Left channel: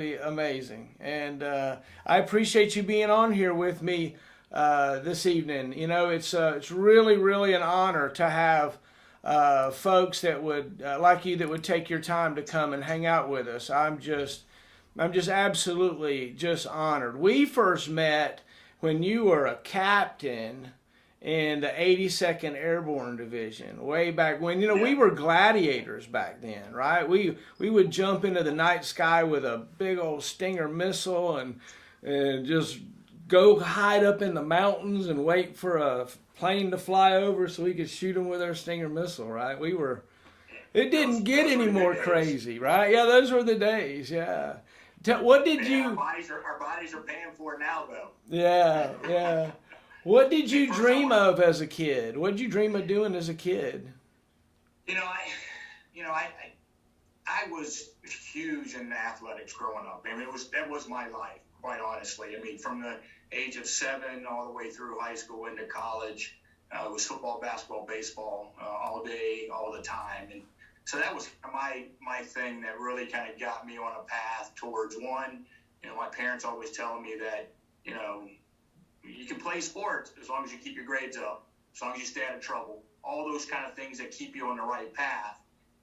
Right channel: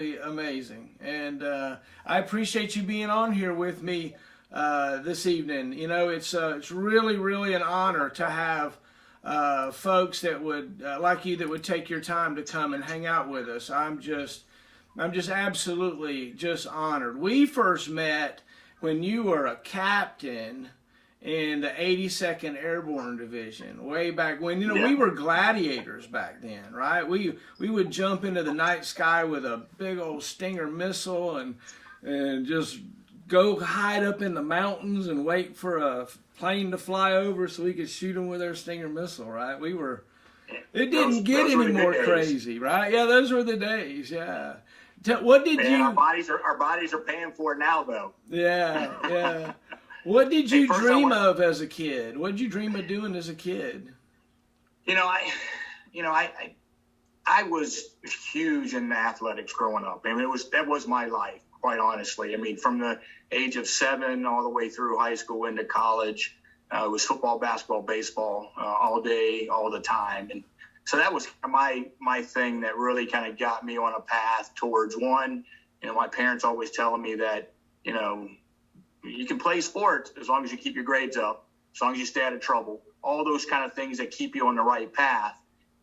amazing. And I appreciate you being on here with me this evening. It's really, really an honor to have folks that would like you that would take your time to come and hang out with us. I'm just absolutely just honored. We first met when you were a captain in the 82nd Airborne Division, way back when. We Yeah. were gladiators back then, right? We would jump into the night sky with a big old Stinger missile and just go hide up in the mountains and wait for a plane to fly over so we could shoot them with our Stinger missile, right? It didn't get Those were any the more good days. crazy, right? Yeah, those were the days. Yeah. What did Man, you? our bodies are paying for it now, though. Yeah, yeah. What did you First, dream of as a kid? What did you dream of doing as a kid? you know, I, you know, I was huge in athletics growing up. I mean, that was my life, quite honestly. I mean, from the age of 7 all the way through high school into college, it was football, basketball, baseball, all day, all the time, and so that was my thing that really kind of got me on a path towards one. My parents always telling me that you can play sports as long as you keep your grades up, as long as you stay out of trouble, all those kind of things that keep you on the right path.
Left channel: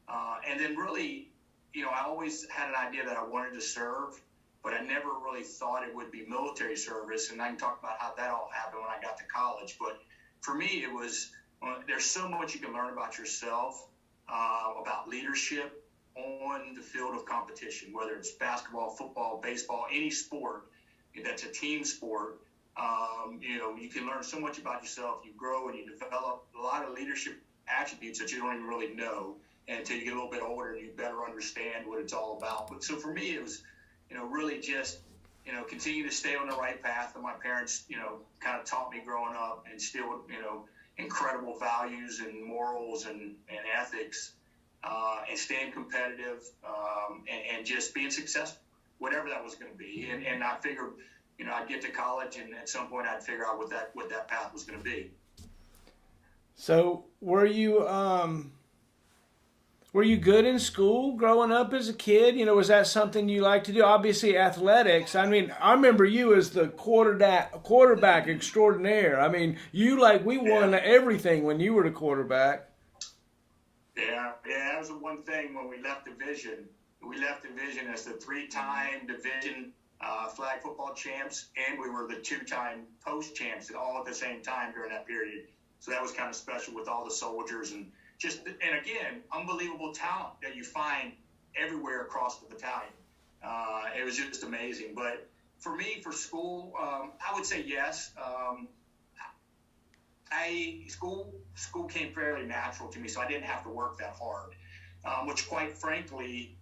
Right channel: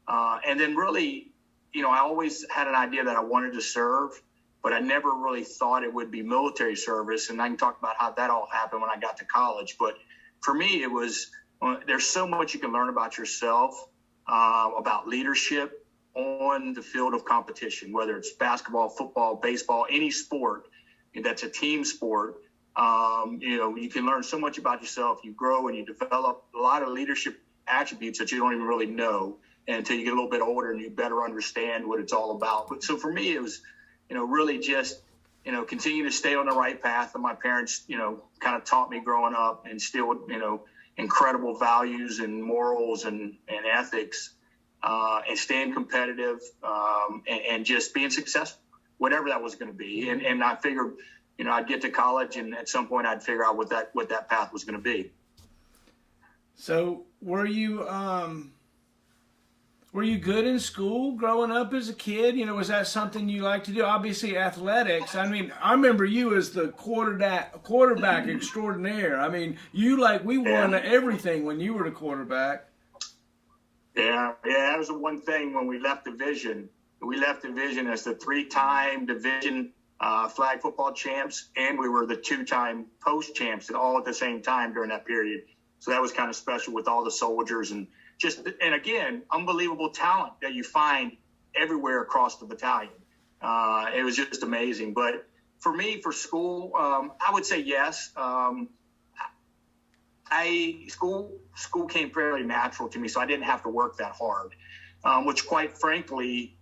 And then really, I always had an idea that I wanted to serve, but I never really thought it would be military service. And I can talk about how that all happened when I got to college. But for me, it was, there's so much you can learn about yourself, about leadership on the field of competition, whether it's basketball, football, baseball, any sport that's a team sport. You can learn so much about yourself. You grow and you develop a lot of leadership attributes that you don't even really know until you get a little bit older and you better understand what it's all about. But so for me, it was, really just, continue to stay on the right path. And my parents, kind of taught me growing up and still, incredible values and morals and ethics, and staying competitive, and just being successful, whatever that was going to be. And I figured, I'd get to college, and at some point I'd figure out what that path was going to be. So were you good in school growing up as a kid? Was that something you liked to do? Obviously athletics. I mean, I remember you as the quarterback extraordinaire. I mean, we won everything when you were the quarterback. Yeah, that was the one thing when we left division. We left division as the 3-time division flag football champs, and we were the 2-time post champs all at the same time during that period. So that was kind of special with all the soldiers and again, unbelievable talent that you find everywhere across the battalion. It was just amazing. But for me, for school, I would say yes. School came fairly natural to me, so I didn't have to work that hard, which quite frankly,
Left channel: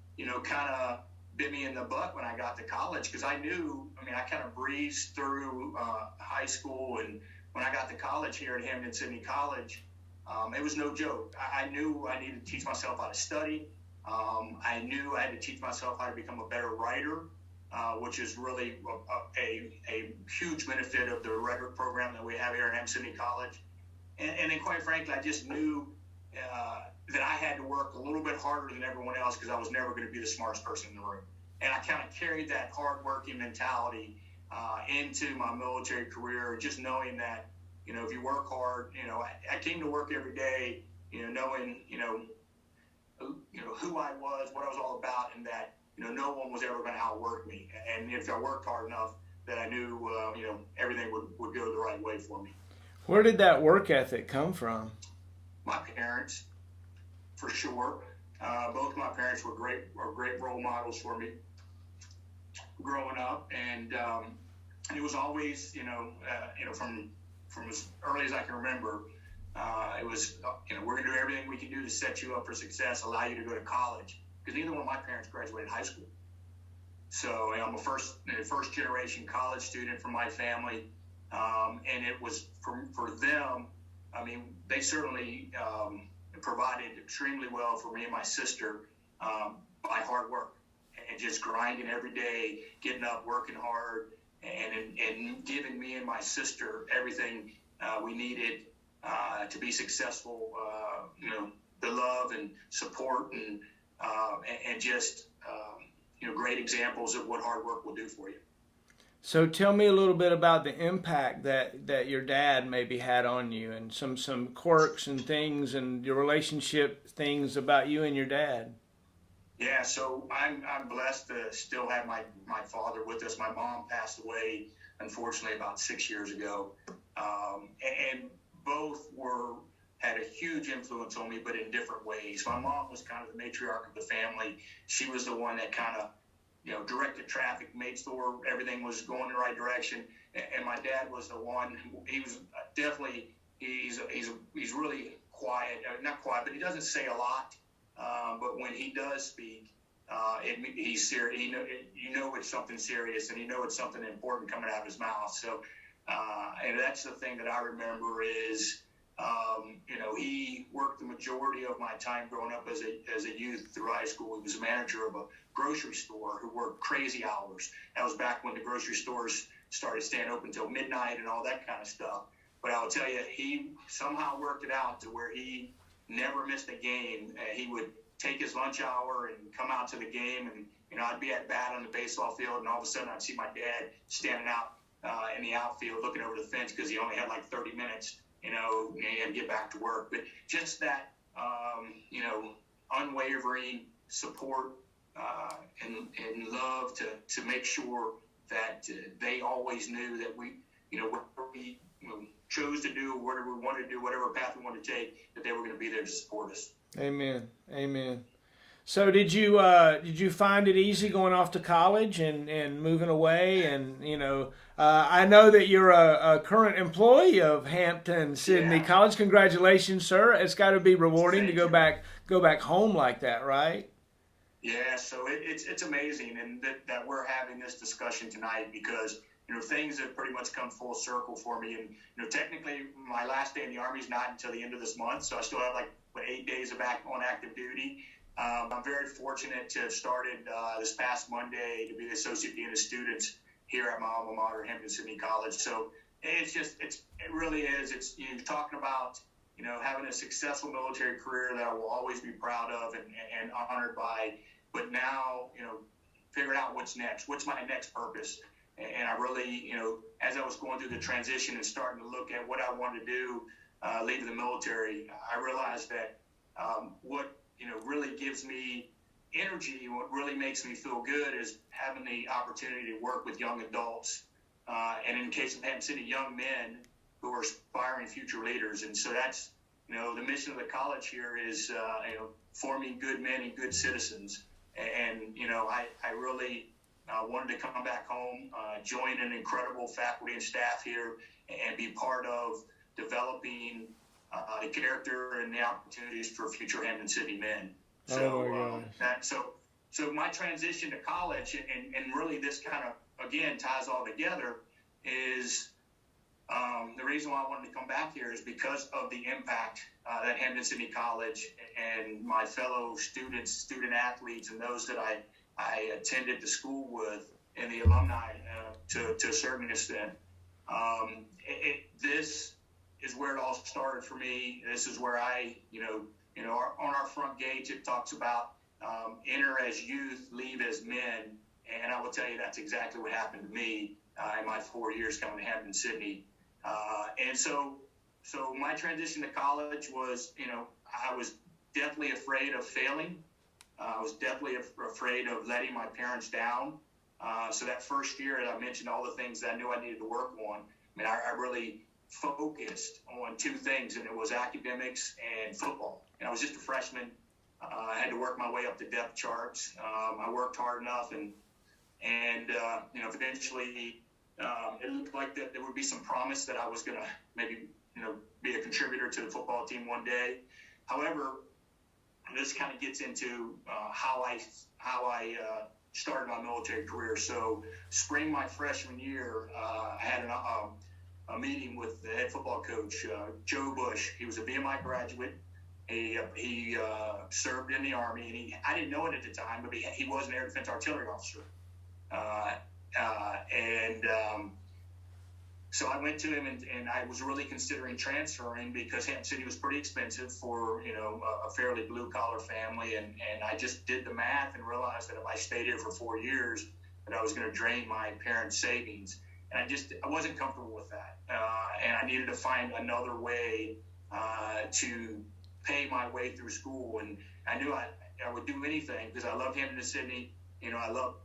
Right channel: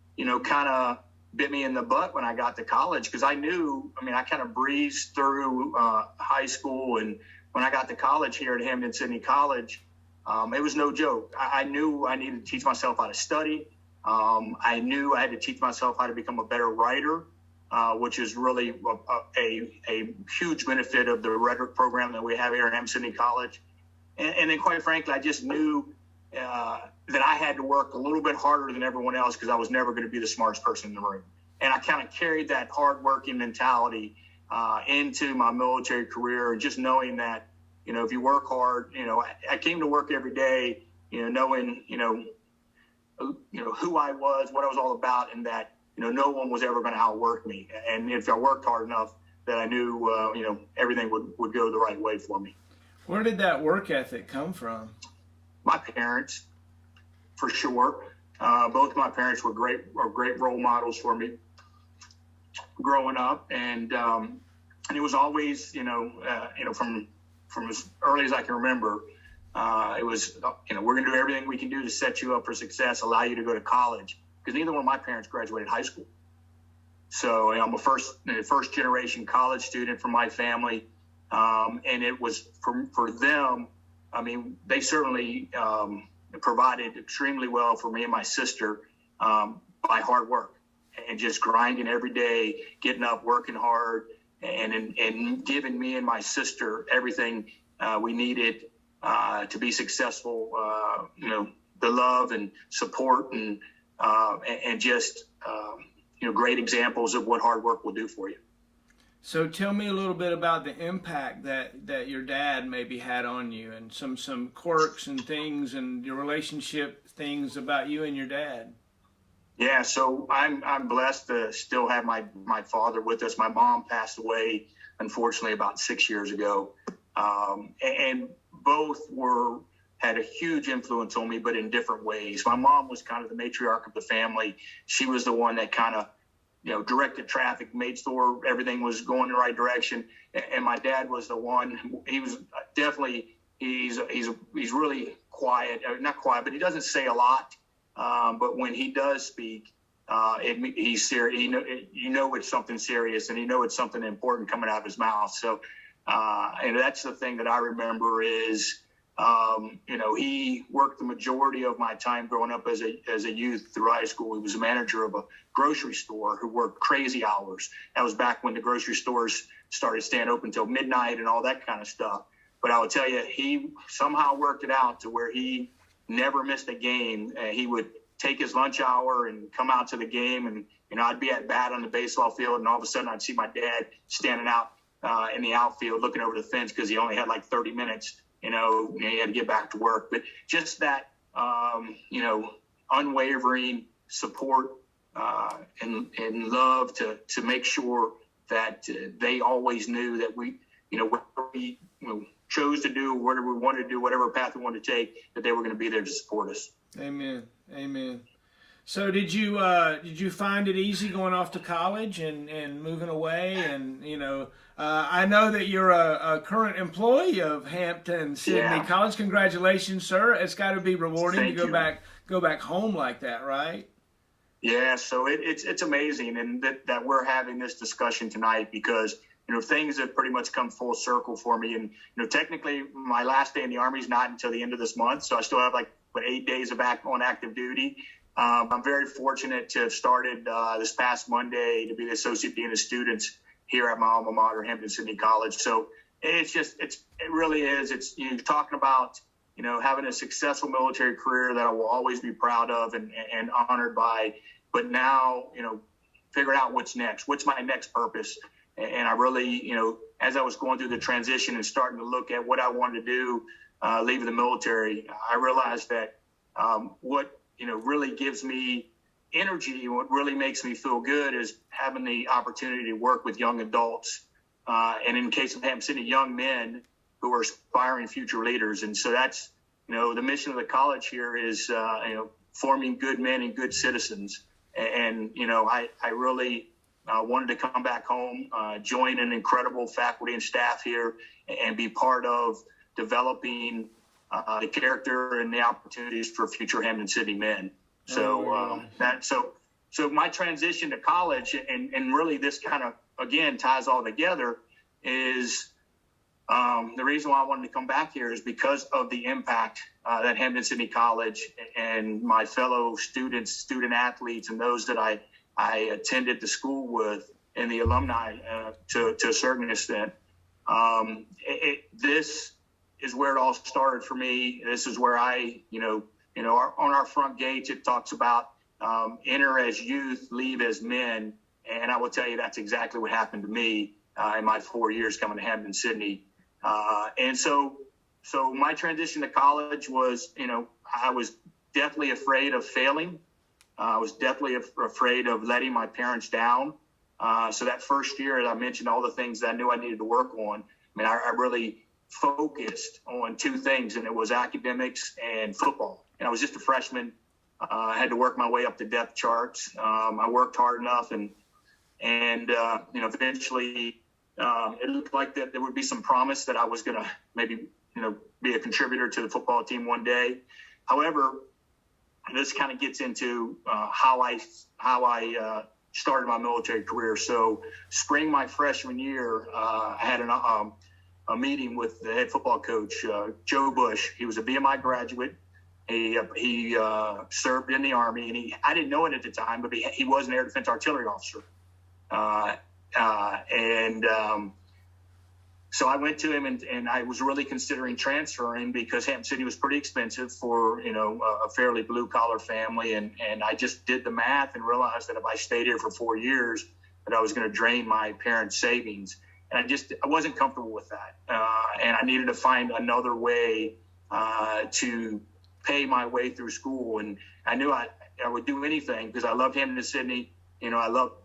kind of bit me in the butt when I got to college, because I kind of breezed through high school, and when I got to college here at Hampden-Sydney College, it was no joke. I knew I needed to teach myself how to study. I knew I had to teach myself how to become a better writer, which is really a huge benefit of the rhetoric program that we have here at Hampden-Sydney College. And then quite frankly, I just knew that I had to work a little bit harder than everyone else, because I was never going to be the smartest person in the room. And I kind of carried that hardworking mentality into my military career, and just knowing that, if you work hard, I came to work every day, knowing, who I was, what I was all about, and that, no one was ever going to outwork me. And if I worked hard enough, that I knew, everything would go the right way for me. Where did that work ethic come from? My parents, for sure. Both my parents were great role models for me growing up, and it was always, from as early as I can remember, it was, we're going to do everything we can do to set you up for success, allow you to go to college, because neither one of my parents graduated high school. So I'm a first generation college student from my family, and it was for them. I mean, they certainly provided extremely well for me and my sister by hard work and just grinding every day, getting up, working hard, and giving me and my sister everything we needed to be successful. The love and support and just great examples of what hard work will do for you. So tell me a little bit about the impact that your dad maybe had on you, and some quirks and things and your relationship things about you and your dad. Yeah, so I'm blessed to still have my father with us. My mom passed away, unfortunately, about 6 years ago, and both had a huge influence on me, but in different ways. My mom was kind of the matriarch of the family. She was the one that kind of directed traffic, made sure everything was going in the right direction. And my dad was the one. He was definitely he's really quiet, not quiet, but he doesn't say a lot. But when he does speak, he's serious. It's something serious, and it's something important coming out of his mouth. So, and that's the thing that I remember is, he worked the majority of my time growing up as a youth through high school. He was a manager of a grocery store who worked crazy hours. That was back when the grocery stores started staying open till midnight and all that kind of stuff. But I will tell you, he somehow worked it out to where he never missed a game. He would take his lunch hour and come out to the game, and I'd be at bat on the baseball field, and all of a sudden I'd see my dad standing out in the outfield looking over the fence because he only had like 30 minutes. He had to get back to work. But just that, unwavering support and love to make sure that they always knew that we, whatever we chose to do, whatever we wanted to do, whatever path we wanted to take, that they were going to be there to support us. Amen. Amen. So did you find it easy going off to college and moving away? And I know that you're a current employee of Hampton Sydney College. Congratulations, sir. It's got to be rewarding Thank to you. go back home like that, right? Yeah. So it's amazing, and that we're having this discussion tonight because things have pretty much come full circle for me. And technically, my last day in the Army is not until the end of this month, so I still have 8 days on active duty. I'm very fortunate to have started this past Monday to be the Associate Dean of Students here at my alma mater, Hampton Sydney College. So it really is. It's talking about having a successful military career that I will always be proud of and honored by. But now figuring out what's next. What's my next purpose? And I really as I was going through the transition and starting to look at what I wanted to do, leaving the military, I realized that what really gives me energy, what really makes me feel good is having the opportunity to work with young adults, and in case of Hampton Sydney, young men who are aspiring future leaders. And so that's the mission of the college here is forming good men and good citizens. And I really wanted to come back home, join an incredible faculty and staff here, and be part of developing the character and the opportunities for future Hampton Sydney men. So so my transition to college, and really this kind of again ties all together, is the reason why I wanted to come back here is because of the impact that Hampton Sydney College and my fellow students, student athletes, and those that I attended the school with, and the alumni to a certain extent. This is where it all started for me. This is where I, on our front gates, it talks about enter as youth, leave as men. And I will tell you that's exactly what happened to me in my 4 years coming to Hampton Sydney. And so my transition to college was, I was definitely afraid of failing. I was definitely afraid of letting my parents down. So that first year, as I mentioned, all the things that I knew I needed to work on, I really focused on two things, and it was academics and football. And I was just a freshman. I had to work my way up the depth charts. I worked hard enough, and eventually it looked like that there would be some promise that I was going to maybe, be a contributor to the football team one day. However, this kind of gets into how I started my military career. So spring my freshman year, I had a meeting with the head football coach, Joe Bush. He was a BMI graduate. He served in the Army, and I didn't know it at the time, but he was an air defense artillery officer. So I went to him, and I was really considering transferring because Hampton City was pretty expensive for, a fairly blue collar family. And I just did the math and realized that if I stayed here for 4 years, that I was going to drain my parents' savings. And I wasn't comfortable with that. And I needed to find another way to pay my way through school. And I knew I would do anything because I loved Hampton Sydney. I love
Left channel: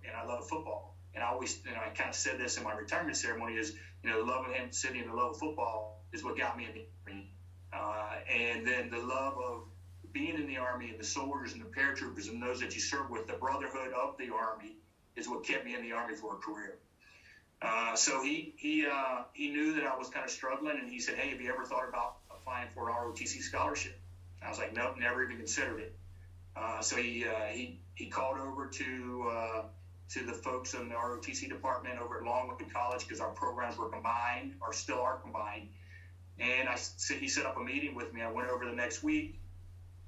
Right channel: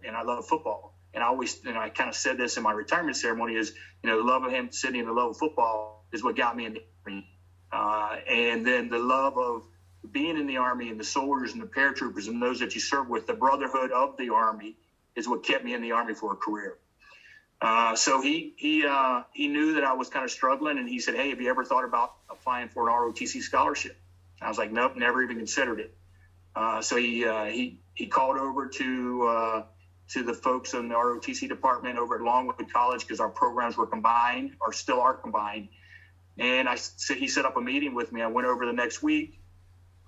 football. And I always, I kind of said this in my retirement ceremony is, the love of Hampton Sydney and the love of football is what got me in the Army. And then the love of being in the Army and the soldiers and the paratroopers and those that you serve with, the brotherhood of the Army is what kept me in the Army for a career. So he knew that I was kind of struggling, and he said, "Hey, have you ever thought about applying for an ROTC scholarship?" I was like, "Nope, never even considered it." So he called over to the folks in the ROTC department over at Longwood College because our programs were combined, or still are combined. And he set up a meeting with me. I went over the next week,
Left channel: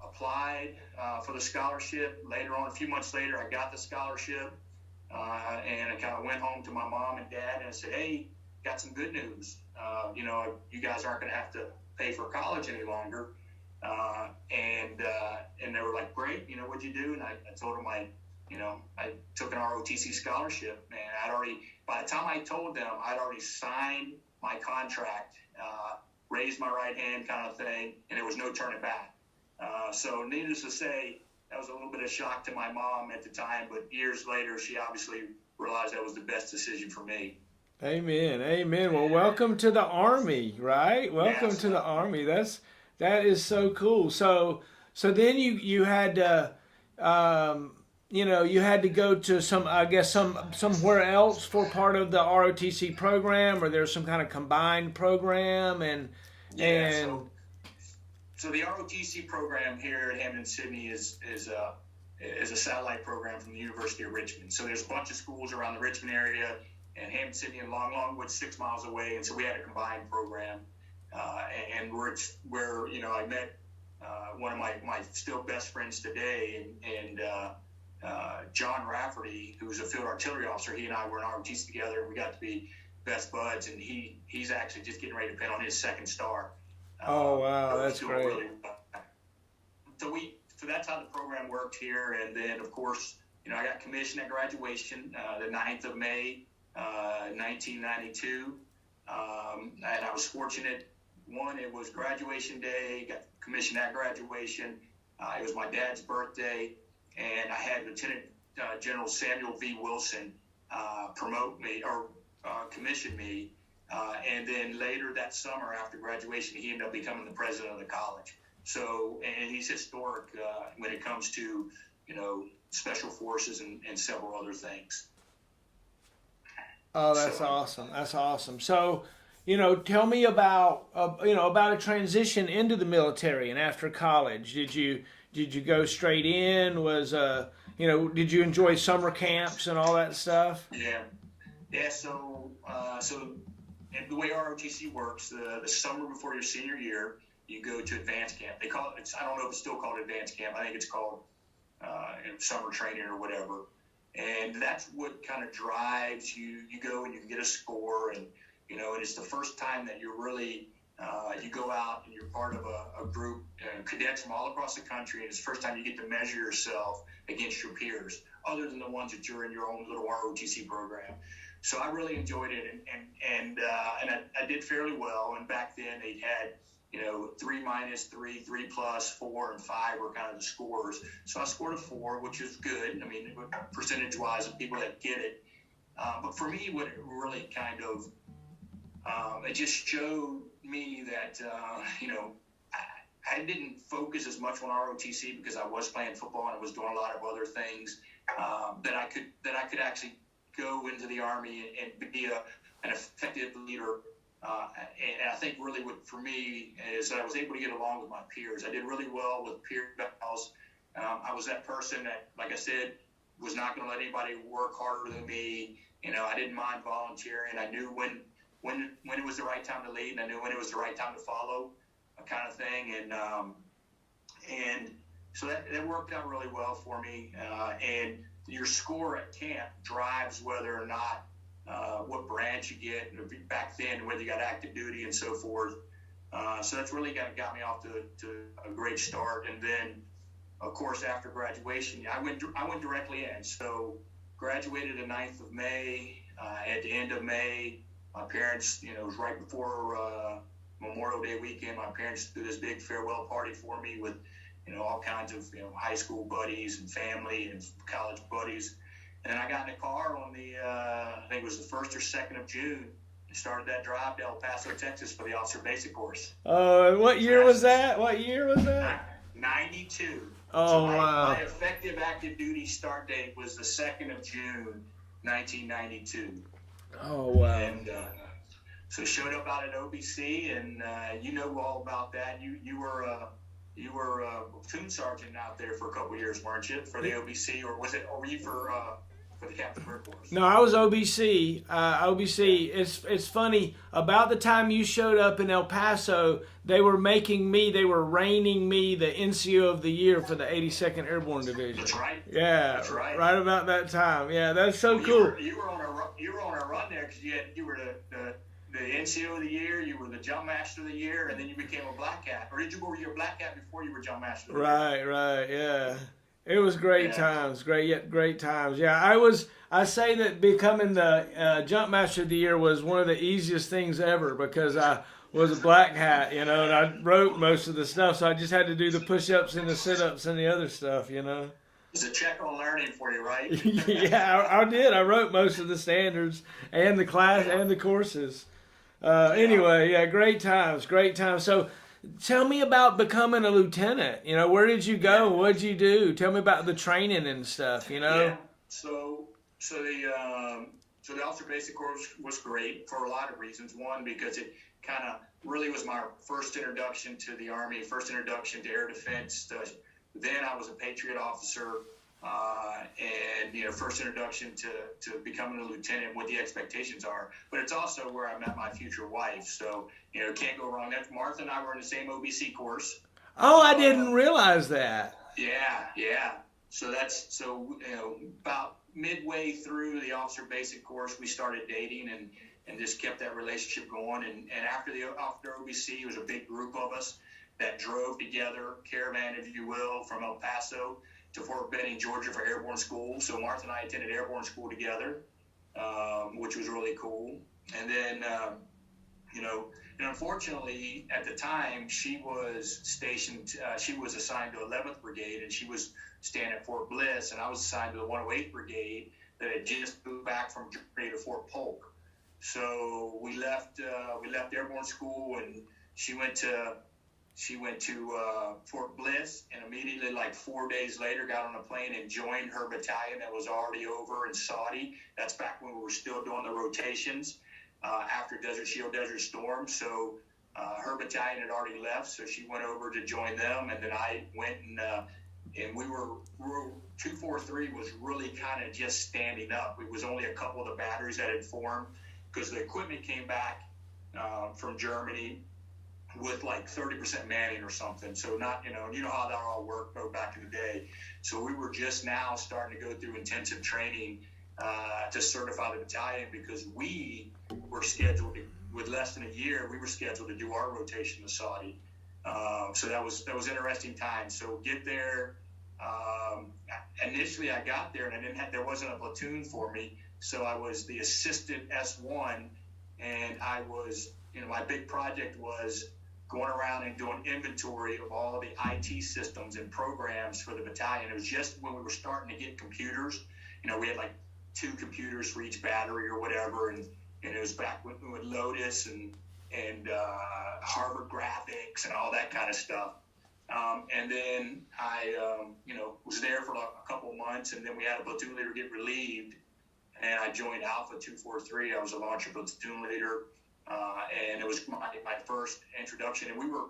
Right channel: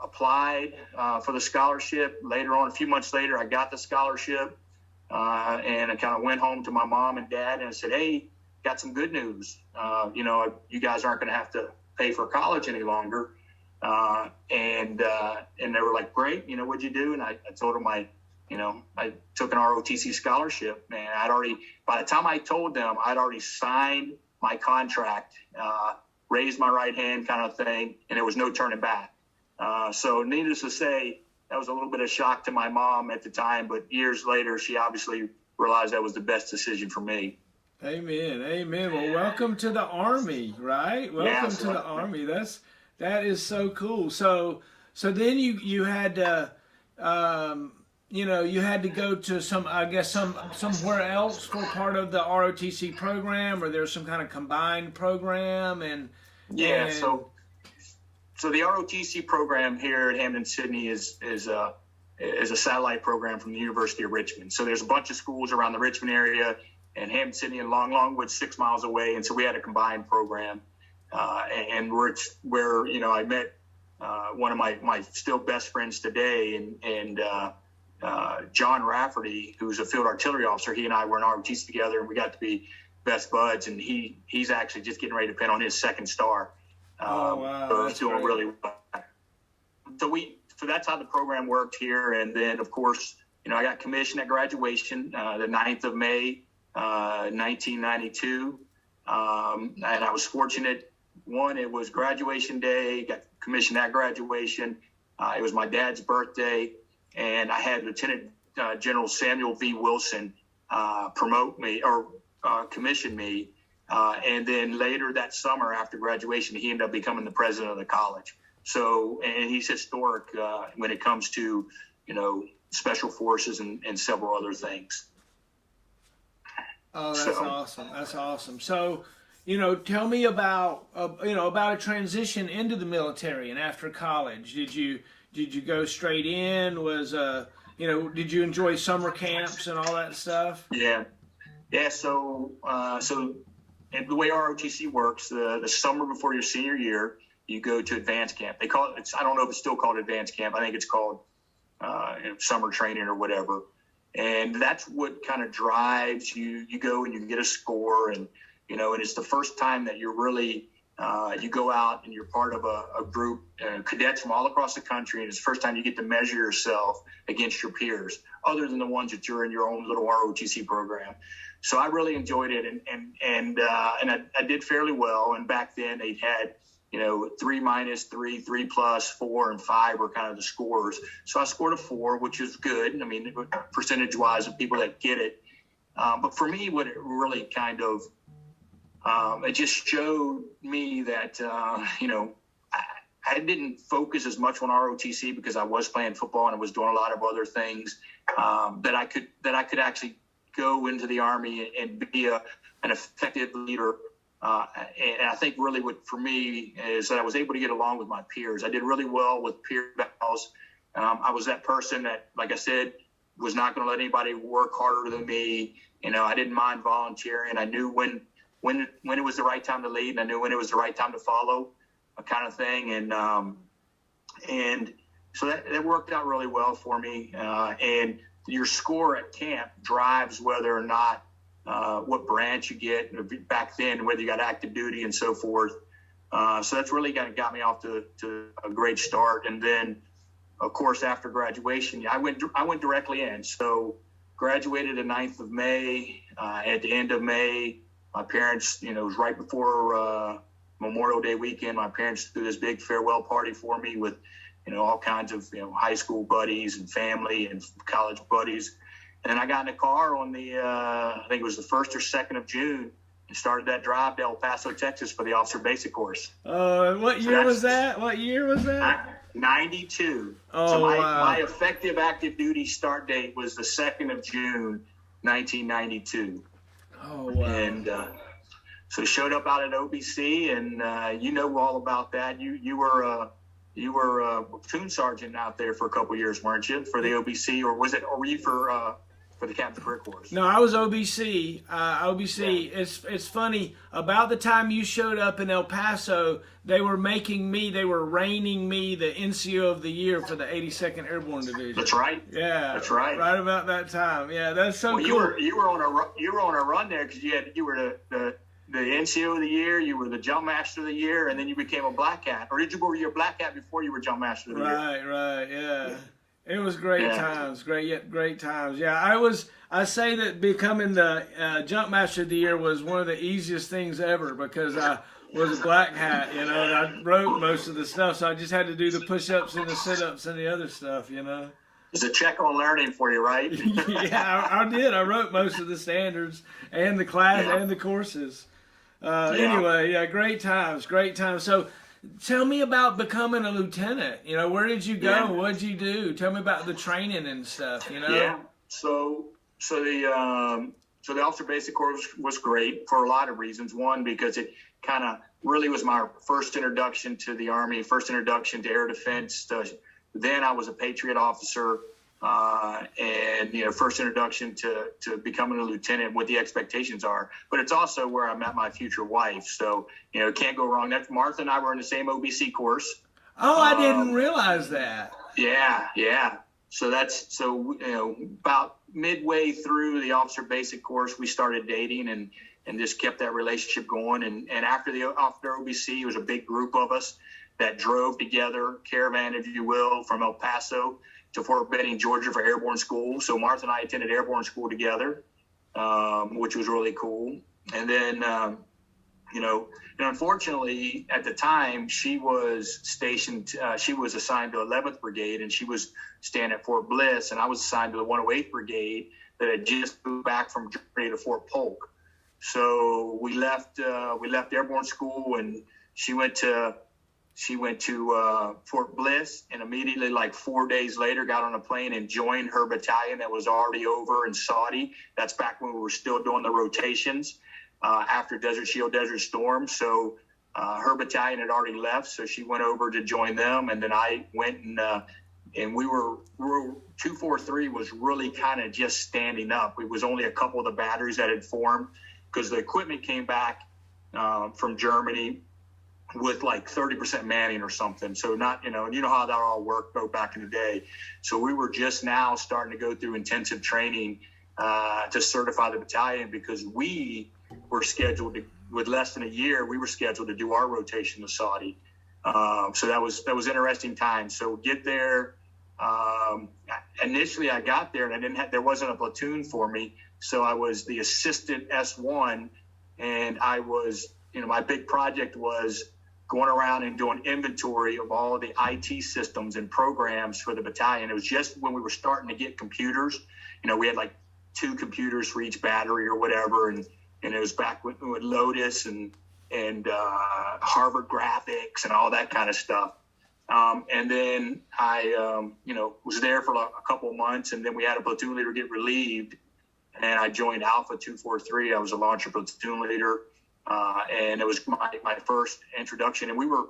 applied for the scholarship. Later on, a few months later, I got the scholarship. And I kind of went home to my mom and dad and I said, "Hey, got some good news. You guys aren't going to have to pay for college any longer." And they were like, "Great. What'd you do?" And I told them I took an ROTC scholarship, and by the time I told them, I'd already signed my contract, raised my right hand kind of thing, and there was no turning back. So needless to say, that was a little bit of shock to my mom at the time, but years later, she obviously realized that was the best decision for me. Amen. Amen. Well, welcome to the Army, right? Welcome to the Army. That is so cool. So then you had to, you had to go to somewhere else for part of the ROTC program, or there's some kind of combined program, and So the ROTC program here at Hampton Sydney is a satellite program from the University of Richmond. So there's a bunch of schools around the Richmond area, and Hampton Sydney and Longwood 6 miles away, and so we had a combined program. And where I met one of my still best friends today, and John Rafferty, who's a field artillery officer. He and I were in ROTC together, and we got to be best buds. And he's actually just getting ready to pin on his second star. Oh wow, so that's doing great. Really well. So that's how the program worked here. And then of course, I got commissioned at graduation, the 9th of May, 1992. And I was fortunate. One, it was graduation day. Got commissioned at graduation. It was my dad's birthday, and I had Lieutenant General Samuel V. Wilson promote me or commission me. And then later that summer after graduation, he ended up becoming the president of the college. So, and he's historic when it comes to, special forces and several other things. Oh, that's awesome. That's awesome. So, tell me about, about a transition into the military and after college. Did you go straight in? Did you enjoy summer camps and all that stuff? Yeah. So and the way ROTC works, the summer before your senior year, you go to advanced camp. They call it, I don't know if it's still called advanced camp. I think it's called summer training or whatever. And that's what kind of drives you. You go and you get a score, and and it's the first time that you're really you go out and you're part of a group, cadets from all across the country, and it's the first time you get to measure yourself against your peers, other than the ones that you're in your own little ROTC program. So I really enjoyed it, and I did fairly well. And back then they had 3 minus, 3, 3 plus, 4, and 5 were kind of the scores. So I scored a 4, which is good. I mean, percentage wise of people that get it. But for me, what it really kind of it just showed me that I didn't focus as much on ROTC because I was playing football and I was doing a lot of other things that I could actually go into the Army and be an effective leader. And I think really what for me is that I was able to get along with my peers. I did really well with peer battles. I was that person that, like I said, was not going to let anybody work harder than me. I didn't mind volunteering. I knew when it was the right time to lead, and I knew when it was the right time to follow, kind of thing. And so that worked out really well for me. And your score at camp drives whether or not what branch you get back then, whether you got active duty and so forth. So that's really kind of got me off to a great start. And then, of course, after graduation, I went directly in. So graduated the 9th of May. At the end of May, my parents, it was right before Memorial Day weekend. My parents threw this big farewell party for me with, all kinds of, high school buddies and family and college buddies. And then I got in the car on I think it was the 1st or 2nd of June, and started that drive to El Paso, Texas for the officer basic course. What year was that? 92. Oh, so wow. My effective active duty start date was the 2nd of June, 1992. Oh, wow. And so showed up out at OBC, and all about that. You were a platoon sergeant out there for a couple of years, weren't you, for the OBC, or were you for the Captain Career Course? No, I was OBC. OBC. Yeah. It's funny. About the time you showed up in El Paso, they were raining me the NCO of the year for the 82nd Airborne Division. That's right. Yeah, that's right. Right about that time. Yeah, that's so cool. You were on a run there because you were the NCO of the year, you were the Jump Master of the year, and then you became a Black Hat. Or did you go your Black Hat before you were Jump Master of the year? Right, yeah. It was great times, great times. Yeah, I say that becoming the Jump Master of the Year was one of the easiest things ever because I was a Black Hat, and I wrote most of the stuff, so I just had to do the push-ups and the sit-ups and the other stuff, It's a check on learning for you, right? Yeah, I did. I wrote most of the standards and the class and the courses. Anyway, yeah, great times. So tell me about becoming a lieutenant. Where did you go? Yeah. What did you do? Tell me about the training and stuff, Yeah, so the officer basic course was great for a lot of reasons. One, because it kind of really was my first introduction to the Army, first introduction to air defense. Then I was a Patriot officer, and first introduction to becoming a lieutenant, what the expectations are. But it's also where I met my future wife. So can't go wrong. That's Martha and I were in the same OBC course. Oh, I didn't realize that. Yeah. So about midway through the officer basic course, we started dating and just kept that relationship going. And after OBC, it was a big group of us that drove together, caravan, if you will, from El Paso to Fort Benning, Georgia for airborne school. So Martha and I attended airborne school together, which was really cool. And then, unfortunately, at the time, she was stationed, she was assigned to 11th Brigade, and she was staying at Fort Bliss, and I was assigned to the 108th Brigade that had just moved back from Germany to Fort Polk. So we left airborne school, and she went to Fort Bliss, and immediately, like 4 days later, got on a plane and joined her battalion that was already over in Saudi. That's back when we were still doing the rotations after Desert Shield, Desert Storm. So her battalion had already left, so she went over to join them, and then I went and we were 243 was really kind of just standing up. It was only a couple of the batteries that had formed because the equipment came back from Germany with like 30% manning or something. So not, how that all worked back in the day. So we were just now starting to go through intensive training to certify the battalion because we were scheduled to, with less than a year, we were scheduled to do our rotation to Saudi. So that was interesting time. So get there. Initially I got there and there wasn't a platoon for me. So I was the assistant S1, and I was, my big project was going around and doing inventory of all of the IT systems and programs for the battalion. It was just when we were starting to get computers. We had like 2 computers for each battery or whatever, and it was back with Lotus and Harvard Graphics and all that kind of stuff. And then I, was there for a couple of months, and then we had a platoon leader get relieved, and I joined Alpha 243. I was a launcher platoon leader. And it was my first introduction. And we were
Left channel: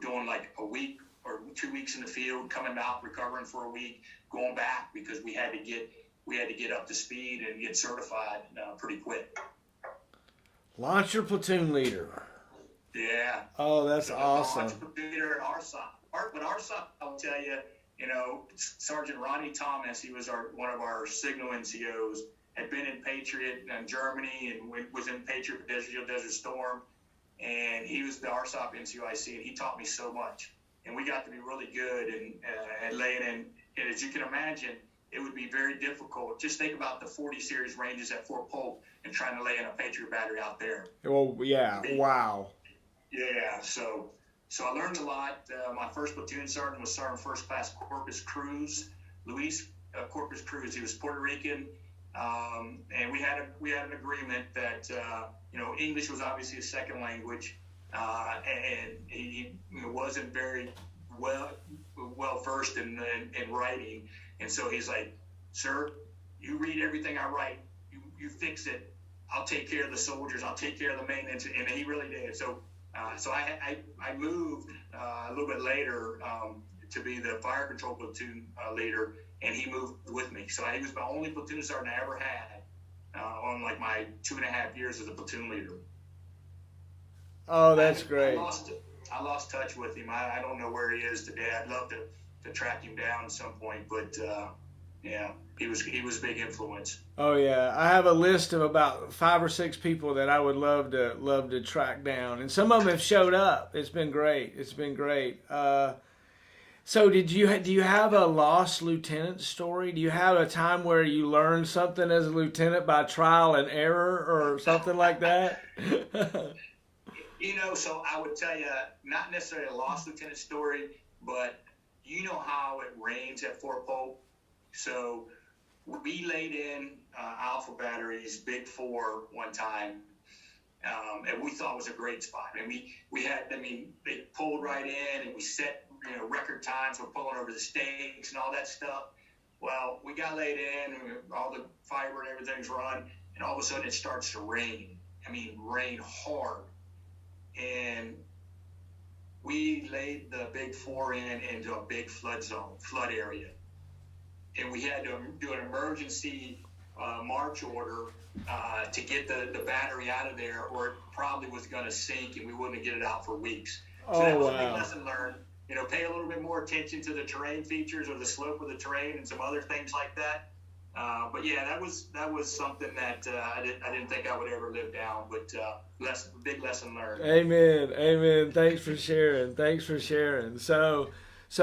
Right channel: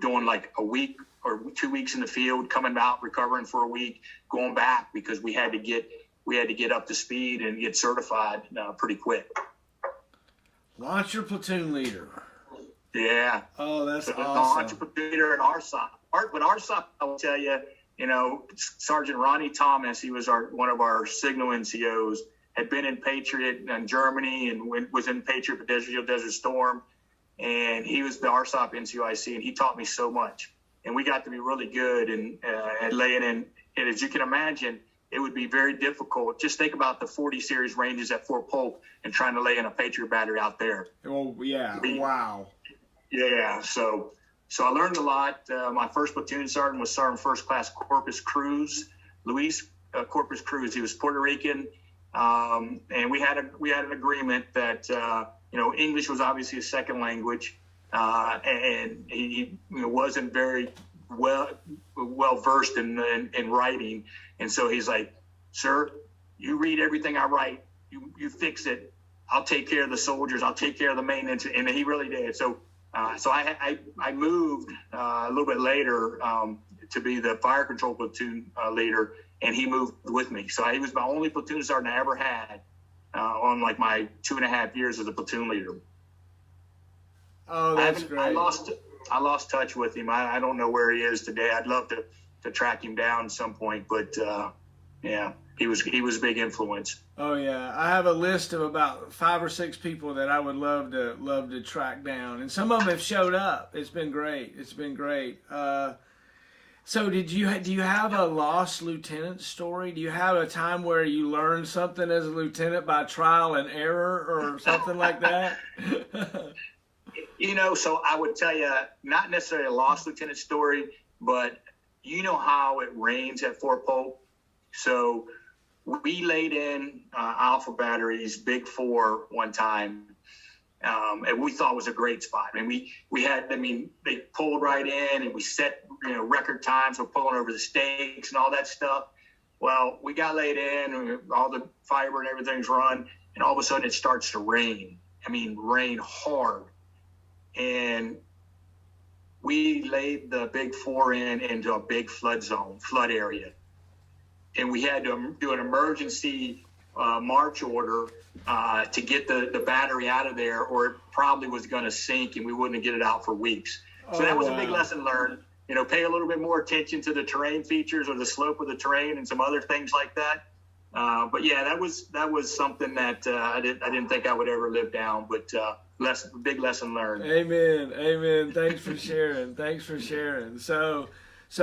doing like a week or 2 weeks in the field, coming out, recovering for a week, going back because we had to get up to speed and get certified pretty quick. Launcher platoon leader. Yeah. Oh, that's awesome. Launcher platoon leader in ARSOC. But ARSOC, I will tell you, Sergeant Ronnie Thomas, he was one of our signal NCOs. had been in Patriot in Germany and was in Patriot for Desert Storm. And he was the RSOP NCOIC, and he taught me so much. And we got to be really good at laying in. And as you can imagine, it would be very difficult. Just think about the 40 series ranges at Fort Polk and trying to lay in a Patriot battery out there. Well, yeah, wow. Yeah, so I learned a lot. My first platoon sergeant was Sergeant First Class Corpus Cruz, Luis Corpus Cruz. He was Puerto Rican, and we had an agreement that English was obviously a second language, and he wasn't very well versed in writing, and so he's like, "Sir, you read everything I write. You fix it. I'll take care of the soldiers. I'll take care of the maintenance," and he really did. So I moved a little bit later to be the fire control platoon leader, and he moved with me. So he was my only platoon sergeant I ever had on like my 2.5 years as a platoon leader. Oh, that's great. I lost touch with him. I don't know where he is today. I'd love to track him down at some point, but yeah, he was a big influence. Oh yeah, I have a list of about 5 or 6 people that I would love to track down, and some of them have showed up. It's been great. So do you have a lost lieutenant story? Do you have a time where you learned something as a lieutenant by trial and error or something like that? So I would tell you, not necessarily a lost lieutenant story, but you know how it rains at Fort Polk. So we laid in Alpha batteries, Big 4 one time, and we thought it was a great spot. And they pulled right in, and we set record times. We're pulling over the stakes and all that stuff. Well, we got laid in, and all the fiber and everything's run, and all of a sudden it starts to rain. Rain hard. And we laid the Big 4 into a big flood area. And we had to do an emergency march order to get the battery out of there, or it probably was going to sink and we wouldn't get it out for weeks. So that was a big lesson learned. Pay a little bit more attention to the terrain features or the slope of the terrain and some other things like that. But yeah, that was something that I didn't think I would ever live down, but big lesson learned. Amen. Thanks for sharing. So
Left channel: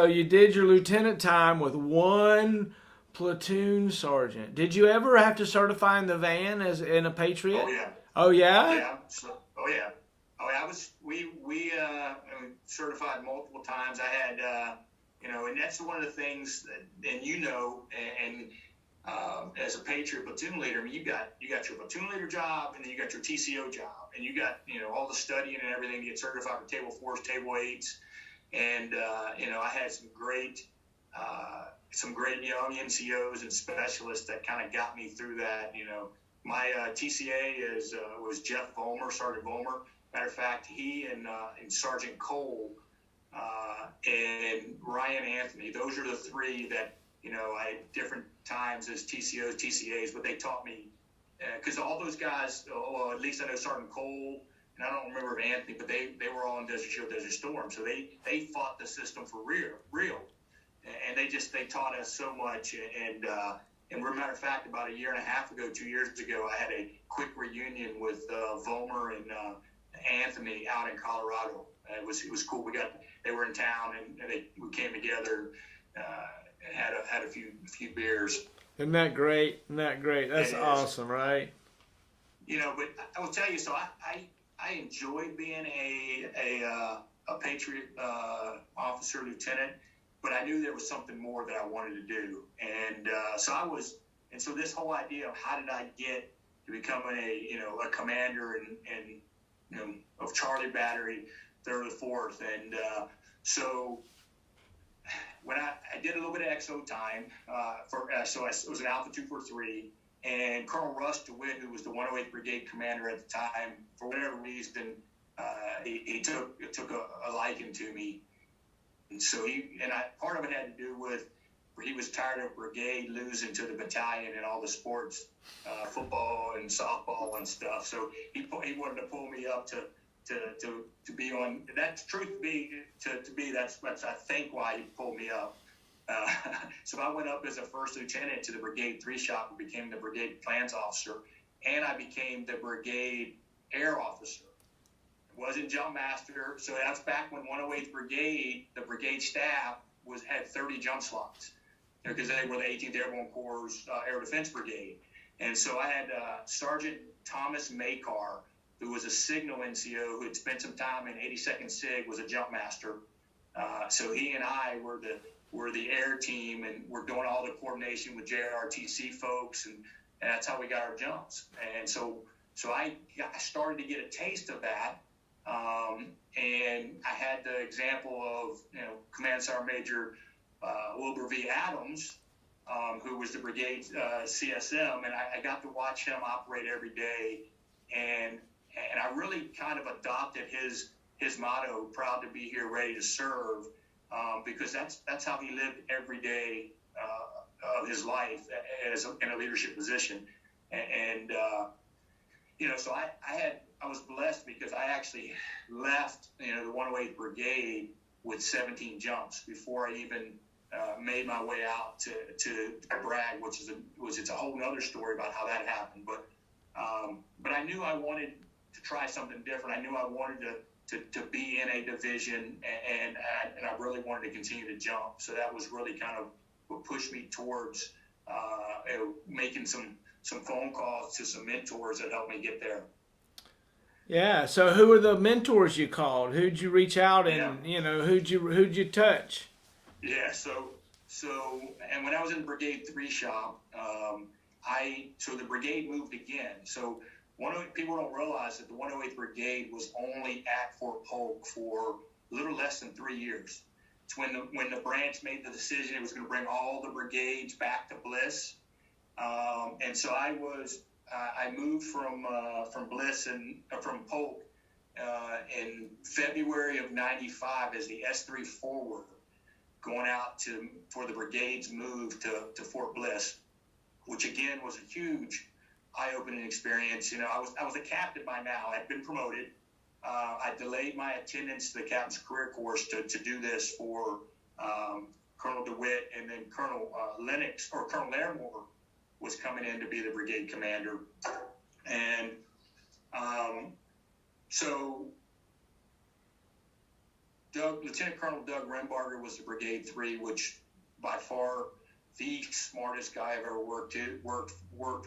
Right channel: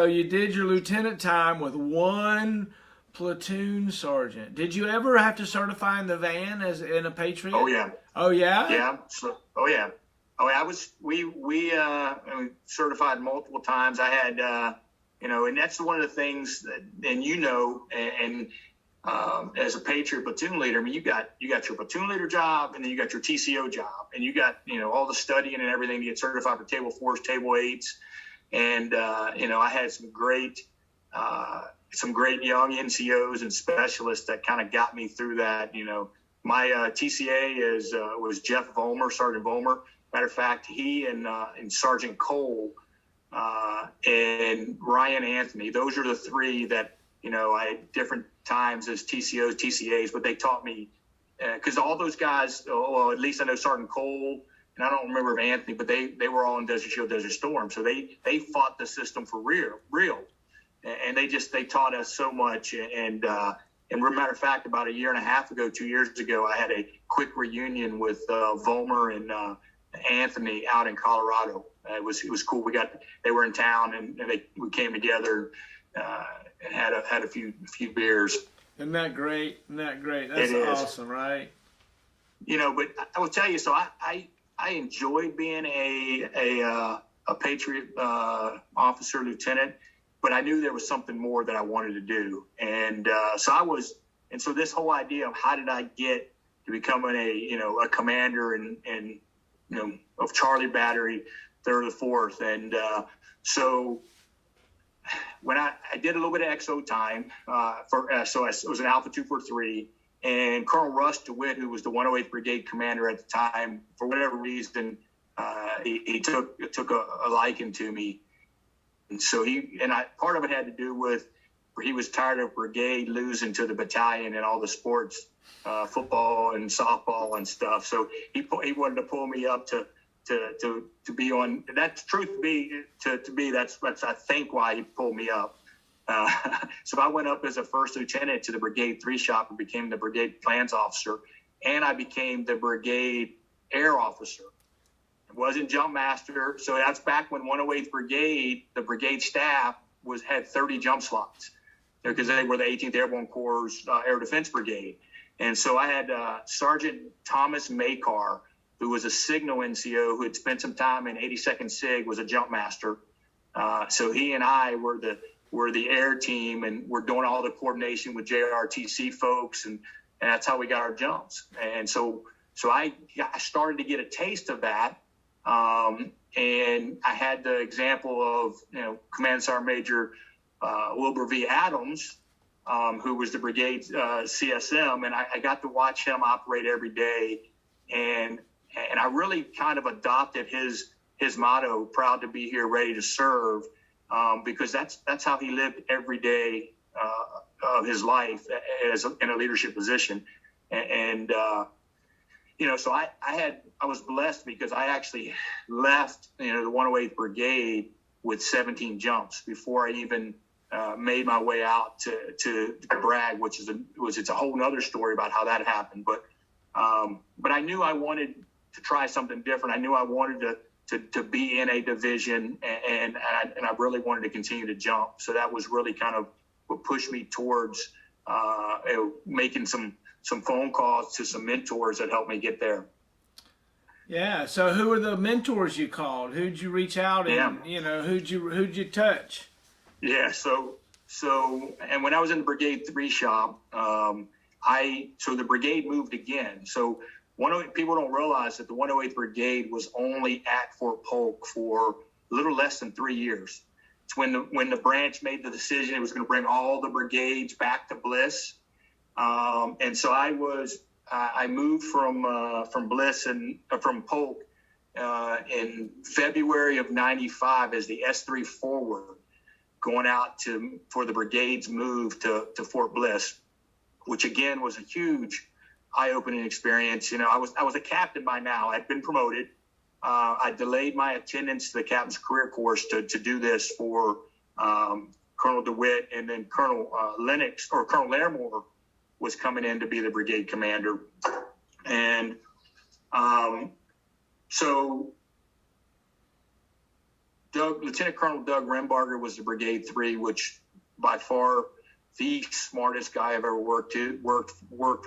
you did your lieutenant time with one platoon sergeant. Did you ever have to certify in the van as in a Patriot? Oh yeah. Oh yeah. Yeah. We certified multiple times. I had and that's one of the things that, and as a Patriot platoon leader, you got your platoon leader job, and then you got your TCO job, and you got all the studying and everything to get certified for Table 4s, Table 8s, and I had some great young NCOs and specialists that kind of got me through that. My TCA was Jeff Vollmer, Sergeant Vollmer. Matter of fact, he and Sergeant COL and Ryan Anthony, those are the 3 that I had different times as TCOs, TCAs, but they taught me because all those guys, at least I know Sergeant COL, and I don't remember if Anthony, but they were all in Desert Shield, Desert Storm, so they fought the system for real, and they taught us so much. And matter of fact, about a year and a half ago, 2 years ago, I had a quick reunion with Vollmer and Anthony out in Colorado. It was cool. They were in town, and we came together and had a few beers. Isn't that great? That's awesome, right? But I will tell you. So I enjoyed being a Patriot officer lieutenant, but I knew there was something more that I wanted to do, and so this whole idea of how did I get to becoming a commander and of Charlie Battery, 3rd or 4th, and so when I did a little bit of XO time so I was an Alpha 243, and Colonel Russ DeWitt, who was the 108th Brigade commander at the time, for whatever reason, he took a liking to me, and so part of it had to do with he was tired of brigade losing to the battalion in all the sports, football and softball and stuff. So he wanted to pull me up to be on. That's truth be to be. That's I think why he pulled me up. Uh, so I went up as a first lieutenant to the Brigade 3 shop and became the Brigade Plans Officer, and I became the Brigade Air Officer. It wasn't Jump Master, so that's back when 108th Brigade, the brigade staff, had 30 jump slots, because they were the 18th Airborne Corps' Air Defense Brigade. And so I had Sergeant Thomas Makar, who was a signal NCO who had spent some time in 82nd SIG, was a jump master. So he and I were the air team, and we're doing all the coordination with JRTC folks, and that's how we got our jumps. And so I started to get a taste of that, and I had the example of Command Sergeant Major Wilbur V. Adams, who was the brigade CSM, and I got to watch him operate every day, and I really kind of adopted his motto, "Proud to be here, ready to serve," because that's how he lived every day of his life in a leadership position. And so I was blessed because I actually left the 108th Brigade with 17 jumps before I even made my way out to Bragg, which it's a whole nother story about how that happened. But I knew I wanted to try something different. I knew I wanted to be in a division, and I really wanted to continue to jump. So that was really kind of what pushed me towards making some phone calls to some mentors that helped me get there. Yeah. So who were the mentors you called? Who'd you reach out and who'd you touch? Yeah. So and when I was in the Brigade 3 shop, so the brigade moved again. So people don't realize that the 108th Brigade was only at Fort Polk for a little less than 3 years. It's when the branch made the decision it was going to bring all the brigades back to Bliss. And so I moved from Bliss and from Polk in February of '95 as the S3 forward, going out for the brigade's move to Fort Bliss, which again was a huge eye-opening experience. I was a captain by now. I'd been promoted. I delayed my attendance to the captain's career course to do this for Colonel DeWitt, and then Colonel Colonel Larimore was coming in to be the brigade commander. And so Lieutenant Colonel Doug Rembarger was the Brigade 3, which by far the smartest guy I've ever worked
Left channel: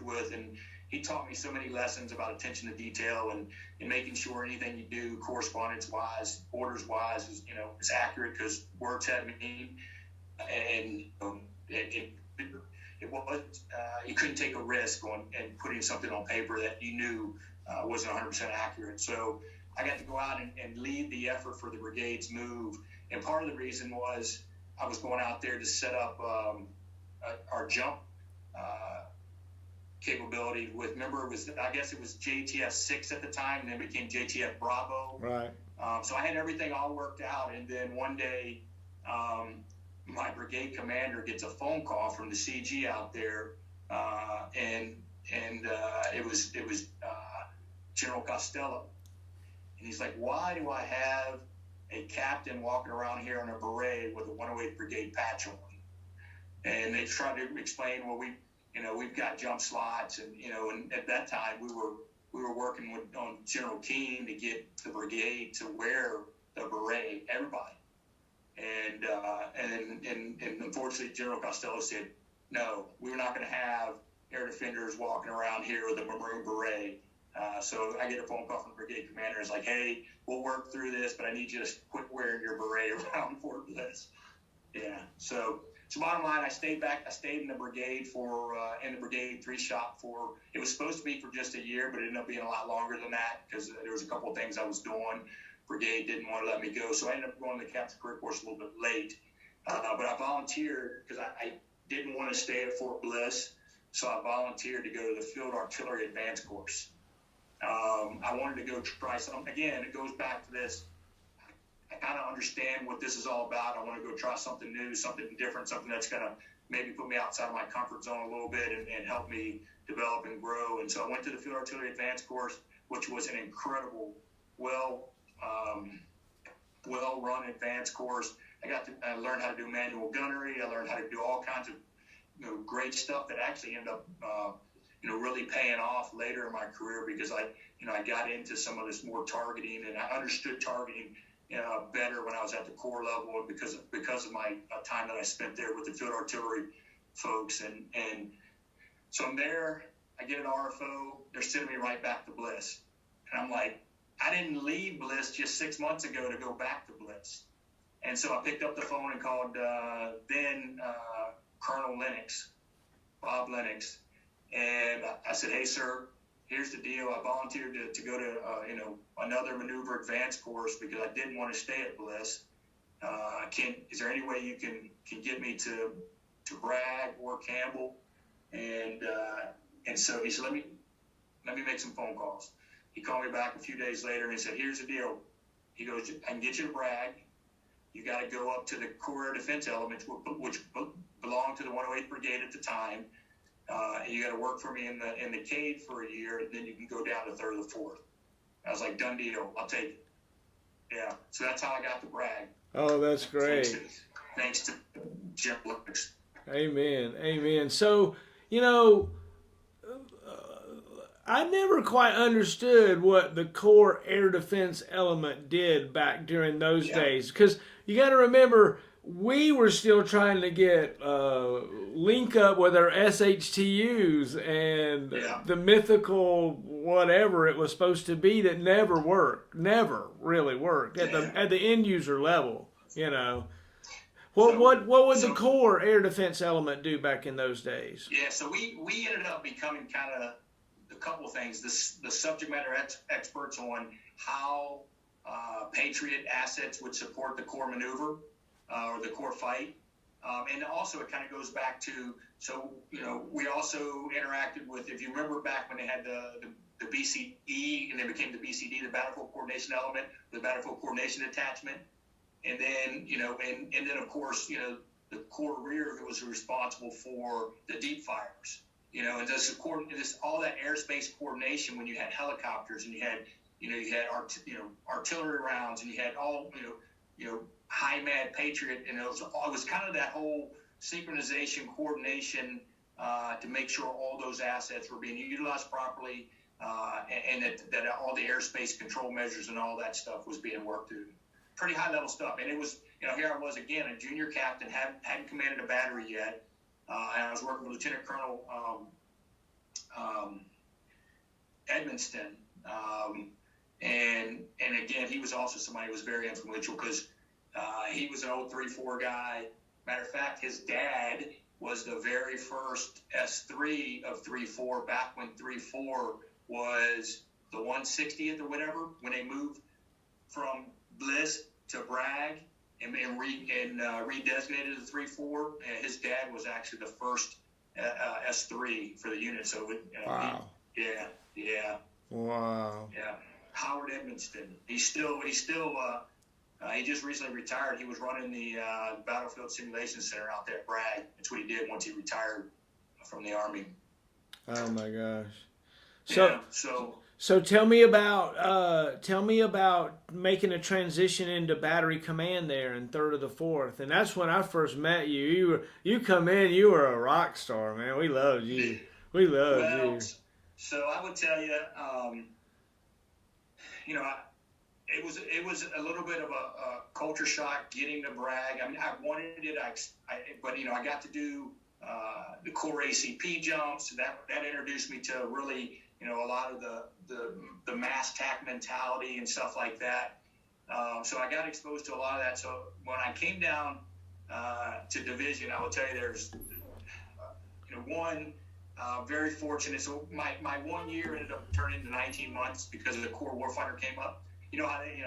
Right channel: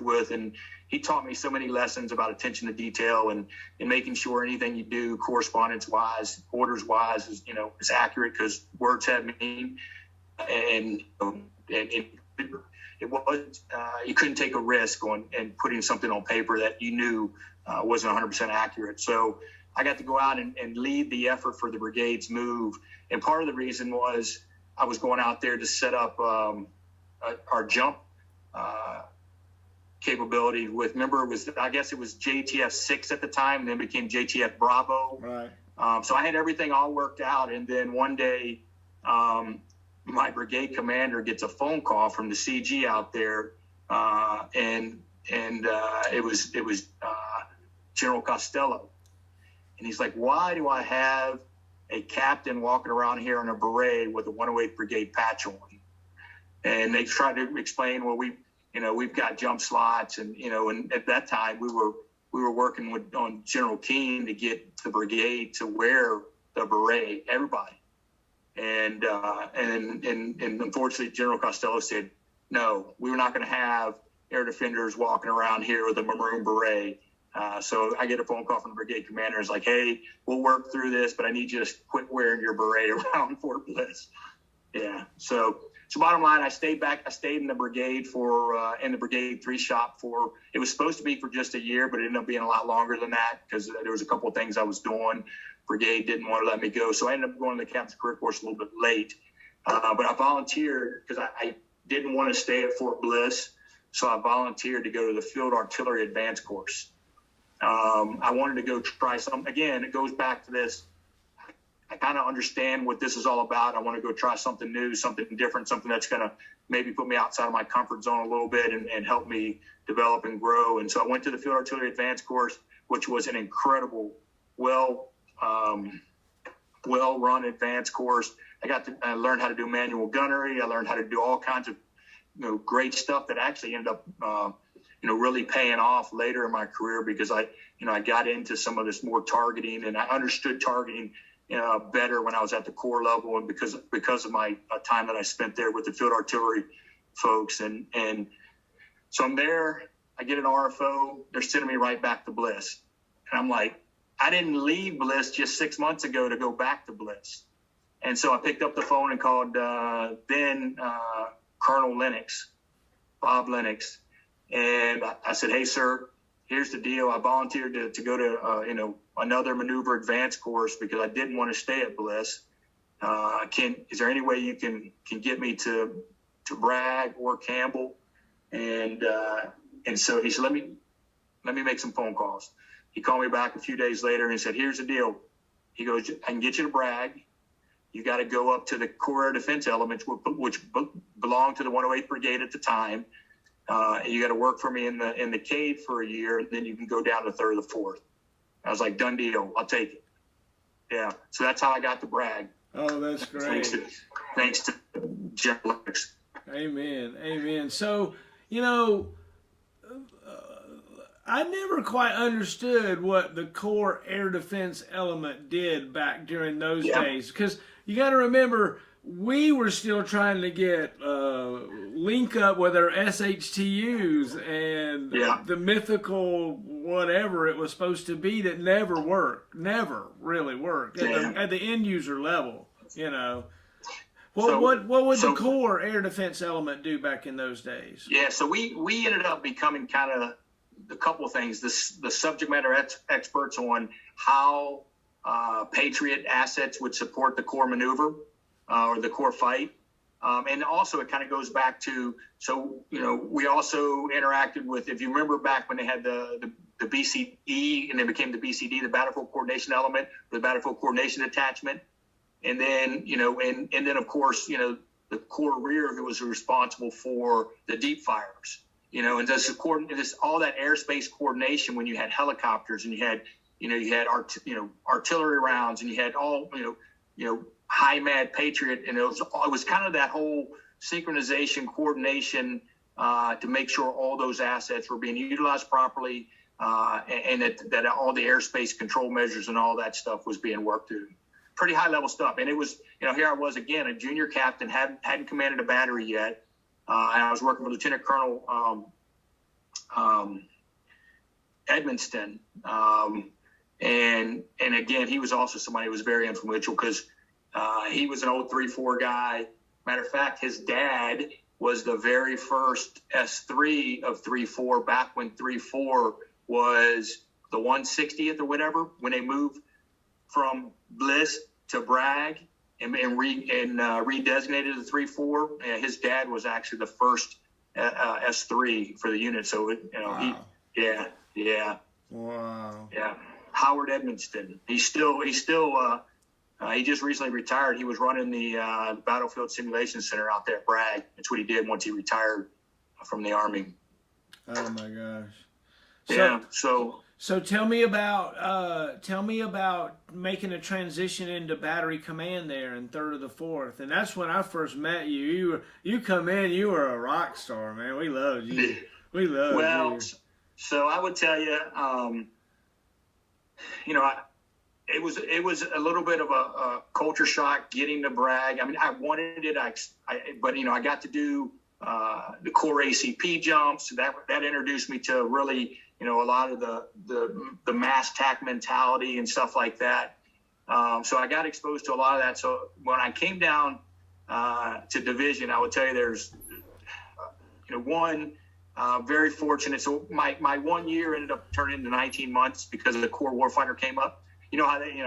with, and he taught me so many lessons about attention to detail and making sure anything you do correspondence-wise, orders-wise, is accurate, because words have meaning, and it wasn't you couldn't take a risk on and putting something on paper that you knew wasn't 100% accurate. So I got to go out and lead the effort for the brigade's move, and part of the reason was I was going out there to set up our jump capability with, I guess it was JTF 6 at the time, and then became JTF Bravo. Right. So I had everything all worked out, and then one day my brigade commander gets a phone call from the CG out there, and it was General Costello, and he's like, "Why do I have a captain walking around here in a beret with a 108th Brigade patch on?" And they tried to explain, well, we've got jump slots, and at that time we were working on General Keane to get the brigade to wear the beret, everybody. And unfortunately, General Costello said, "No, we were not going to have air defenders walking around here with a maroon beret." So I get a phone call from the brigade commander. It's like, "Hey, we'll work through this, but I need you to quit wearing your beret around Fort Bliss." Yeah. So bottom line, I stayed in the brigade in the Brigade 3 shop it was supposed to be for just a year, but it ended up being a lot longer than that, because there was a couple of things I was doing. Brigade didn't want to let me go, so I ended up going to the captain's career course a little bit late. But I volunteered because I didn't want to stay at Fort Bliss, so I volunteered to go to the Field Artillery Advanced Course. I wanted to go try something. Again, it goes back to this. I kind of understand what this is all about. I want to go try something new, something different, something that's going to maybe put me outside of my comfort zone a little bit and help me develop and grow. And so I went to the Field Artillery Advanced Course, which was an incredible, well-run advanced course. I learned how to do manual gunnery. I learned how to do all kinds of great stuff that actually ended up really paying off later in my career, because I got into some of this more targeting, and I understood targeting better when I was at the corps level, and because of my time that I spent there with the field artillery folks. And so I'm there, I get an RFO, they're sending me right back to Bliss. And I'm like, I didn't leave Bliss just 6 months ago to go back to Bliss. And so I picked up the phone and called then Colonel Lennox, Bob Lennox. And I said, hey, sir, here's the deal. I volunteered to go to, another maneuver advanced course because I didn't want to stay at Bliss. Is there any way you can get me to Bragg or Campbell? And so he said, let me make some phone calls. He called me back a few days later and he said, here's the deal. He goes, I can get you to Bragg. You got to go up to the Corps Air Defense Elements, which belonged to the 108th Brigade at the time. You got to work for me in the cave for a year, and then you can go down to 3rd or 4th. I was like, done deal. I'll take it. Yeah. So that's how I got to Bragg. Oh, that's great. Thanks to General Lennox. Amen. Amen. So, I never quite understood what the Corps Air Defense Element did back during those days, because you got to remember, we were still trying to get link up with our SHTUs and the mythical whatever it was supposed to be that never really worked at the end user level. What would the Corps Air Defense Element do back in those days? Yeah, so we ended up becoming kind of a couple of things. The subject matter experts on how Patriot assets would support the Corps maneuver or the Corps fight. And also it kind of goes back to, we also interacted with, if you remember back when they had the BCE and then became the BCD, the Battlefield Coordination Element, the Battlefield Coordination Detachment. And then, and then of course, the Corps Rear, who was responsible for the deep fires, and this all that airspace coordination when you had helicopters and you had artillery rounds and you had all, high mad Patriot, and it was kind of that whole synchronization, coordination to make sure all those assets were being utilized properly, and that all the airspace control measures and all that stuff was being worked through. Pretty high level stuff. And it was, here I was again, a junior captain, hadn't commanded a battery yet, and I was working with Lieutenant Colonel Edmonston, and again, he was also somebody who was very influential because he was an old 3-4 guy. Matter of fact, his dad was the very first S3 of 3-4 back when 3-4 was the 160th or whatever, when they moved from Bliss to Bragg and redesignated the 3-4. His dad was actually the first S3 for the unit. So, wow. Wow. Yeah. Howard Edmonston. He just recently retired. He was running the Battlefield Simulation Center out there at Bragg. That's what he did once he retired from the Army. Oh my gosh. So tell me about making a transition into battery command there in 3rd of the 4th, and that's when I first met you. You come in, you were a rock star, man. We loved you. We loved you. So I would tell you, it was a little bit of a culture shock getting to Bragg. I mean, I wanted it, but I got to do the Corps ACP jumps. That introduced me to really, a lot of the mass TAC mentality and stuff like that. So I got exposed to a lot of that. So when I came down to division, I would tell you there's, very fortunate. So my 1 year ended up turning into 19 months because the Corps Warfighter came up.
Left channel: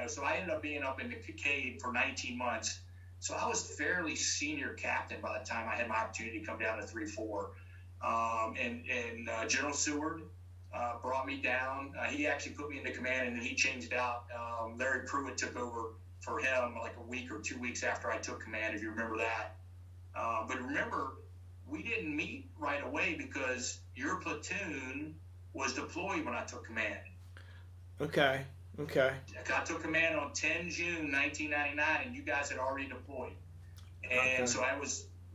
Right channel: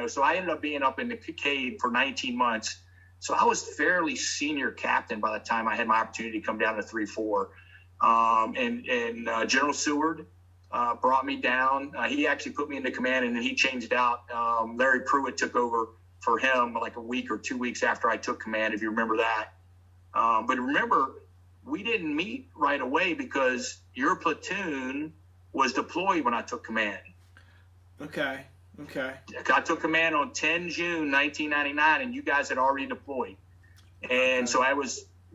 So I ended up being up in the cave for 19 months. So I was fairly senior captain by the time I had my opportunity to come down to 3-4. And General Seward brought me down. He actually put me into command, and then he changed out. Larry Pruitt took over for him like a week or 2 weeks after I took command, if you remember that. But remember, we didn't meet right away because your platoon was deployed when I took command. Okay. I took command on 10 June 1999, and you guys had already deployed. And so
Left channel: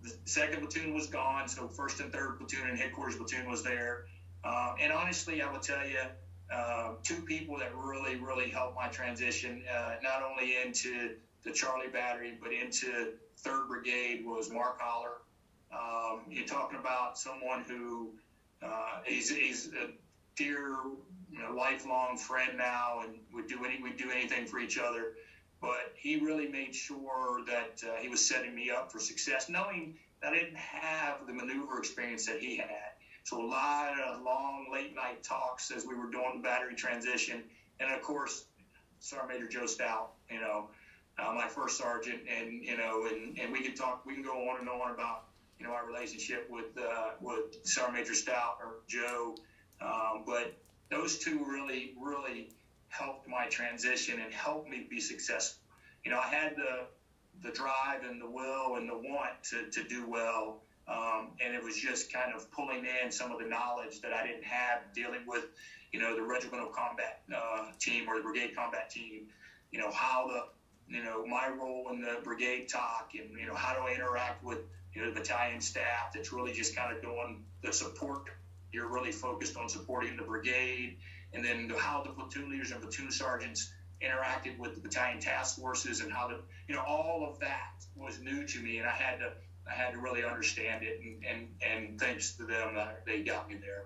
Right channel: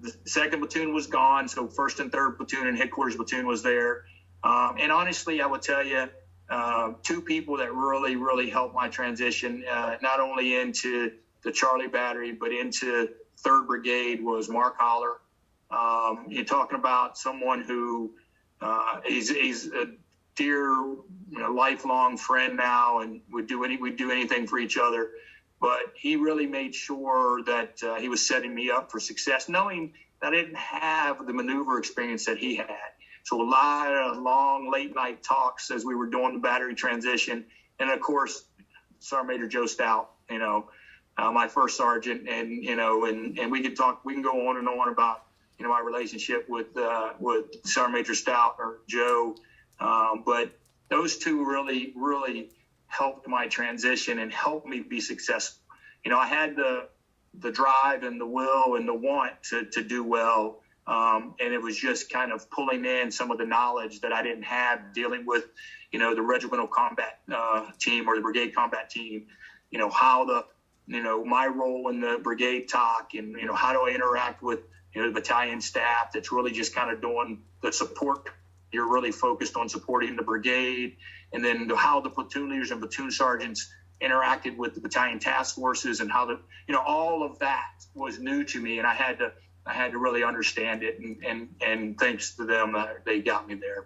the second platoon was gone. So first and third platoon and headquarters platoon was there. And honestly, I would tell you, two people that really, really helped my transition, not only into the Charlie Battery, but into 3rd Brigade was Mark Holler. You're talking about someone who he's a dear, lifelong friend now, and we'd do anything for each other. But he really made sure that he was setting me up for success, knowing that I didn't have the maneuver experience that he had. So a lot of long late night talks as we were doing the battery transition, and of course, Sergeant Major Joe Stout, my first sergeant, and we could talk. We can go on and on about my relationship with Sergeant Major Stout or Joe, but those two really, really helped my transition and helped me be successful. I had the drive and the will and the want to do well, and it was just kind of pulling in some of the knowledge that I didn't have dealing with, the regimental combat team or the brigade combat team. How my role in the brigade talk, and how do I interact with the battalion staff that's really just kind of doing the support. You're really focused on supporting the brigade, and then how the platoon leaders and platoon sergeants interacted with the battalion task forces, and how all of that was new to me, and I had to really understand it, and thanks to them, they got me there.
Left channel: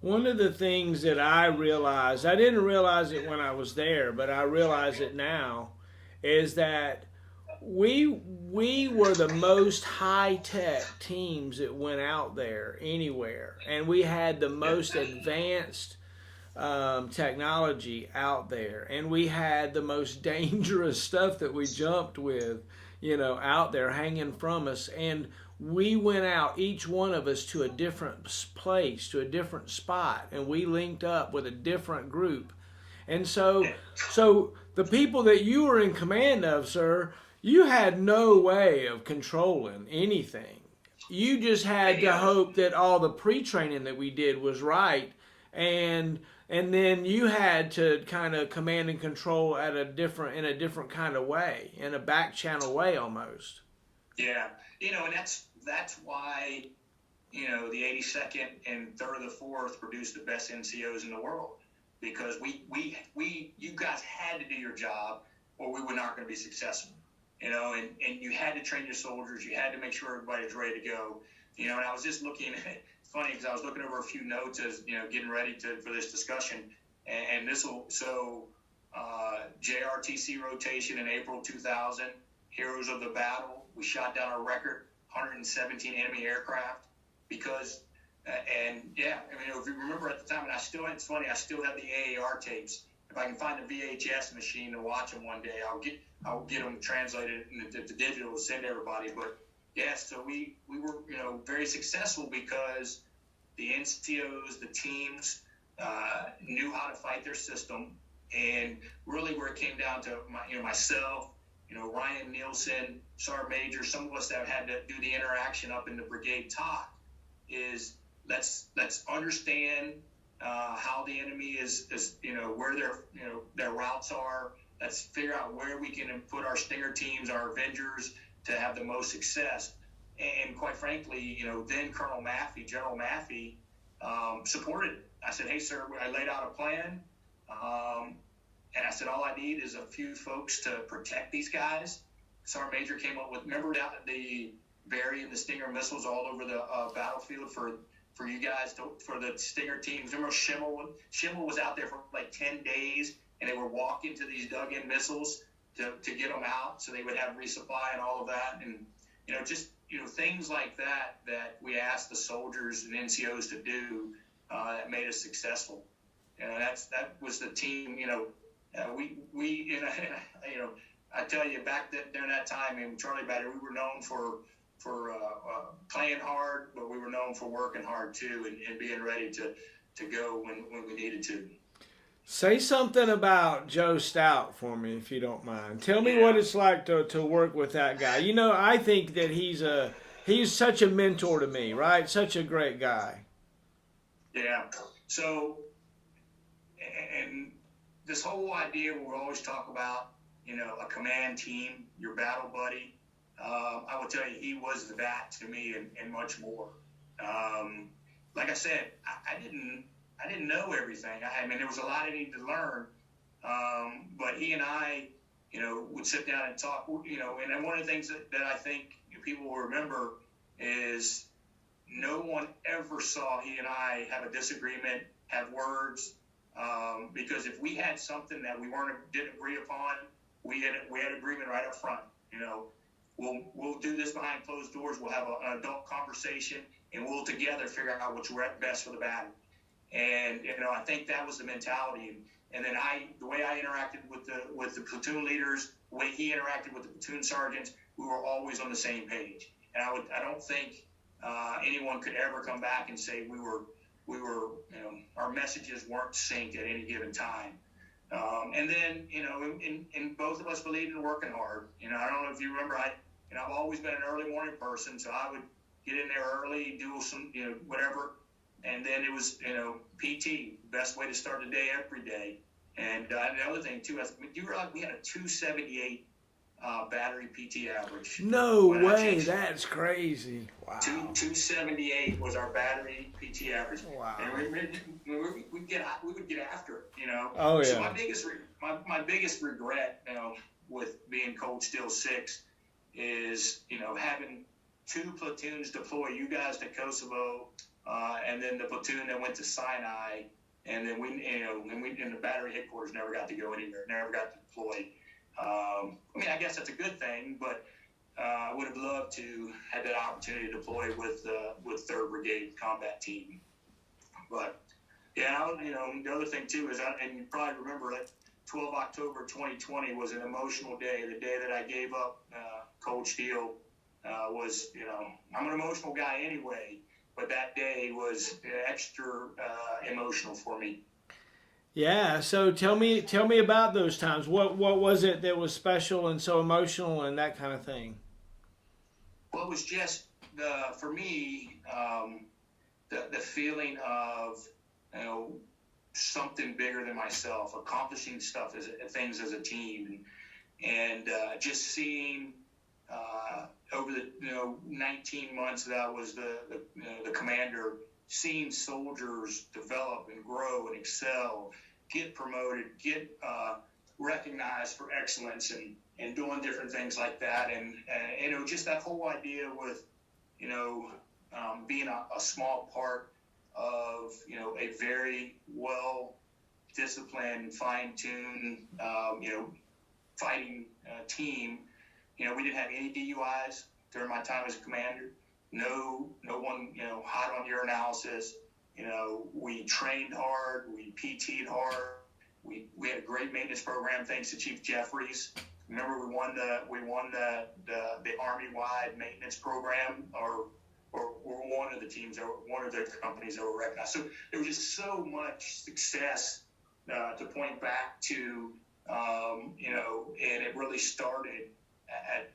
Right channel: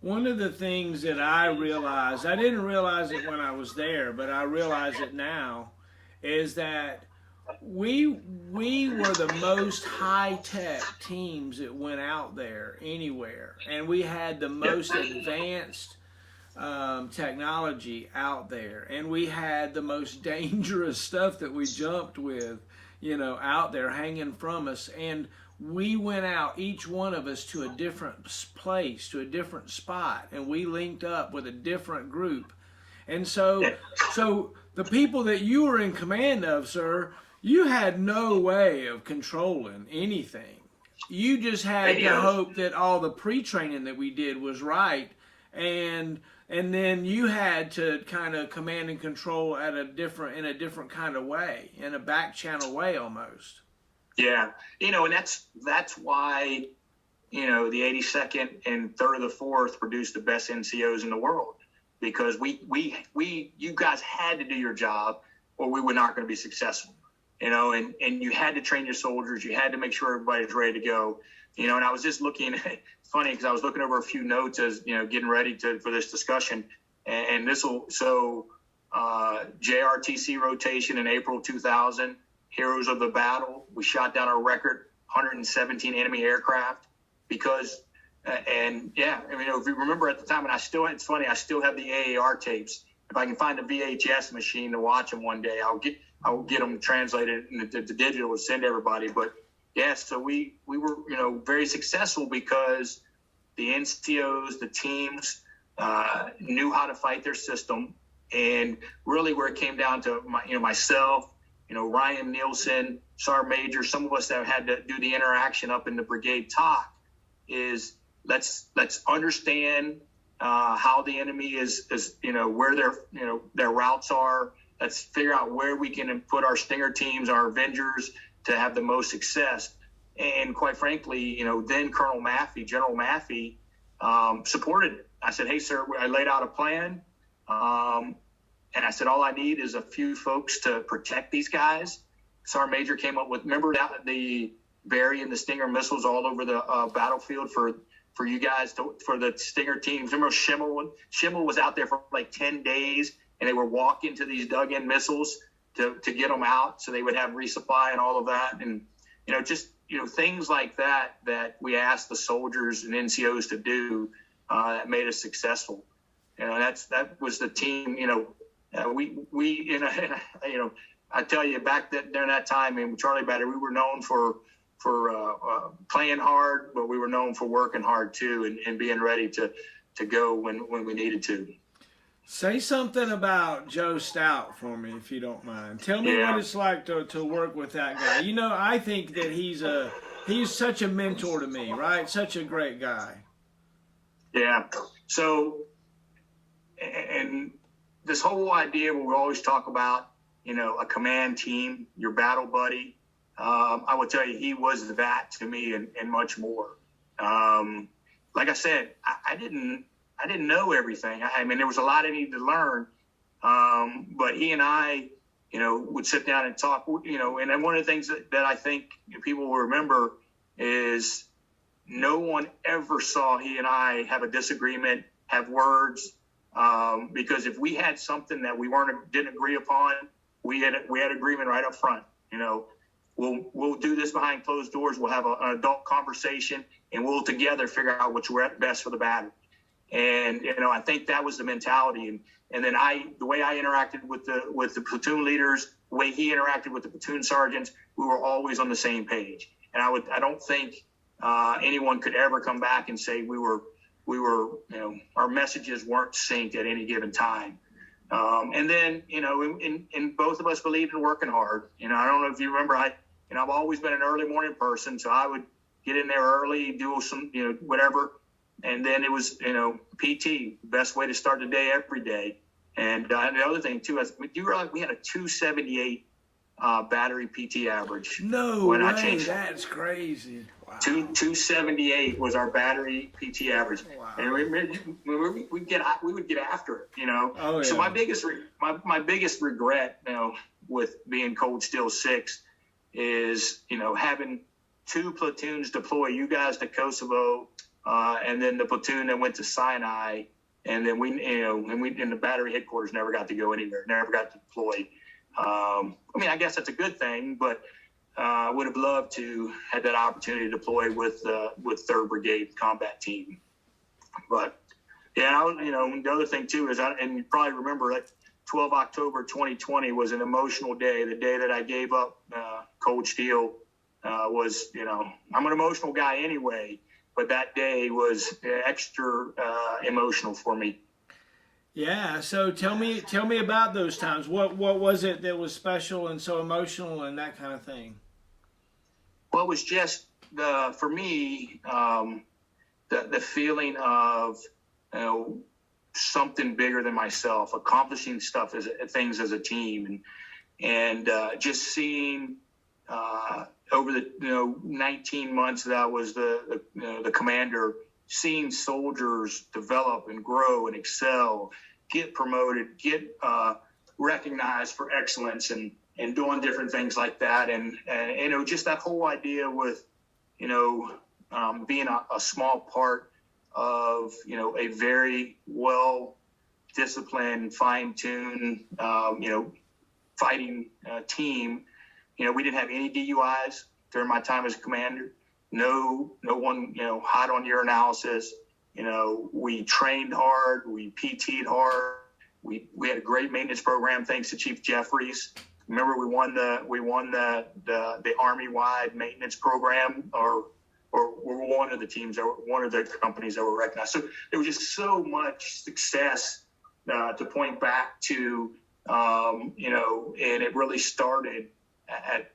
One of the things that I realized, I didn't realize it when I was there, but I realize it now, is that we were the most high-tech teams that went out there anywhere, and we had the most advanced technology out there, and we had the most dangerous stuff that we jumped with, out there hanging from us. And we went out, each one of us, to a different place, to a different spot, and we linked up with a different group. And so the people that you were in command of, sir, you had no way of controlling anything. You just had to hope that all the pre-training that we did was right, and then you had to kind of command and control in a different kind of way, in a back channel way almost. Yeah, and that's why the 82nd and 3rd of the 4th produced the best NCOs in the world, because you guys had to do your job, or we were not going to be successful. And you had to train your soldiers. You had to make sure everybody's ready to go. And I was just looking. It's funny because I was looking over a few notes as getting ready for this discussion. And JRTC rotation in April 2000. Heroes of the battle. We shot down a record 117 enemy aircraft because. If you remember at the time, and it's funny, I still have the AAR tapes. If I can find a VHS machine to watch them one day, I'll get them translated into digital and send everybody. But so we were very successful because the NCOs, the teams knew how to fight their system, and really where it came down to myself, Ryan Nielsen, Sergeant Major, some of us that had to do the interaction up in the brigade talk is let's understand how the enemy is where their routes are. Let's figure out where we can put our Stinger teams, our Avengers, to have the most success. And quite frankly, then General Maffey, supported it. I said, hey, sir, I laid out a plan. And I said, all I need is a few folks to protect these guys. Sergeant Major came up with, remember the Barry and the Stinger missiles all over the battlefield for you guys, for the Stinger teams. Remember Schimmel was out there for like 10 days. And they were walking to these dug-in missiles to get them out, so they would have resupply and all of that. And things like that we asked the soldiers and NCOs to do that made us successful. That was the team. I tell you, back during that time in Charlie Battery, we were known for playing hard, but we were known for working hard too, and being ready to go when we needed to. Say something about Joe Stout for me, if you don't mind. Tell me what it's like to work with that guy. I think that he's such a mentor to me, right? Such a great guy. Yeah. So, and this whole idea where we always talk about, a command team, your battle buddy, I will tell you, he was that to me and much more. Like I said, I didn't know everything. I mean, there was a lot I needed to learn. But he and I, would sit down and talk, and then one of the things that I think people will remember is no one ever saw he and I have a disagreement, have words, because if we had something that we didn't agree upon, we had agreement right up front. We'll do this behind closed doors. We'll have an adult conversation, and we'll together figure out what's best for the battle. And I think that was the mentality. And then the way I interacted with the platoon leaders, the way he interacted with the platoon sergeants, we were always on the same page. And I don't think anyone could ever come back and say we were our messages weren't synced at any given time. And then and both of us believed in working hard. I don't know if you remember, I've always been an early morning person, so I would get in there early, do some whatever. And then it was, PT, best way to start the day every day. And the other thing, too, you realize we had a 278 battery PT average. No way, that's crazy. Wow. 278 was our battery PT average. Wow. And we would get after it, Oh, yeah. So my biggest regret, with being Cold Steel 6 is, having two platoons deploy, you guys to Kosovo, and then the platoon that went to Sinai, and then we in the battery headquarters never got to go anywhere, never got to deploy. I guess that's a good thing, but I would have loved to have that opportunity to deploy with 3rd Brigade combat team. But yeah, the other thing too is, and you probably remember that 12 October 2020 was an emotional day. The day that I gave up Cold Steel was, I'm an emotional guy anyway. But that day was extra emotional for me. Yeah. So tell me about those times. What was it that was special and so emotional and that kind of thing? Well, it was just for me the feeling of something bigger than myself, accomplishing things as a team, and just seeing. Over the 19 months that I was the commander, seeing soldiers develop and grow and excel, get promoted, get recognized for excellence, and doing different things like that, and just that whole idea with being a small part of a very well disciplined, fine-tuned fighting team. We didn't have any DUIs during my time as commander. No one, hot on urinalysis. We trained hard. We PT'd hard. We had a great maintenance program thanks to Chief Jeffries. Remember, we won the Army-wide maintenance program, or we're one of the teams, or one of the companies that were recognized. So there was just so much success to point back to, and it really started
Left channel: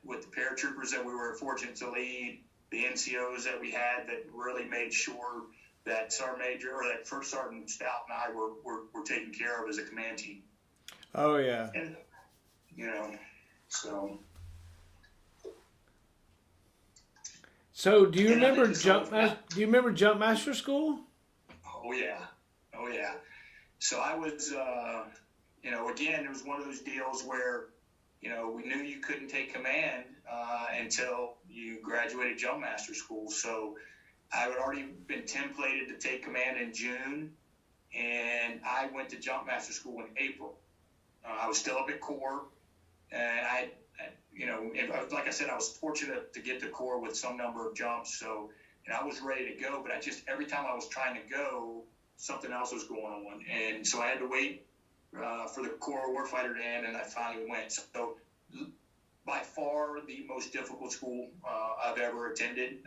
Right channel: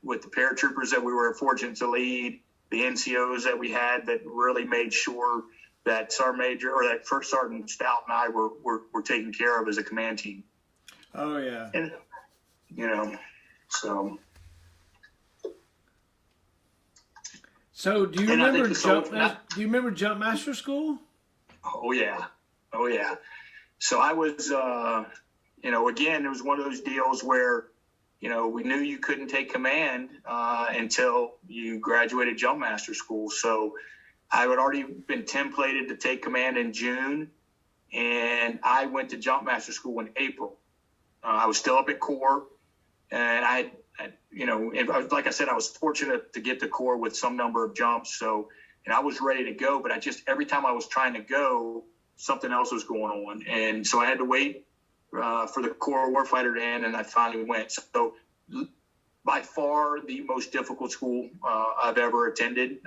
with the paratroopers that we were fortunate to lead, the NCOs that we had that really made sure that Sergeant Major or that First Sergeant Stout and I were taken care of as a command team. Oh yeah. And so. So do you remember Jump Master School? Oh yeah. So I was, again, it was one of those deals where. We knew you couldn't take command until you graduated Jump Master School. So I had already been templated to take command in June, and I went to Jump Master School in April. I was still up at Corps, and like I said, I was fortunate to get to Corps with some number of jumps. So, and I was ready to go, but every time I was trying to go, something else was going on. And so I had to wait for the Corps Warfighter to end, and I finally went. So by far the most difficult school I've ever attended.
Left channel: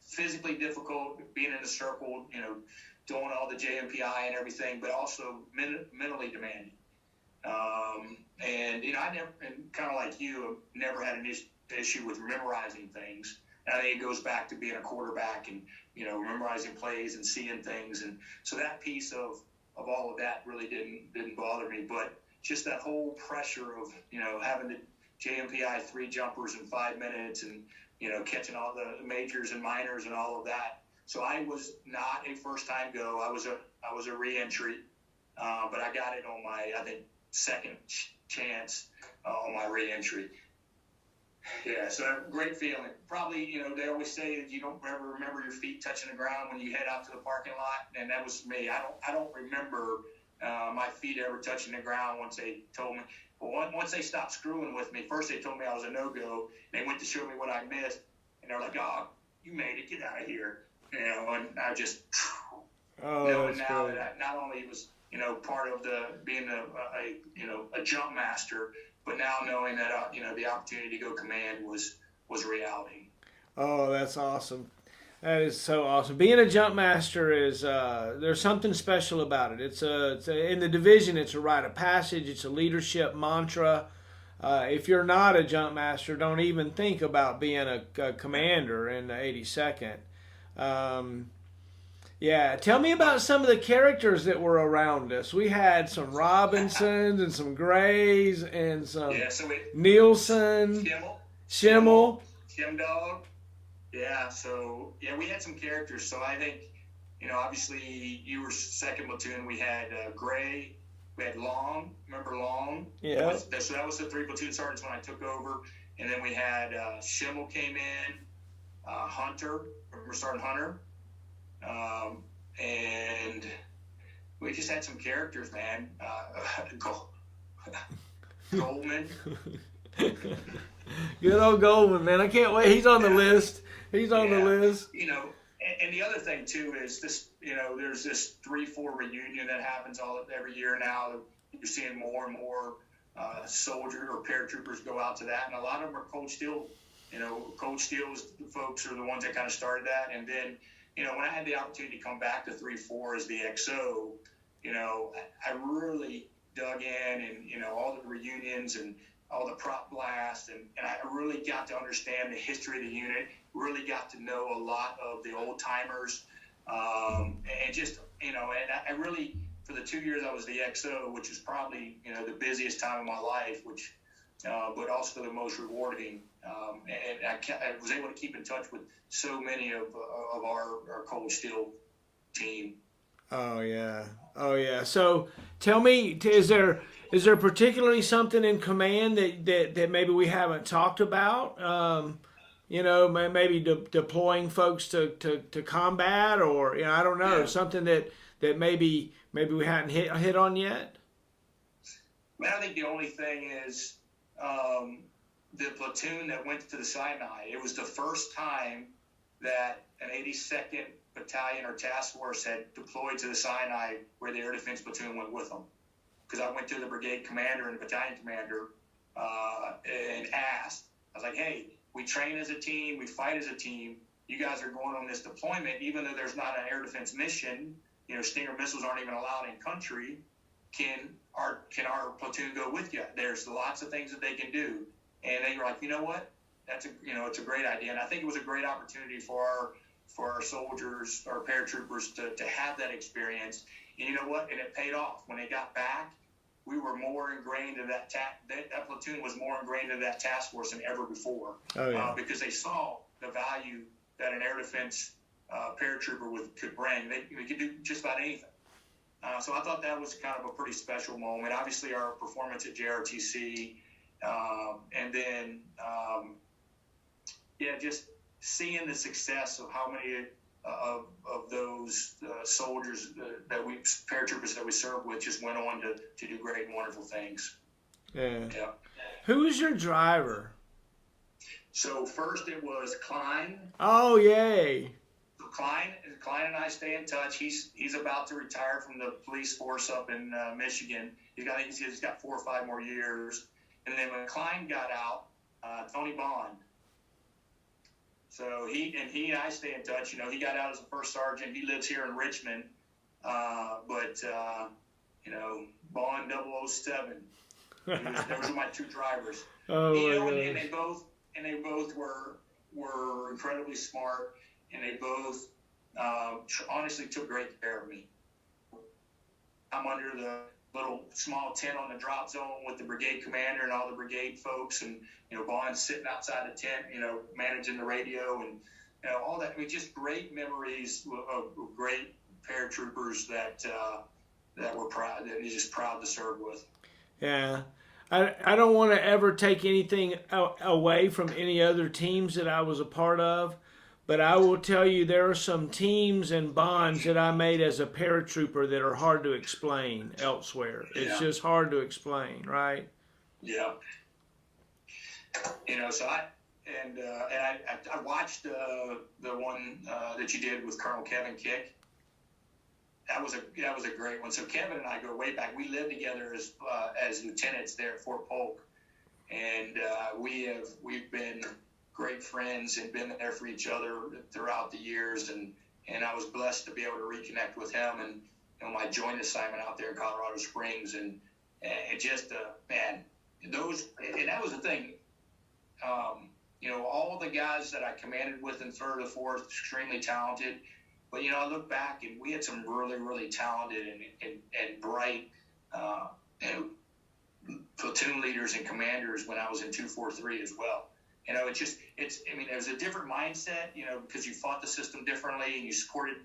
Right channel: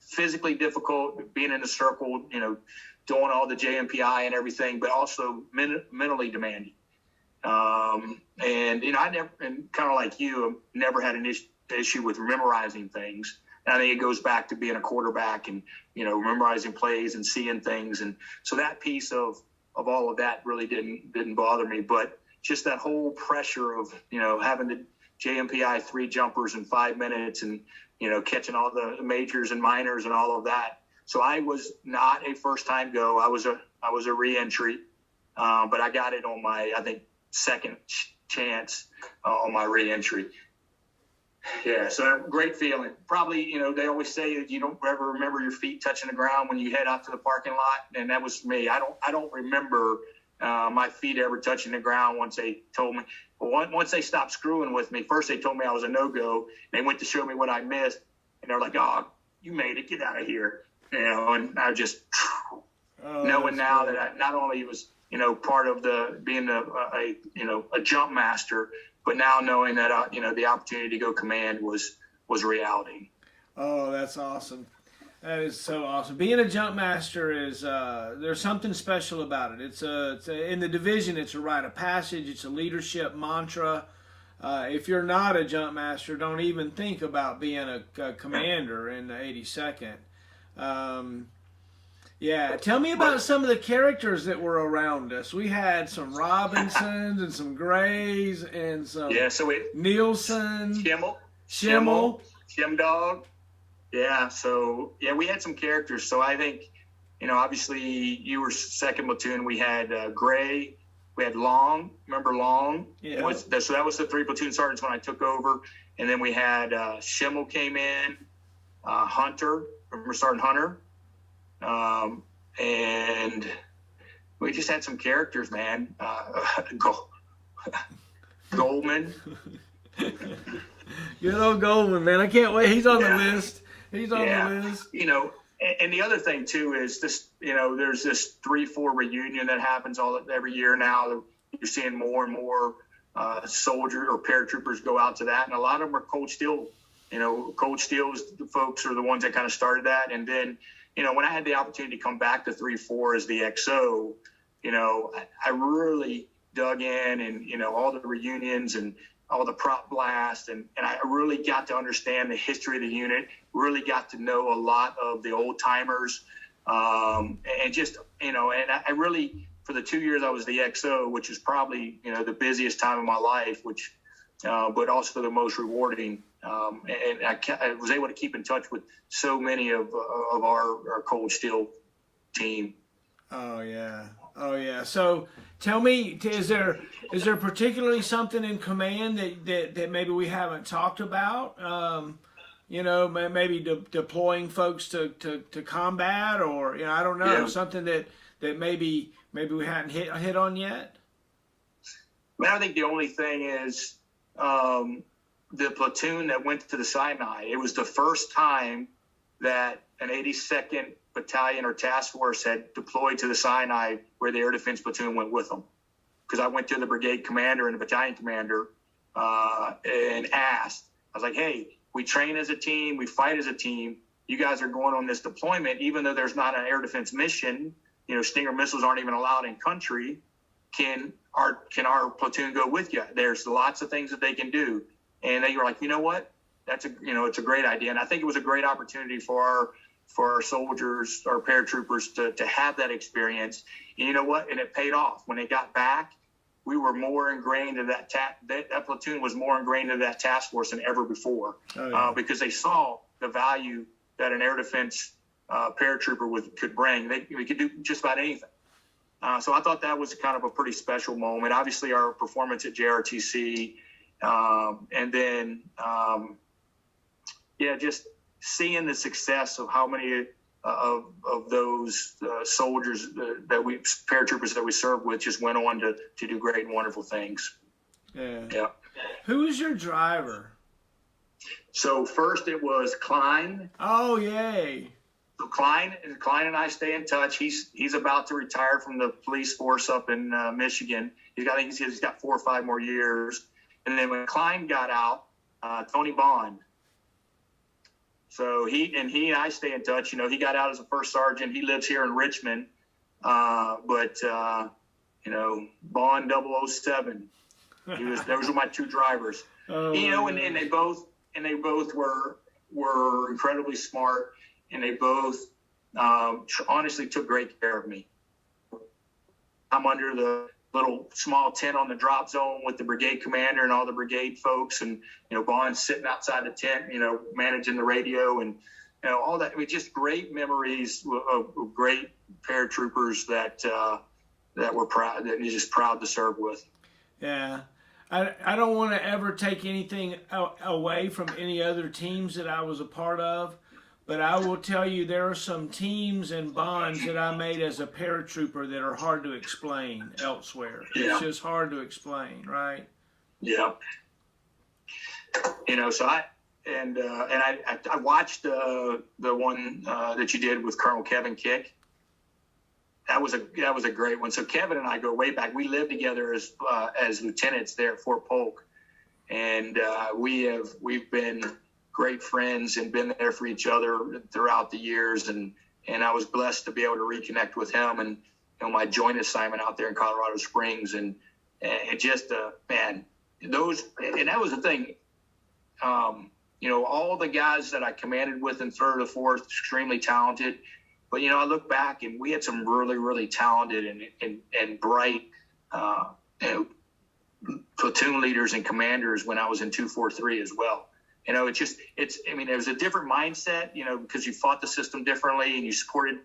Physically difficult, being in a circle, doing all the JMPI and everything, but also mentally demanding. And I never, and kind of like you, never had an issue with memorizing things. And I think it goes back to being a quarterback and, memorizing plays and seeing things. And so that piece of all of that really didn't bother me, but just that whole pressure of, having to JMPI 3 jumpers in 5 minutes, and catching all the majors and minors and all of that. So I was not a first-time go. I was a re-entry, but I got it on my, I think, second chance on my re-entry. Yeah, so great feeling. Probably, they always say that you don't ever remember your feet touching the ground when you head out to the parking lot, and that was me. I don't remember my feet ever touching the ground once they told me. But once they stopped screwing with me, first they told me I was a no-go. They went to show me what I missed, and they're like, "Oh, you made it. Get out of here." And I just knowing now that I not only was part of being a jump master, but now knowing that the opportunity to go command was reality. Oh, that's awesome. That is so awesome. Being a jump master is there's something special about it. It's in the division. It's a rite of passage. It's a leadership mantra. If you're not a jump master, don't even think about being a commander in the 82nd. Yeah, tell me about some of the characters that were around us. We had some Robinsons and some Grays and some Nielsen, Schimmel, Dog. Yeah, so we had some characters. So I think, obviously you were second platoon. We had Gray, we had Long. Remember Long? Yeah. So that was the 3 platoon sergeants when I took over, and then we had Schimmel came in, Hunter. Remember Sergeant Hunter? And we just had some characters, man. Goldman. Good old Goldman, man. I can't wait. He's on the list. He's on the list. And the other thing too is this, there's this 3-4 reunion that happens every year now. You're seeing more and more soldiers or paratroopers go out to that, and a lot of them are Cold Steel. Cold Steel the folks are the ones that kind of started that, and then when I had the opportunity to come back to 3-4 as the XO, I really dug in, and all the reunions and all the prop blasts, and I really got to understand the history of the unit, really got to know a lot of the old timers, and just, and I really, for the 2 years I was the XO, which is probably, the busiest time of my life, which, but also the most rewarding. And I was able to keep in touch with so many of our Cold Steel team. Oh yeah. So tell me, is there particularly something in command that maybe we haven't talked about? Maybe deploying folks to combat, or I don't know, something that maybe we hadn't hit on yet. I think the only thing is the platoon that went to the Sinai. It was the first time that an 82nd Battalion or task force had deployed to the Sinai where the air defense platoon went with them. Because I went to the brigade commander and the battalion commander and asked, I was like, hey, we train as a team, we fight as a team. You guys are going on this deployment, even though there's not an air defense mission, Stinger missiles aren't even allowed in country. Can our platoon go with you? There's lots of things that they can do. And they were like, you know what? That's it's a great idea. And I think it was a great opportunity for our soldiers, our paratroopers to have that experience. And you know what? And it paid off. When they got back, we were more ingrained in that platoon was more ingrained in that task force than ever before. Because they saw the value that an air defense paratrooper could bring. We could do just about anything. So I thought that was kind of a pretty special moment. Obviously, our performance at JRTC, and then, just seeing the success of how many of those soldiers paratroopers that we served with just went on to do great and wonderful things. Yeah. Who's your driver? So first it was Klein. Oh, yay. So Klein and I stay in touch. He's about to retire from the police force up in Michigan. He's got 4 or 5 more years. And then when Klein got out, Tony Bond. So he and I stay in touch. He got out as a first sergeant. He lives here in Richmond. But Bond 007. Those were my 2 drivers. And they both were incredibly smart, and they both honestly took great care of me. I'm under little small tent on the drop zone with the brigade commander and all the brigade folks, and Bond sitting outside the tent, managing the radio, and all that. I mean, just great memories of great paratroopers that were proud, that you're just proud to serve with. Yeah. I don't want to ever take anything away from any other teams that I was a part of, but I will tell you there are some teams and bonds that I made as a paratrooper that are hard to explain elsewhere. Yeah. It's just hard to explain, right? Yeah. So I watched the one that you did with Colonel Kevin Kick. That was a great one. So Kevin and I go way back. We lived together as lieutenants there at Fort Polk, and we've been great friends and been there for each other throughout the years. And I was blessed to be able to reconnect with him and my joint assignment out there in Colorado Springs, and just man, those, and that was the thing. All the guys that I commanded with in 3rd or 4th, extremely talented. But, I look back and we had some really, really talented and bright platoon leaders and commanders when I was in 243 as well. It was a different mindset, because you fought the system differently and you supported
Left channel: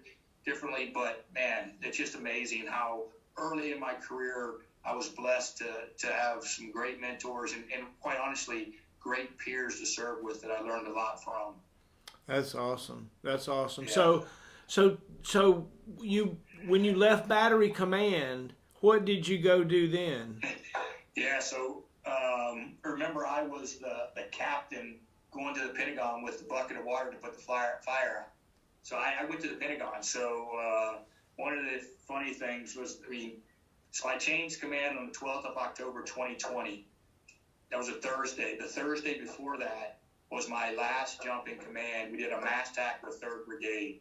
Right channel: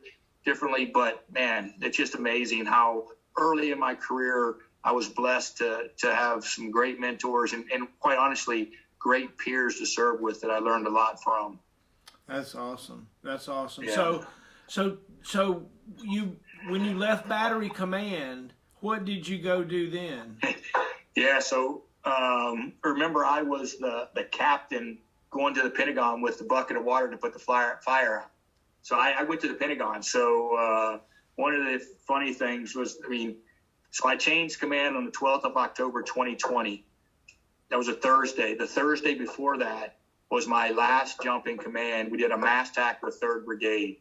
differently. But, man, it's just amazing how early in my career I was blessed to have some great mentors and quite honestly, great peers to serve with that I learned a lot from. That's awesome. Yeah. So you, when you left Battery Command, what did you go do then? Yeah, so remember I was the captain going to the Pentagon with the bucket of water to put the fire out. So I went to the Pentagon. So one of the funny things was, so I changed command on the 12th of October, 2020. That was a Thursday. The Thursday before that was my last jump in command. We did a mass attack with 3rd Brigade.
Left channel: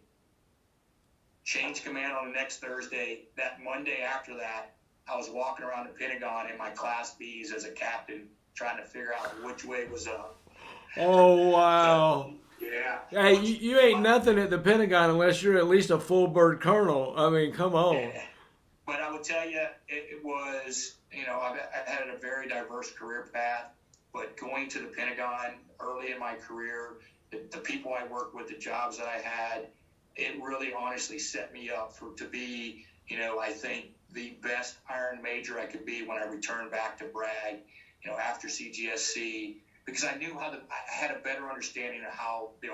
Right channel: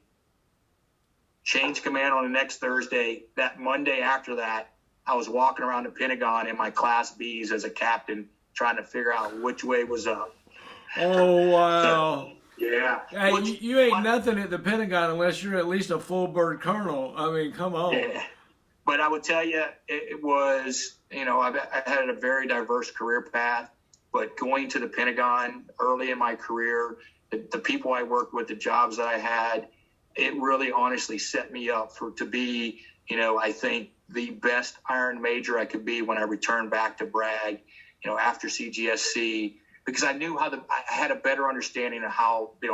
Changed command on the next Thursday. That Monday after that, I was walking around the Pentagon in my Class Bs as a captain, trying to figure out which way was up. Oh, wow. So, yeah. Hey, you ain't nothing at the Pentagon unless you're at least a full bird colonel. Come on. Yeah. But I would tell you, it was, I had a very diverse career path, but going to the Pentagon early in my career, the people I worked with, the jobs that I had, it really honestly set me up to be, I think the best Iron Major I could be when I returned back to Bragg, after CGSC, because I knew I had a better understanding of how the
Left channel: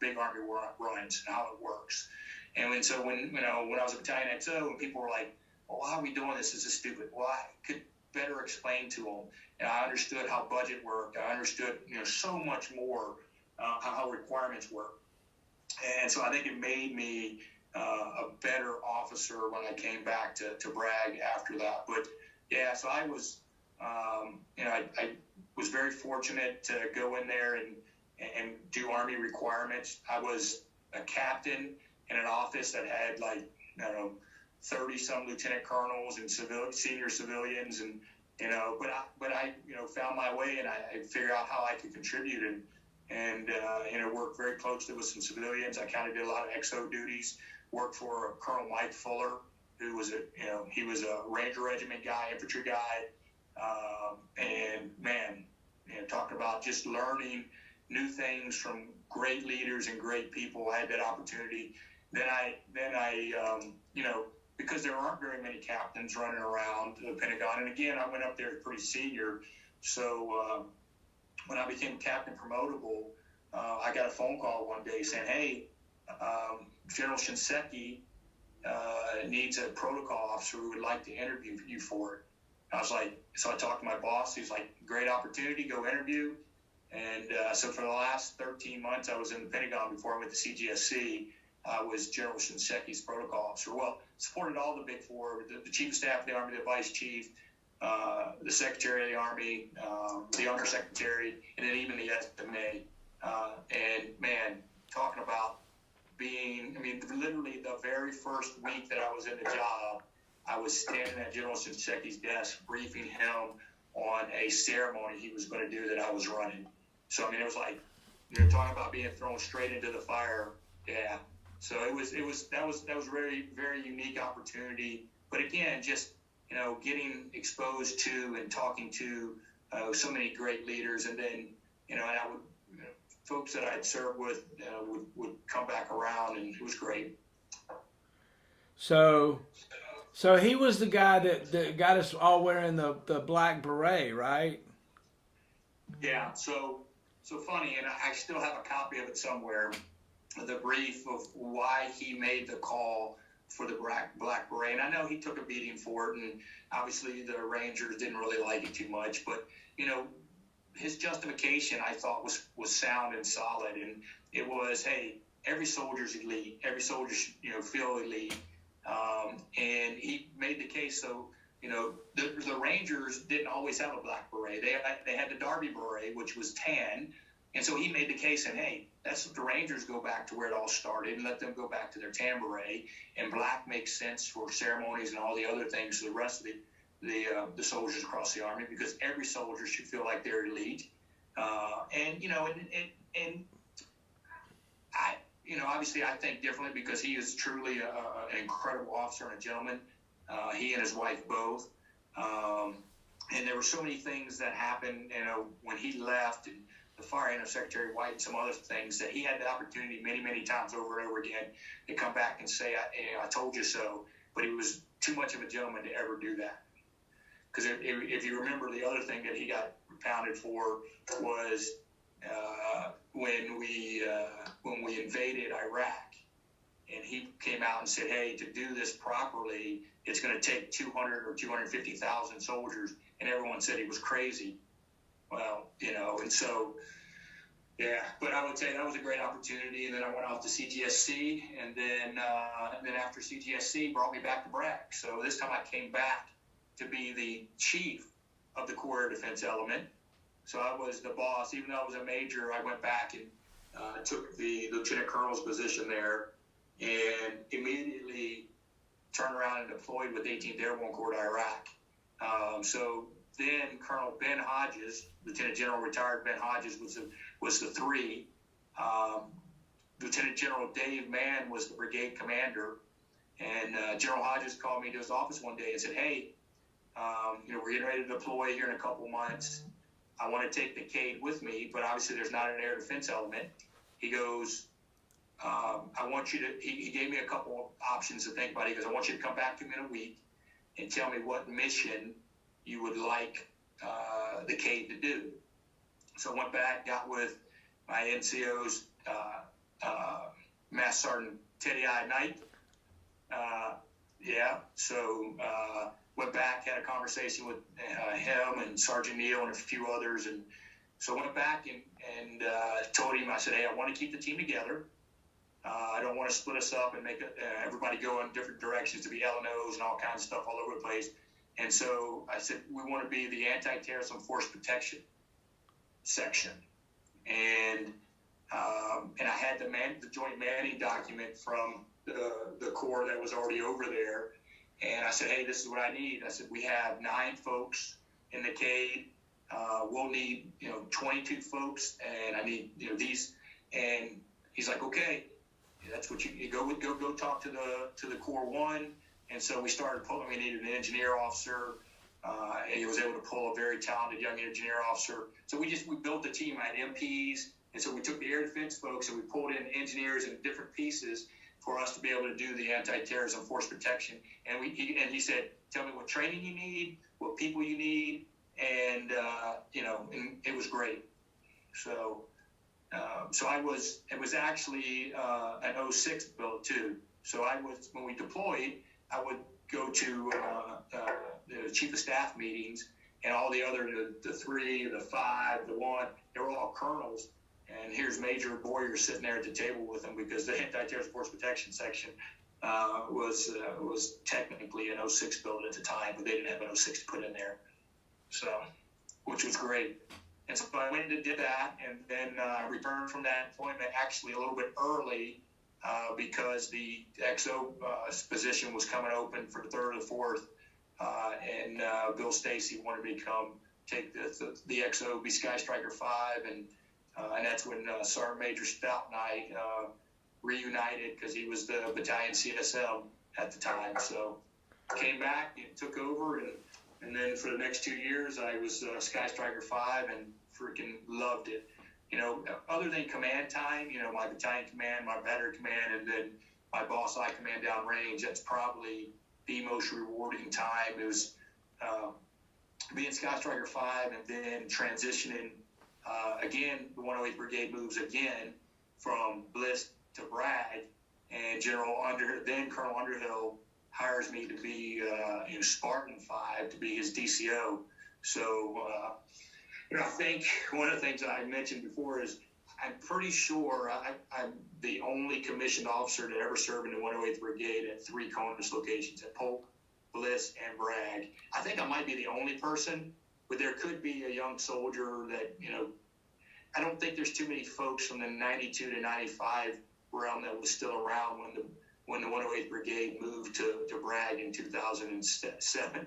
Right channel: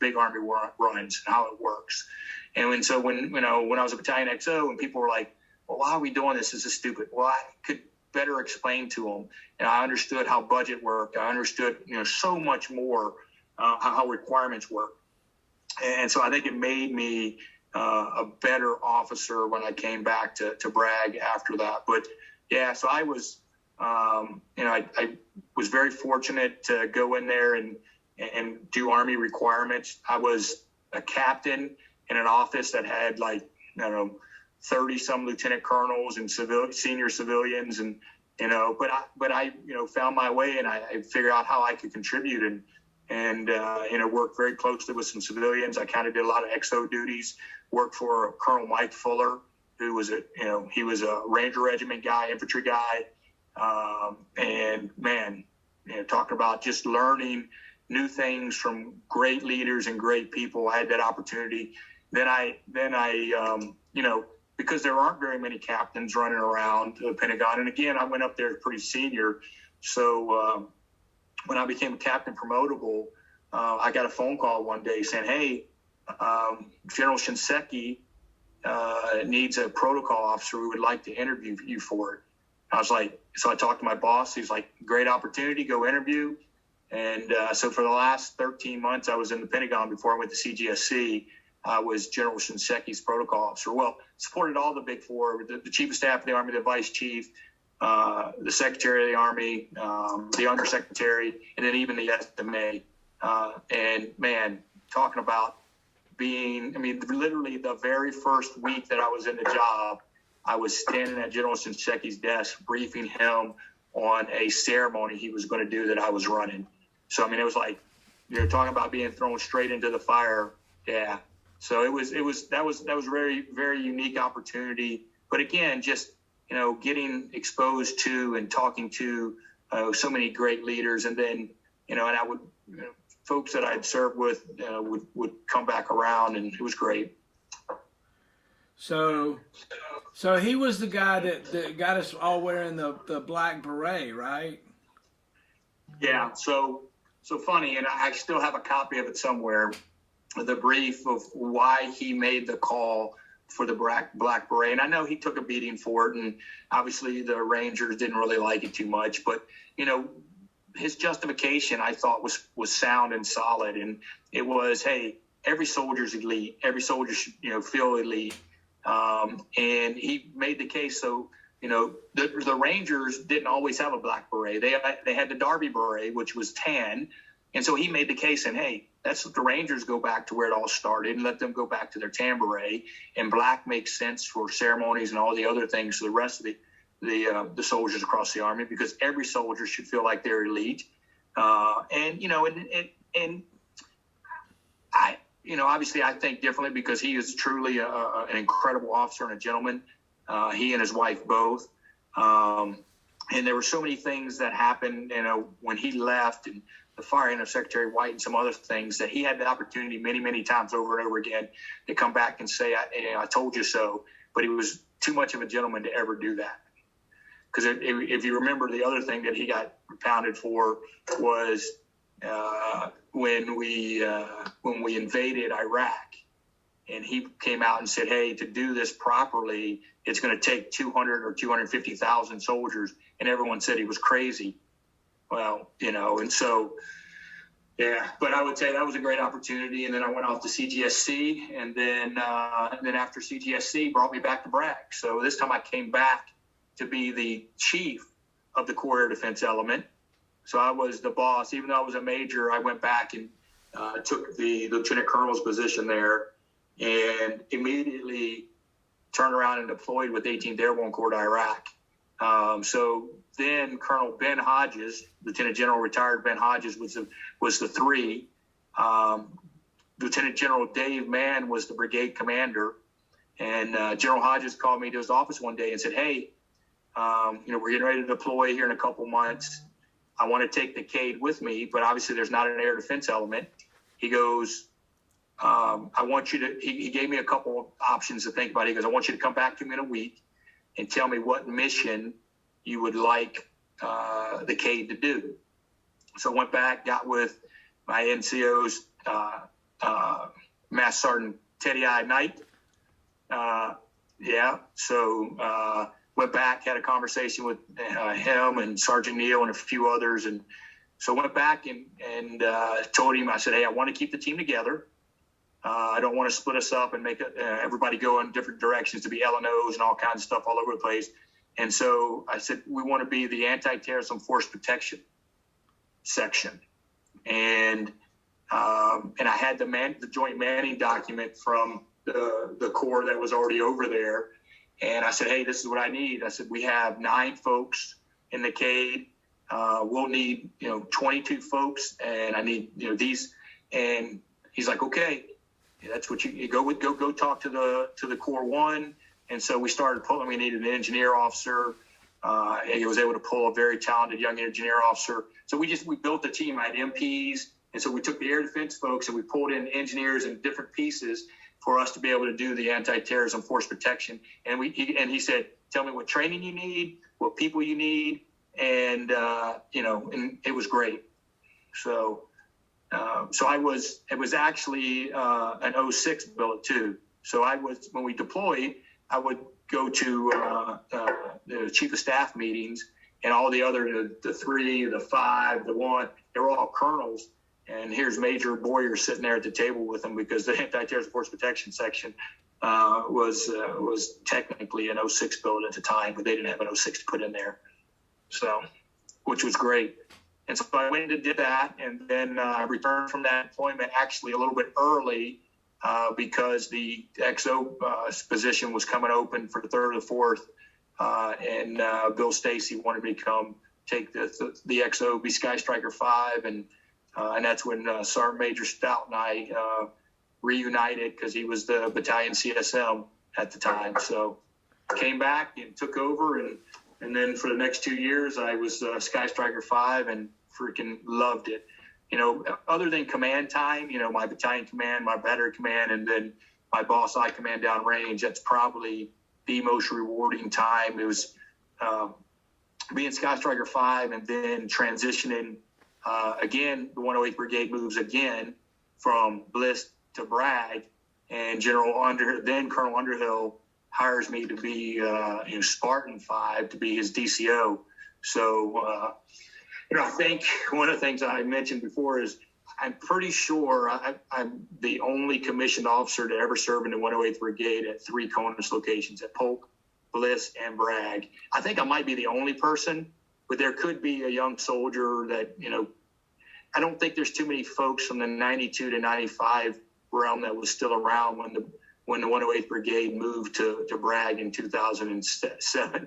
big Army runs and how it works. And so when I was a Battalion XO and people were like, well, why are we doing this? This is stupid. Well, I could better explain to them. And I understood how budget worked. I understood, so much more how requirements work. And so I think it made me a better officer when I came back to Bragg after that. But yeah, so I was, I was very fortunate to go in there and do Army requirements. I was a captain in an office that had 30 some lieutenant colonels and senior civilians, and but I found my way, and I figured out how I could contribute and worked very closely with some civilians. I kind of did a lot of XO duties. Worked for Colonel Mike Fuller, who was he was a Ranger Regiment guy, infantry guy, and man, talking about just learning new things from great leaders and great people. I had that opportunity. Then I because there aren't very many captains running around the Pentagon, and again, I went up there pretty senior, so when I became a captain promotable, I got a phone call one day saying, hey, General Shinseki needs a protocol officer. We would like to interview you for it. I was like, so I talked to my boss. He's like, great opportunity, go interview. And so for the last 13 months, I was in the Pentagon before I went to CGSC. I was General Shinseki's protocol officer. Well, supported all the big four, the Chief of Staff of the Army, the Vice Chief, the Secretary of the Army, the Undersecretary, and then even the SMA. And man, talking about being, literally the very first week that I was in the job, I was standing at General Shinseki's desk briefing him on a ceremony he was going to do that I was running. So, it was like, you're talking about being thrown straight into the fire. Yeah. So that was very, very unique opportunity. But again, just, getting exposed to and talking to so many great leaders, and then and I would folks that I'd served with would come back around, and it was great. So he was the guy that got us all wearing the black beret, right? Yeah. So funny, and I still have a copy of it somewhere. The brief of why he made the call for the black beret, and I know he took a beating for it, and obviously the Rangers didn't really like it too much, but his justification I thought was sound and solid, and it was, hey, every soldier's elite, every soldier should feel elite, and he made the case. So the Rangers didn't always have a black beret. They had the Derby beret, which was tan, and so he made the case, and hey, that's what the Rangers go back to where it all started, and let them go back to their tan beret, and black makes sense for ceremonies and all the other things for the rest of the soldiers across the Army, because every soldier should feel like they're elite. And I, obviously I think differently, because he is truly an incredible officer and a gentleman. He and his wife both. And there were so many things that happened, when he left, and the firing of Secretary White and some other things, that he had the opportunity many, many times over and over again to come back and say, I told you so. But he was too much of a gentleman to ever do that. Because if you remember, the other thing that he got pounded for was when we invaded Iraq, and he came out and said, hey, to do this properly, it's going to take 200 or 250,000 soldiers, and everyone said he was crazy. Well, and so, yeah, but I would say that was a great opportunity. And then I went off to CGSC, and then after CGSC brought me back to BRAC. So this time I came back to be the chief of the Corps Air Defense Element. So I was the boss. Even though I was a major, I went back and took the lieutenant colonel's position there, and immediately turned around and deployed with 18th Airborne Corps to Iraq. So then Colonel Ben Hodges, Lieutenant General retired Ben Hodges, was the 3. Lieutenant General Dave Mann was the brigade commander. And General Hodges called me to his office one day and said, hey, we're getting ready to deploy here in a couple months. I want to take the CADE with me, but obviously there's not an air defense element. He goes, I want you to, he gave me a couple of options to think about. He goes, I want you to come back to me in a week and tell me what mission you would like the CADE to do. So I went back, got with my NCO's Master Sergeant Teddy I. Knight. So went back, had a conversation with him and Sergeant Neal and a few others. And so went back and told him, I said, hey, I want to keep the team together. I don't want to split us up and make everybody go in different directions to be L&Os and all kinds of stuff all over the place. And so I said, we want to be the anti-terrorism force protection section. And I had the joint manning document from the Corps that was already over there. And I said, hey, this is what I need. I said, we have 9 folks in the CADE. We'll need, 22 folks, and I need, these. And he's like, okay, that's what you go talk to the Corps 1. And so we started pulling. We needed an engineer officer. He was able to pull a very talented young engineer officer. So we built the team. I had MPs, and so we took the air defense folks and we pulled in engineers in different pieces for us to be able to do the anti-terrorism force protection. And he said, tell me what training you need, what people you need, and and it was great. So it was actually an 06 billet too. So when we deployed, I would go to the chief of staff meetings, and all the other, the 3, the 5, the 1, they were all colonels. And here's Major Bowyer sitting there at the table with them, because the anti-terrorism force protection section was technically an 06 billet at the time, but they didn't have an 06 to put in there. So, which was great. And so I went and did that, and then I returned from that employment actually a little bit early because the XO position was coming open for the 3rd or 4th, and Bill Stacy wanted me to take the XO, be Sky Striker 5, and that's when Sergeant Major Stout and I reunited, because he was the battalion CSM at the time. So came back and took over, and then for the next 2 years, I was Sky Striker 5 and freaking loved it. Other than command time, my battalion command, my battery command, and then my boss I command downrange, that's probably the most rewarding time. It was being Sky Striker 5 and then transitioning again. The 108th Brigade moves again from Bliss to Bragg, and Colonel Underhill hires me to be Spartan 5 to be his DCO. So I think one of the things I mentioned before is I'm pretty sure I'm the only commissioned officer to ever serve in the 108th Brigade at 3 CONUS locations, at Polk, Bliss, and Bragg. I think I might be the only person, but there could be a young soldier that, I don't think there's too many folks from the 92 to 95 realm that was still around when the 108th Brigade moved to Bragg in 2007,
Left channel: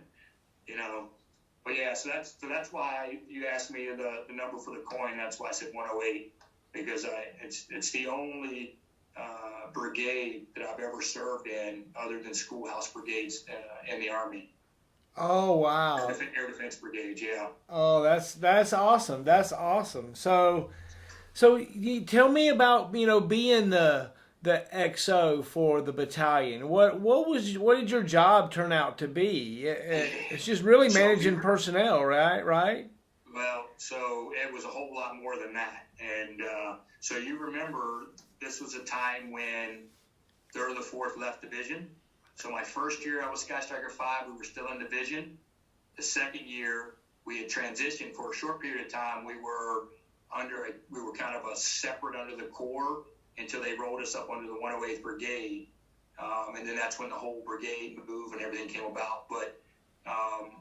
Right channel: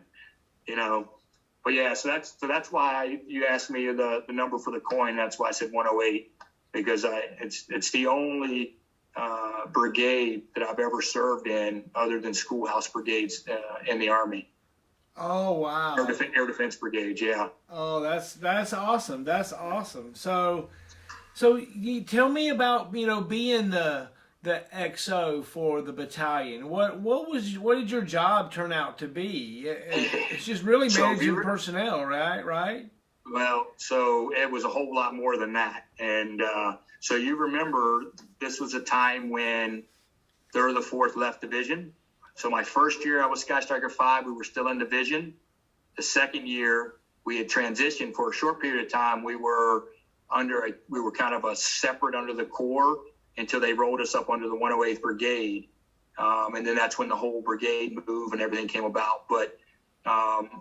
But yeah, so that's why you asked me the number for the coin. That's why I said 108, because it's the only brigade that I've ever served in other than schoolhouse brigades in the Army. Oh, wow. Air Defense Brigade, yeah. Oh, that's awesome. That's awesome. So you tell me about, being the XO for the battalion. What did your job turn out to be? It's just really managing personnel, right? Well, so it was a whole lot more than that. And so you remember this was a time when 3rd or 4th left division. So my first year I was Sky Striker 5, we were still in division. The second year we had transitioned for a short period of time. We were kind of a separate under the Corps until they rolled us up under the 108th Brigade. And then that's when the whole brigade move and everything came about. But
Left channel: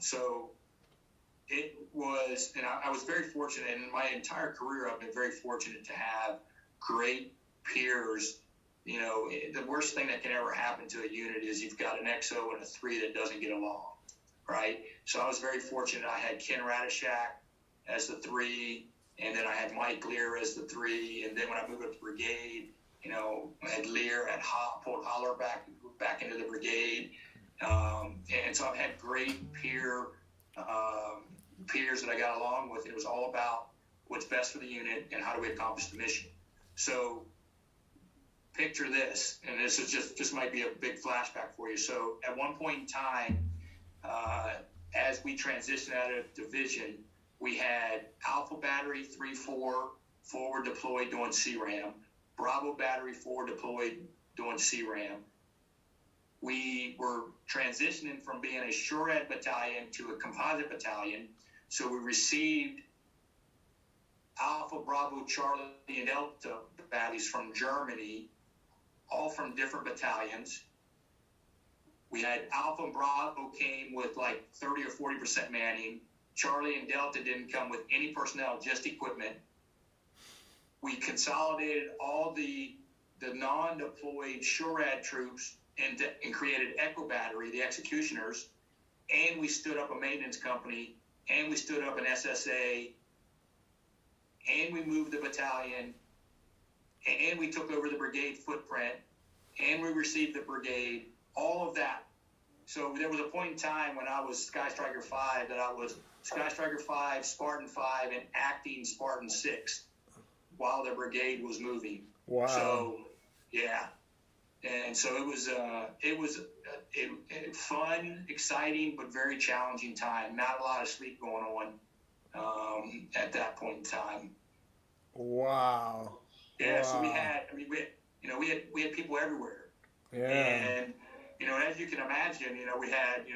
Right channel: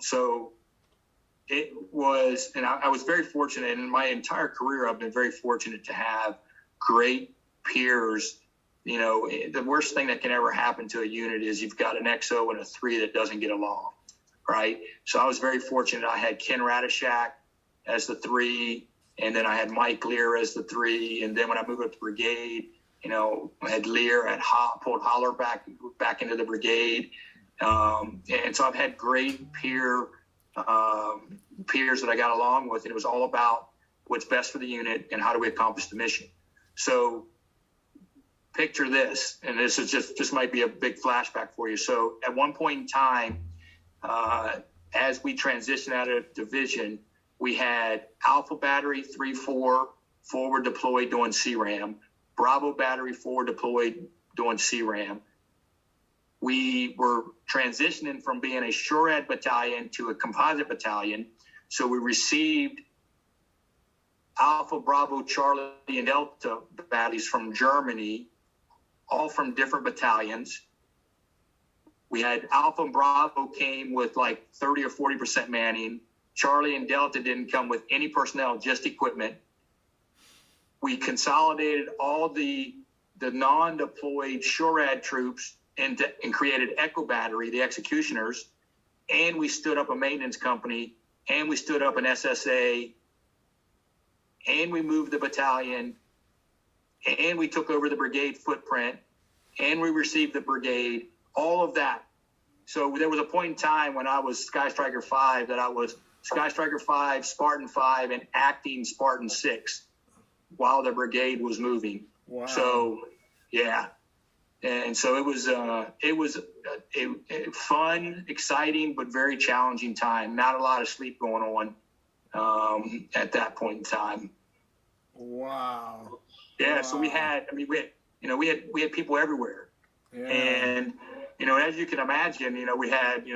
so it was, and I was very fortunate. In my entire career, I've been very fortunate to have great peers. The worst thing that can ever happen to a unit is you've got an XO and a 3 that doesn't get along, right? So I was very fortunate. I had Ken Radishak as the 3, and then I had Mike Lear as the 3. And then when I moved up to brigade, I had Lear, pulled Holler back into the brigade. And so I've had great peers that I got along with, and it was all about what's best for the unit and how do we accomplish the mission. So picture this, and this is just might be a big flashback for you. So at one point in time, as we transitioned out of division, we had Alpha Battery 3-4 forward deployed doing CRAM, Bravo Battery 4 deployed doing CRAM. We were transitioning from being a SHORAD battalion to a composite battalion. So we received Alpha, Bravo, Charlie, and Delta baddies from Germany, all from different battalions. We had Alpha and Bravo came with like 30 or 40% manning. Charlie and Delta didn't come with any personnel, just equipment. We consolidated all the non-deployed SHORAD troops and created Echo Battery, the executioners, and we stood up a maintenance company, and we stood up an SSA, and we moved the battalion, and we took over the brigade footprint, and we received the brigade, all of that. So there was a point in time when I was Sky Striker 5 that I was Sky Striker 5, Spartan 5, and acting Spartan 6 while the brigade was moving. Wow. So, yeah. And so it was a fun, exciting, but very challenging time. Not a lot of sleep going on at that point in time. Wow. Yeah. Wow. So we had people everywhere. Yeah. And, as you can imagine, we had,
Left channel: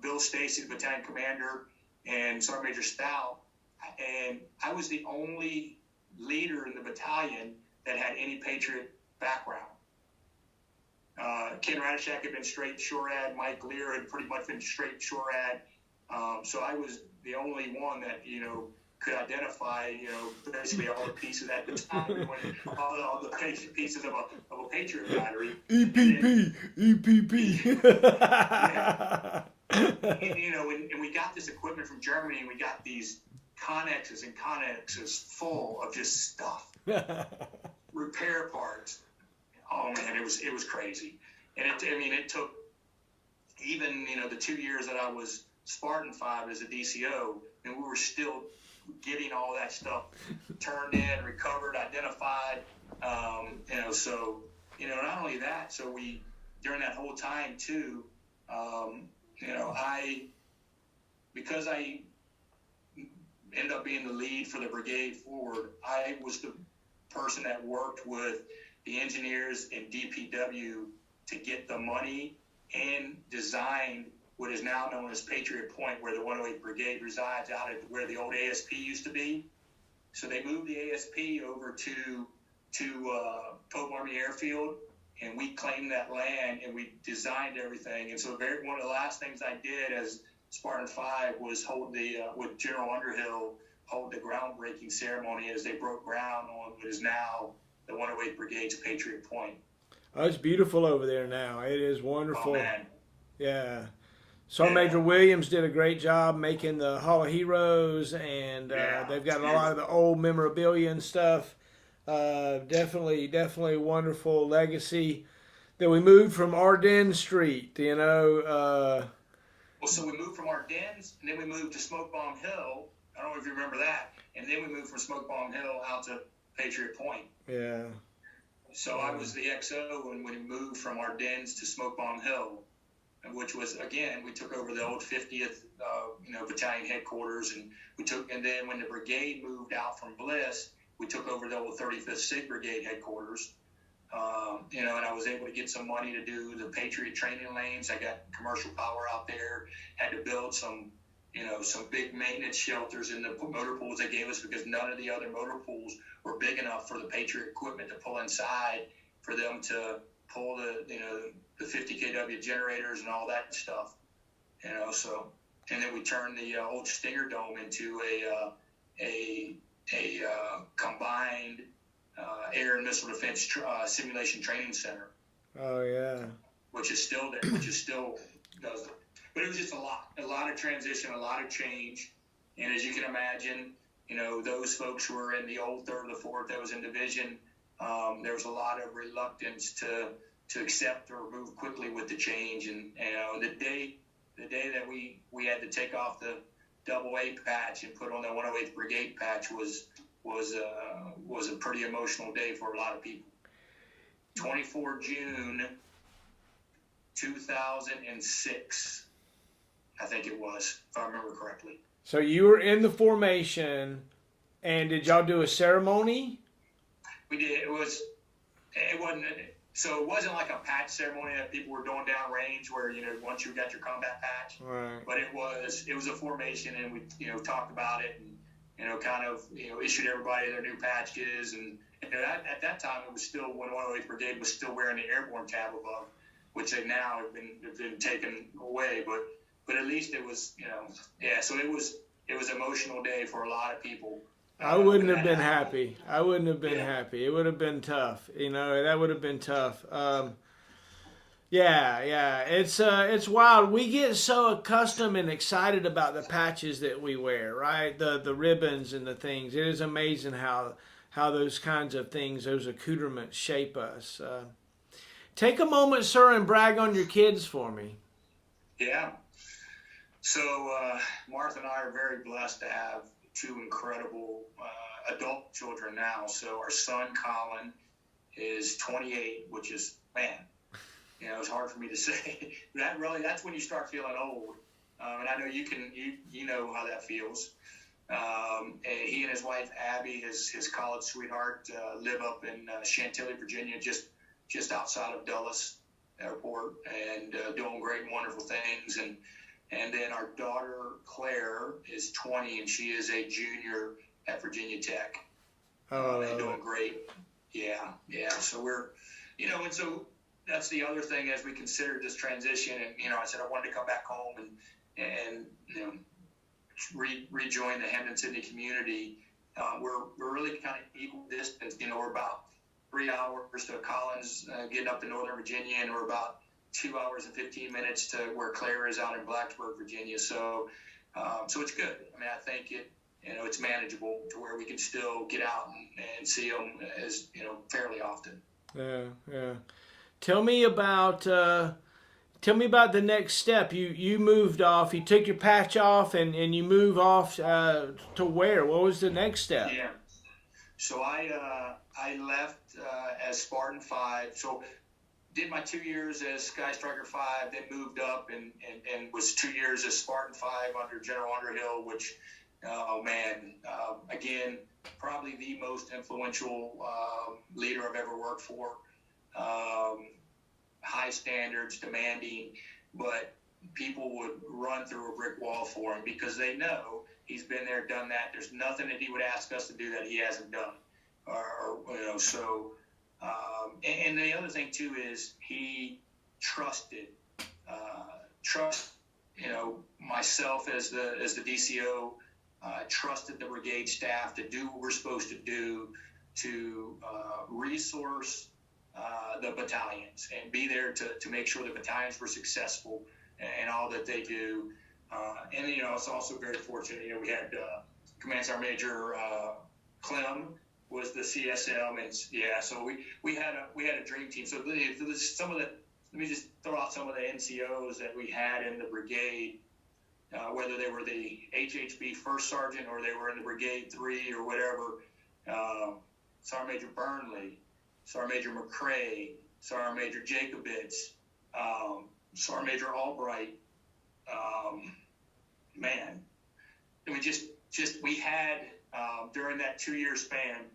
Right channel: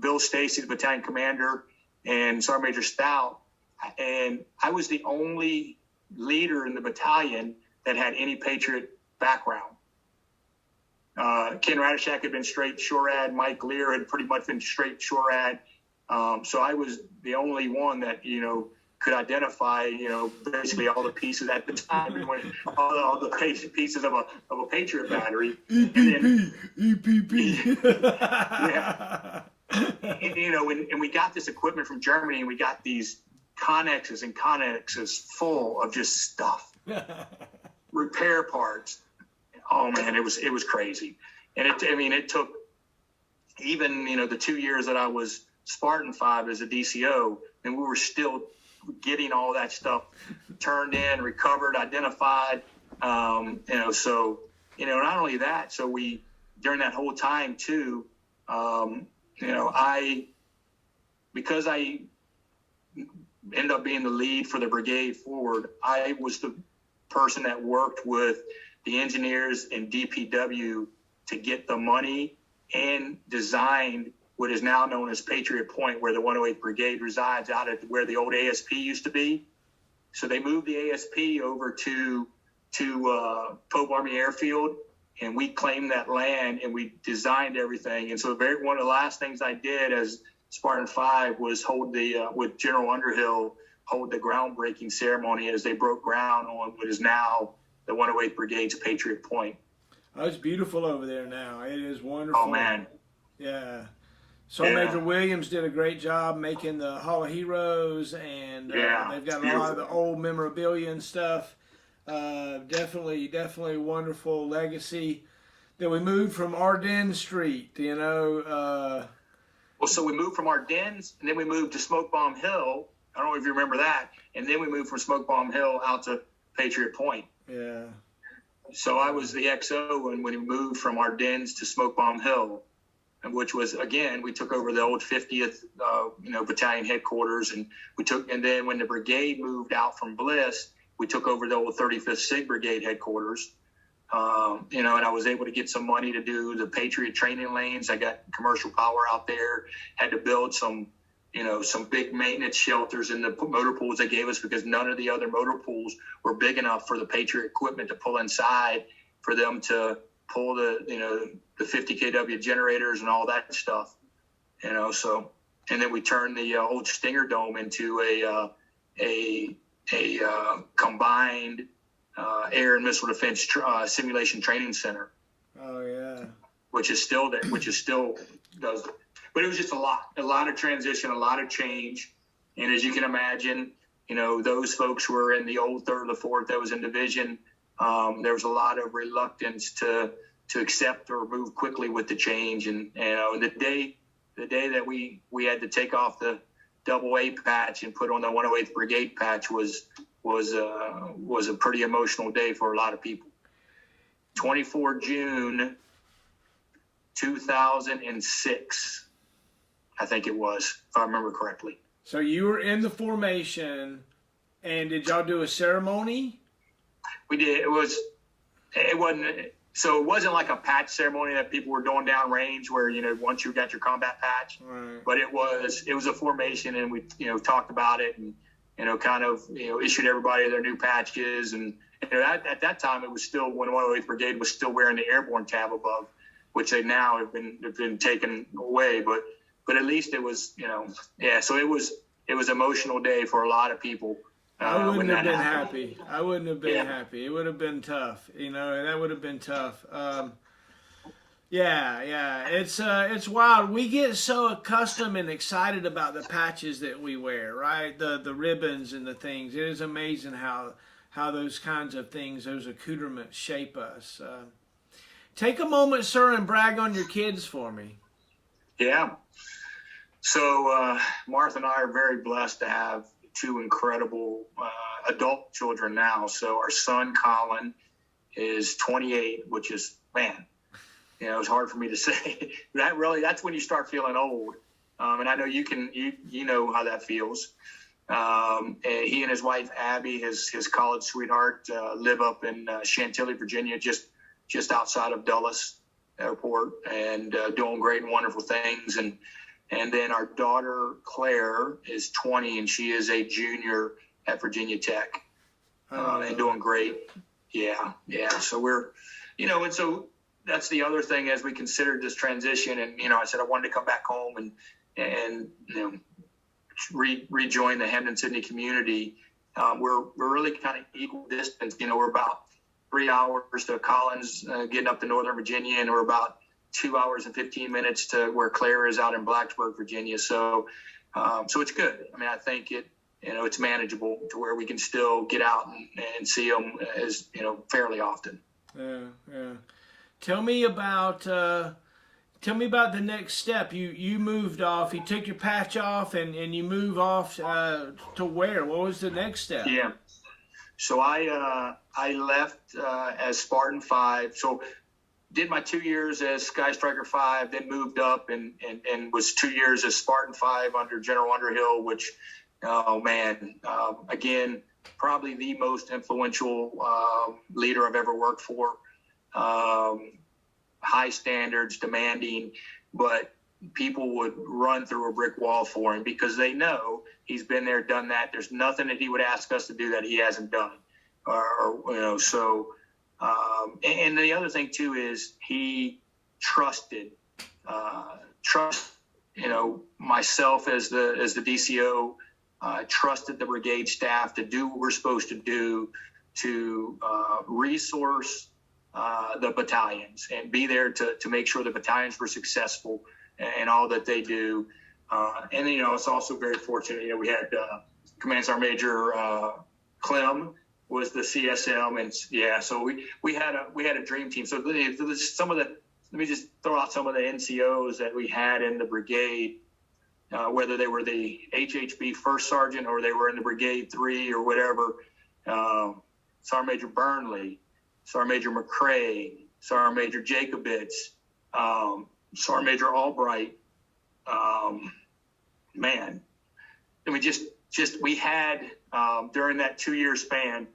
Bill Stacy, the battalion commander, and Sergeant Major Stout. And I was the only leader in the battalion that had any Patriot background. Ken Radishak had been straight SHORAD. Mike Lear had pretty much been straight SHORAD. So I was the only one that, could identify, basically all the pieces at the time, all the pieces of a Patriot battery. EPP. Yeah. And we got this equipment from Germany, and we got these connexes full of just stuff, repair parts. Oh man, it was crazy. And it even, the 2 years that I was Spartan 5 as a DCO, and we were still getting all that stuff turned in, recovered, identified. So, not only that, so during that whole time too, because I ended up being the lead for the brigade forward, I was the person that worked with the engineers and DPW to get the money and designed what is now known as Patriot Point, where the 108th Brigade resides, out at where the old ASP used to be. So they moved the ASP over to Pope Army Airfield, and we claimed that land and we designed everything. And so one of the last things I did as Spartan 5 was with General Underhill, hold the groundbreaking ceremony as they broke ground on what is now the 108th Brigade's Patriot Point. Oh, it's beautiful over there now. It is wonderful. Oh, man. Yeah. Major Williams did a great job making the Hall of Heroes, and they've got a lot of the old memorabilia and stuff. Definitely a wonderful legacy. Then we moved from Ardennes Street, so we moved from Ardennes, and then we moved to Smoke Bomb Hill. I don't know if you remember that. And then we moved from Smoke Bomb Hill out to Patriot Point. Yeah. So I was the XO when we moved from Ardennes to Smoke Bomb Hill, which was, again, we took over the old 50th, battalion headquarters, and then when the brigade moved out from Bliss, we took over the old 35th SIG Brigade headquarters. And I was able to get some money to do the Patriot training lanes. I got commercial power out there, had to build some big maintenance shelters in the motor pools they gave us, because none of the other motor pools were big enough for the Patriot equipment to pull inside for them to pull the 50 kW generators and all that stuff, so, and then we turned the old Stinger Dome into a combined air and missile defense simulation training center. Oh yeah. Which is still does, but it was just a lot of transition, a lot of change. And as you can imagine, those folks who were in the old 3rd or the 4th that was in division, there was a lot of reluctance to accept or move quickly with the change. And the day that we had to take off the AA patch and put on the 108th Brigade patch was a pretty emotional day for a lot of people. 24 June 2006, I think it was, if I remember correctly. So you were in the formation, and did y'all do a ceremony? We did. It wasn't like a patch ceremony that people were doing down range where, once you got your combat patch, right. But it was a formation, and we, talked about it, and, issued everybody their new patches. And at that time, it was still when 108th Brigade was still wearing the airborne tab above, which they now have been taken away. But at least it was, so it was an emotional day for a lot of people. I wouldn't have been happy. I wouldn't have been happy. It would have been tough. That would have been tough. It's wild. We get so accustomed and excited about the patches that we wear, right? The ribbons and the things. It is amazing how those kinds of things, those accoutrements shape us. Take a moment, sir, and brag on your kids for me. Yeah. So Martha and I are very blessed to have 2 incredible adult children now. So our son Colin is 28, which is, man, it's hard for me to say. That's when you start feeling old. And I know you know how that feels. And he and his wife Abby, his college sweetheart, live up in Chantilly, Virginia, just outside of Dulles Airport, and doing great and wonderful things. And then our daughter Claire is 20, and she is a junior at Virginia Tech, and doing great. Yeah. So we're, and so that's the other thing as we considered this transition. And I said I wanted to come back home and rejoin the Hampden-Sydney community. We're really kind of equal distance. We're about 3 hours to Collins, getting up to Northern Virginia, and we're about 2 hours and 15 minutes to where Claire is out in Blacksburg, Virginia. So it's good. I mean, I think it's manageable to where we can still get out and see them fairly often. Yeah. Tell me about tell me about the next step. You moved off. You took your patch off, and you move off to where? What was the next step? Yeah. So I left as Spartan 5. So did my 2 years as Sky Striker 5, then moved up and was 2 years as Spartan 5 under General Underhill, which, oh man, again, probably the most influential leader I've ever worked for. High standards, demanding, but people would run through a brick wall for him because they know he's been there, done that. There's nothing that he would ask us to do that he hasn't done. And the other thing too is he trusted, myself as the DCO, trusted the brigade staff to do what we're supposed to do, to resource the battalions and be there to make sure the battalions were successful and all that they do. And it's also very fortunate. We had Command Sergeant Major Clem was the CSM, and so we had a dream team. So let me just throw out some of the NCOs that we had in the brigade, whether they were the HHB First Sergeant or they were in the Brigade 3 or whatever. Sergeant Major Burnley, Sergeant Major McCrae, Sergeant Major Jacobitz, Sergeant Major Albright. We had during that 2 year span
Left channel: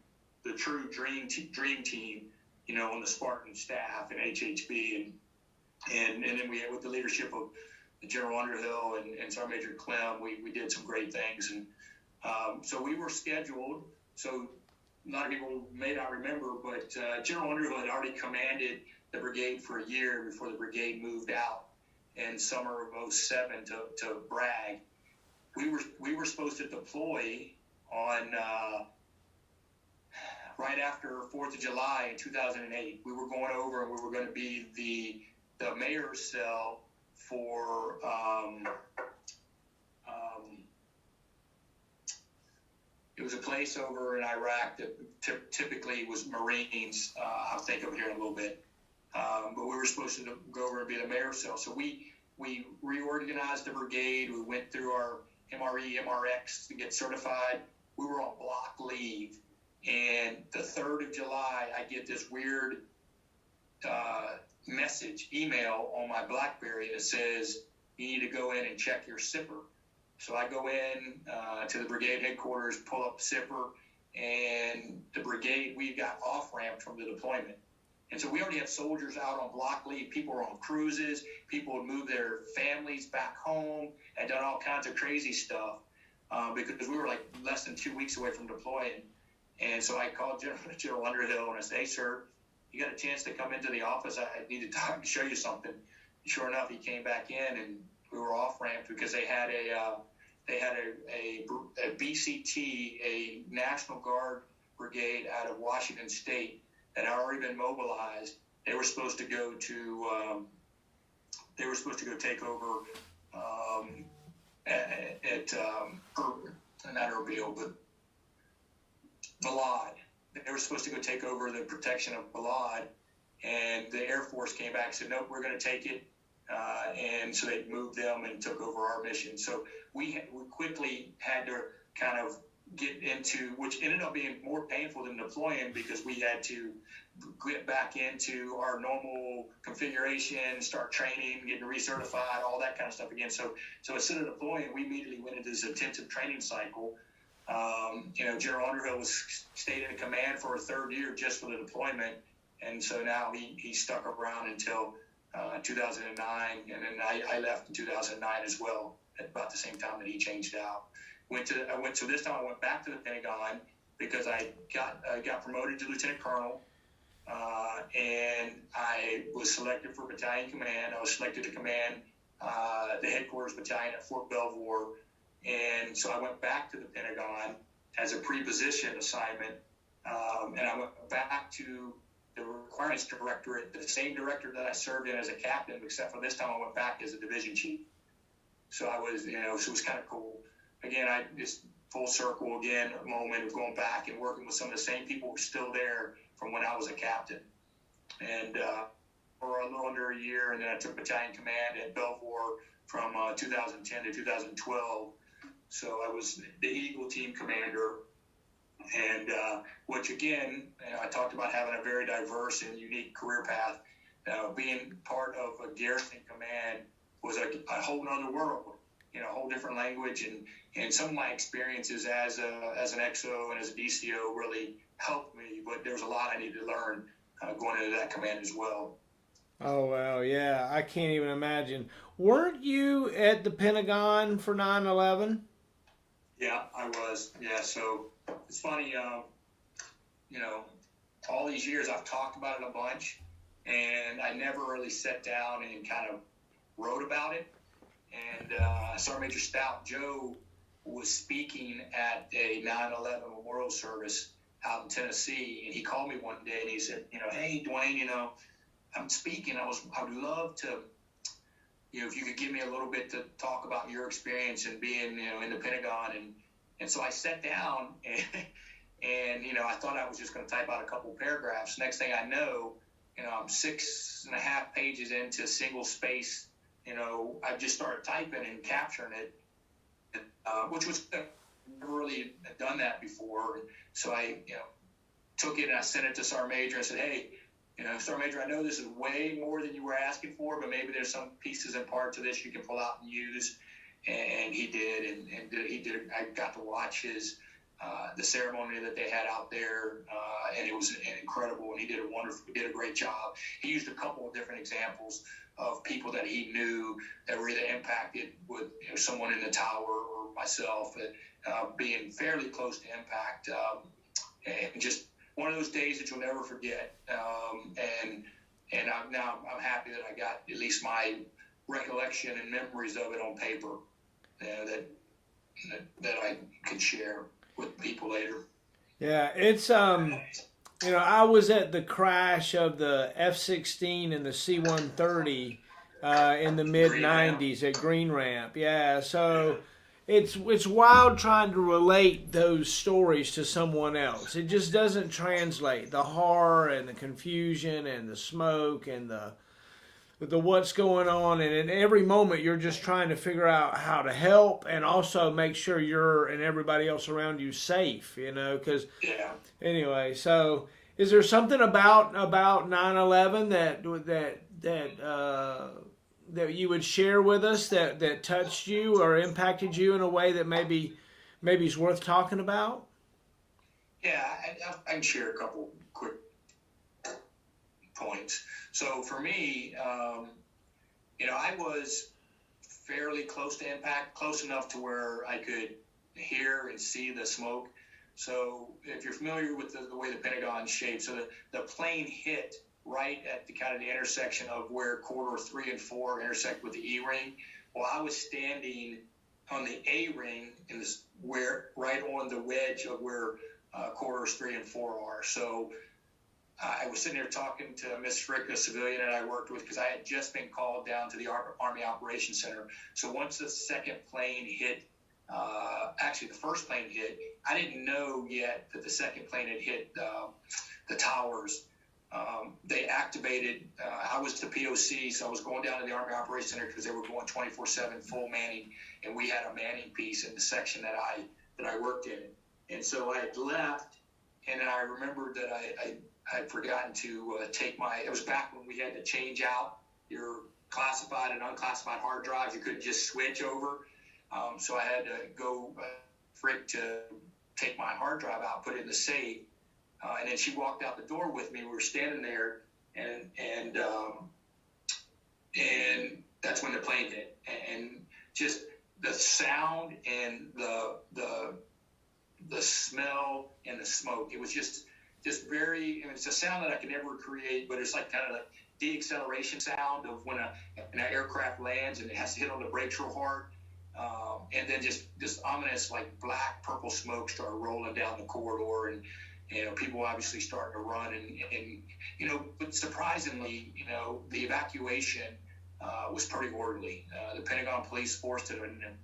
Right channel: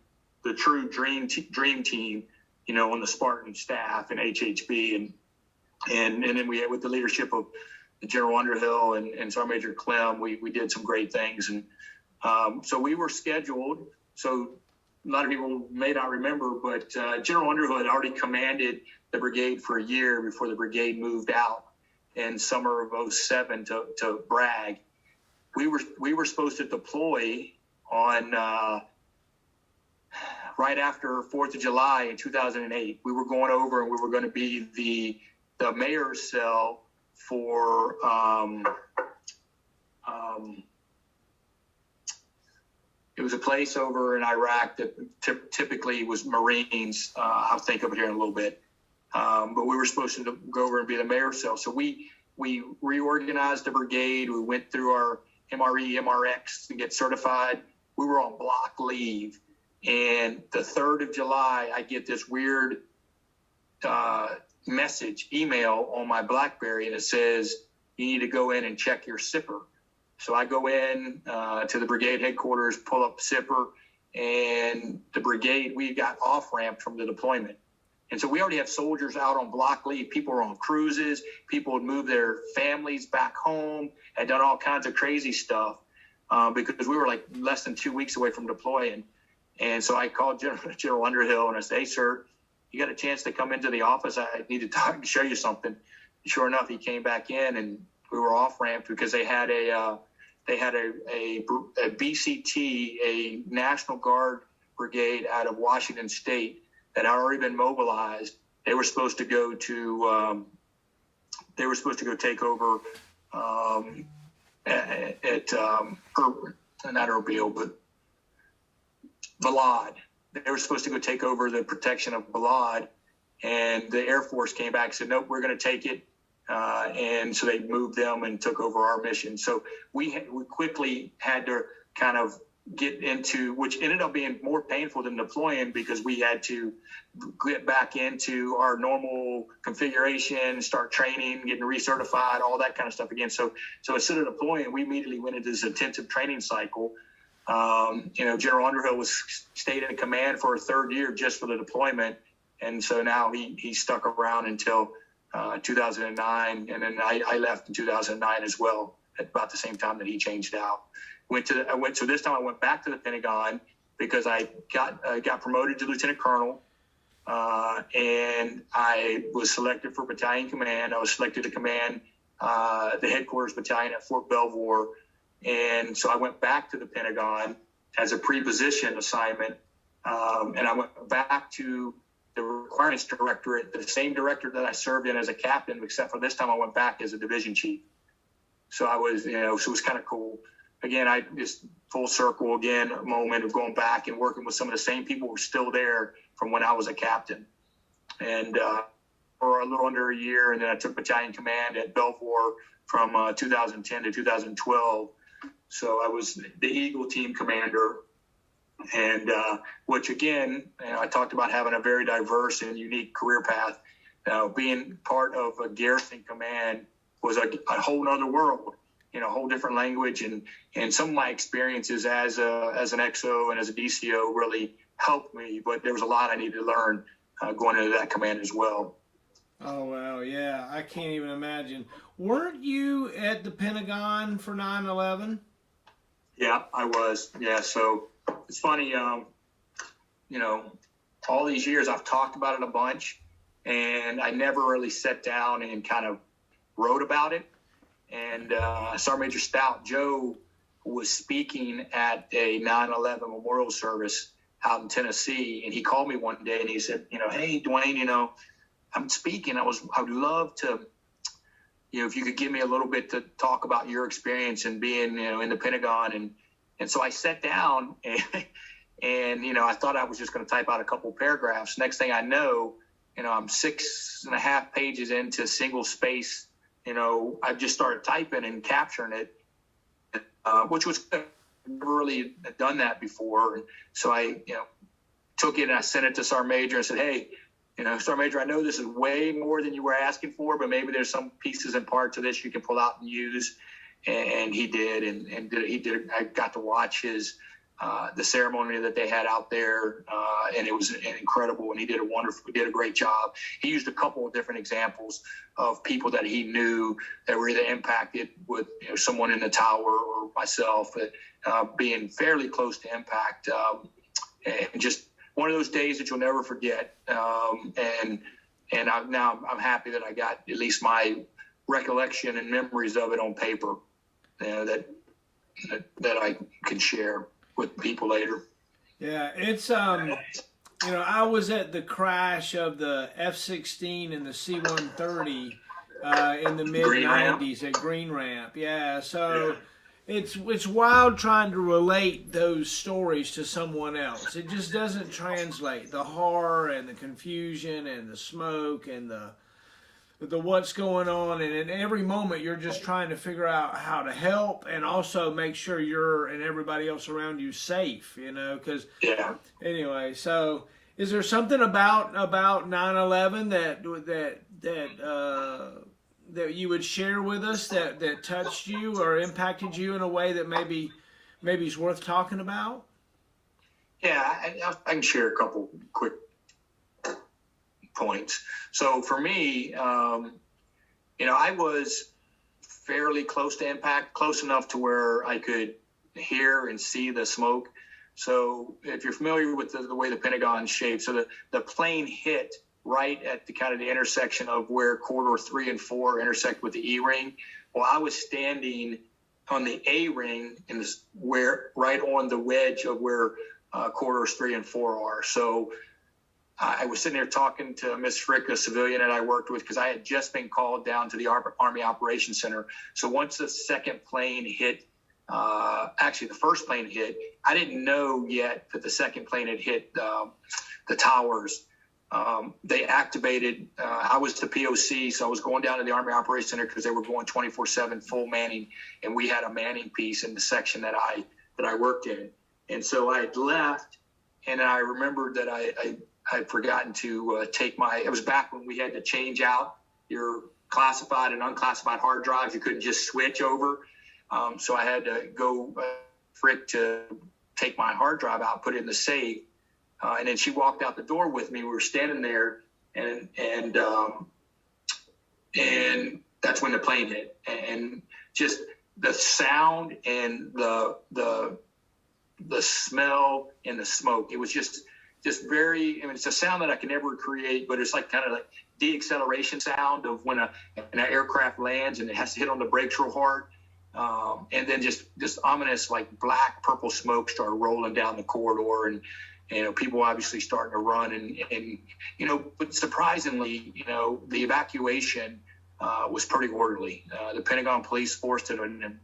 the true dream team, on the Spartan staff and HHB, and then we had, with the leadership of General Underhill and Sergeant Major Clem, we did some great things, and so we were scheduled. So a lot of people may not remember, but General Underhill had already commanded the brigade for a year before the brigade moved out in summer of 07 to Bragg. We were supposed to deploy on right after 4th of July in 2008. We were going over and we were going to be the mayor's cell for it was a place over in Iraq that typically was Marines. I'll think of it here in a little bit. But we were supposed to go over and be the mayor's cell. So we reorganized the brigade. We went through our MRE, MRX to get certified. We were on block leave. And the 3rd of July, I get this weird email on my BlackBerry, and it says, you need to go in and check your SIPR. So I go in to the brigade headquarters, pull up SIPR, and the brigade, we got off-ramped from the deployment. And so we already have soldiers out on block leave. People were on cruises. People would move their families back home, had done all kinds of crazy stuff because we were like less than 2 weeks away from deploying. And so I called General Underhill and I said, hey, sir, you got a chance to come into the office? I need to talk and show you something. And sure enough, he came back in and we were off-ramped because they had a BCT, a National Guard brigade out of Washington State that had already been mobilized. They were supposed to go to take over not Erbil, but Balad. They were supposed to go take over the protection of Balad, and the Air Force came back and said, nope, we're going to take it. And so they moved them and took over our mission. So we quickly had to kind of get into, which ended up being more painful than deploying because we had to get back into our normal configuration, start training, getting recertified, all that kind of stuff again. So instead of deploying, we immediately went into this intensive training cycle. General Underhill stayed in command for a 3rd year just for the deployment. And so now he stuck around until 2009. And then I left in 2009 as well, at about the same time that he changed out. So this time I went back to the Pentagon because I got promoted to Lieutenant Colonel, and I was selected for battalion command. I was selected to command the headquarters battalion at Fort Belvoir. And so I went back to the Pentagon as a pre-position assignment, and I went back to the requirements directorate, the same director that I served in as a captain, except for this time I went back as a division chief. So I was, so it was kind of cool. Again, I just full circle again, a moment of going back and working with some of the same people who were still there from when I was a captain. And for a little under a year, and then I took battalion command at Belvoir from 2010 to 2012. So I was the Eagle team commander, and which again, I talked about having a very diverse and unique career path. Being part of a garrison command was a whole other world, a whole different language, and some of my experiences as an XO and as a DCO really helped me, but there was a lot I needed to learn going into that command as well. Oh, well, yeah, I can't even imagine. Weren't you at the Pentagon for 9/11? Yeah, I was. Yeah, so it's funny, all these years I've talked about it a bunch, and I never really sat down and kind of wrote about it. And Sergeant Major Stout, Joe, was speaking at a 9/11 memorial service out in Tennessee, and he called me one day and he said, hey, Dwayne, I'm speaking. I would love to, if you could give me a little bit to talk about your experience and being, in the Pentagon. And so I sat down and I thought I was just going to type out a couple paragraphs. Next thing I know, I'm 6.5 pages into single space. I just started typing and capturing it, which was never really done that before. And so I, took it and I sent it to Sergeant Major and said, hey, Sergeant Major, I know this is way more than you were asking for, but maybe there's some pieces and parts of this you can pull out and use. And he did, and he did. I got to watch the ceremony that they had out there, and it was incredible. And he did a great job. He used a couple of different examples of people that he knew that were either impacted with someone in the tower or myself, being fairly close to impact, and just one of those days that you'll never forget. And I'm happy that I got at least my recollection and memories of it on paper, that I can share with people later. Yeah, it's I was at the crash of the F-16 and the C-130 in the mid-90s at Green Ramp. Yeah, so it's wild trying to relate those stories to someone else. It just doesn't translate. The horror and the confusion and the smoke and the what's going on, and in every moment you're just trying to figure out how to help and also make sure you're and everybody else around you safe, because anyway. So is there something about 9/11 that you would share with us that touched you or impacted you in a way that maybe is worth talking about? Yeah, I can share a couple quick points. So for me, I was fairly close to impact, close enough to where I could hear and see the smoke. So if you're familiar with the way the Pentagon's shaped, so the plane hit right at the kind of the intersection of where corridor 3 and 4 intersect with the E-ring. Well, I was standing on the A-ring right on the wedge of where corridors 3 and 4 are. So I was sitting there talking to Miss Frick, a civilian that I worked with, because I had just been called down to the Army Operations Center. So once the second plane hit, actually the first plane hit, I didn't know yet that the second plane had hit the towers. They activated, I was the POC, so I was going down to the Army Operations Center because they were going 24/7 full manning, and we had a manning piece in the section that I worked in. And so I had left, and I remembered that I had forgotten to take it was back when we had to change out your classified and unclassified hard drives. You couldn't just switch over. So I had to go Frick to take my hard drive out, put it in the safe. And then she walked out the door with me. We were standing there, and that's when the plane hit. And just the sound and the smell and the smoke, it was just very, it's a sound that I can never create, but it's like kind of like de-acceleration sound of when an aircraft lands and it has to hit on the brakes real hard. And then just ominous, like black, purple smoke started rolling down the corridor, and people obviously starting to run, and but surprisingly, the evacuation was pretty orderly. The Pentagon Police Force did an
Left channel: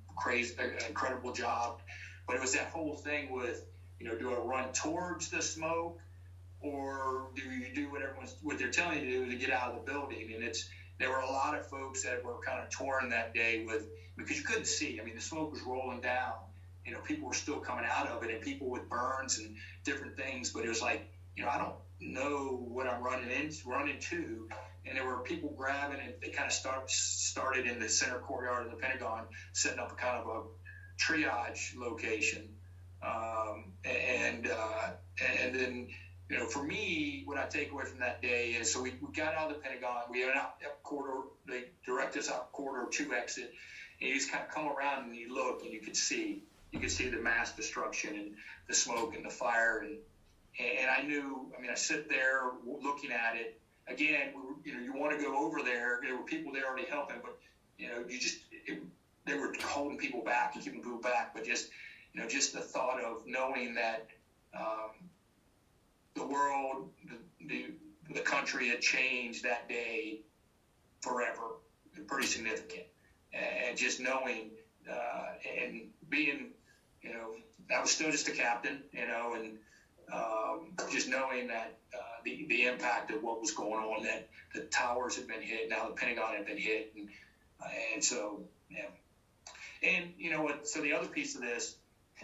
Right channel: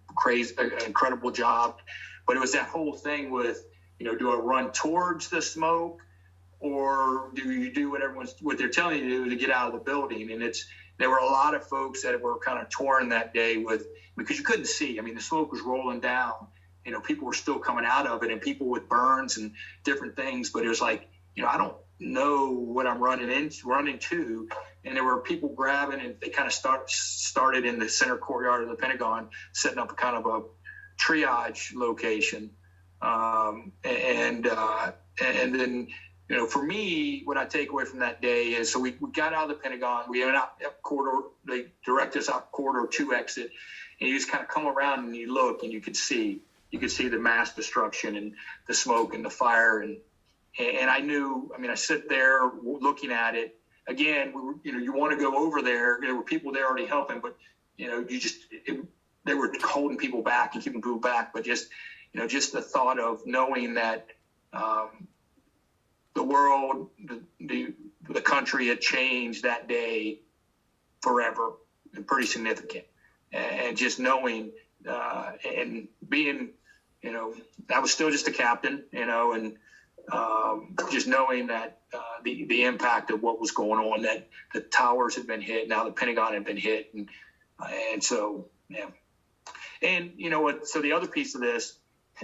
incredible job, but it was that whole thing with, do I run towards the smoke or do you do what they're telling you to do to get out of the building? And there were a lot of folks that were kind of torn that day because you couldn't see. I mean, the smoke was rolling down. You know, people were still coming out of it, and people with burns and different things. But it was like, you know, I don't know what I'm running to. And there were people grabbing, and they kind of started in the center courtyard of the Pentagon, setting up a kind of a triage location. And then, you know, for me, what I take away from that day is, so we got out of the Pentagon, we went out corridor, they directed us out corridor 2 exit, and you just kind of come around and you look, and you could see the mass destruction and the smoke and the fire. And I knew, I mean, I sit there looking at it. Again, you want to go over there. There were people there already helping, but, you know, they were holding people back and keeping people back. But just the thought of knowing that the world, the country had changed that day forever, and pretty significant. And just knowing and being, you know, I was still just a captain, you know, and just knowing that the impact of what was going on, that the towers had been hit, now the Pentagon had been hit, and so, yeah. And you know what? So the other piece of this,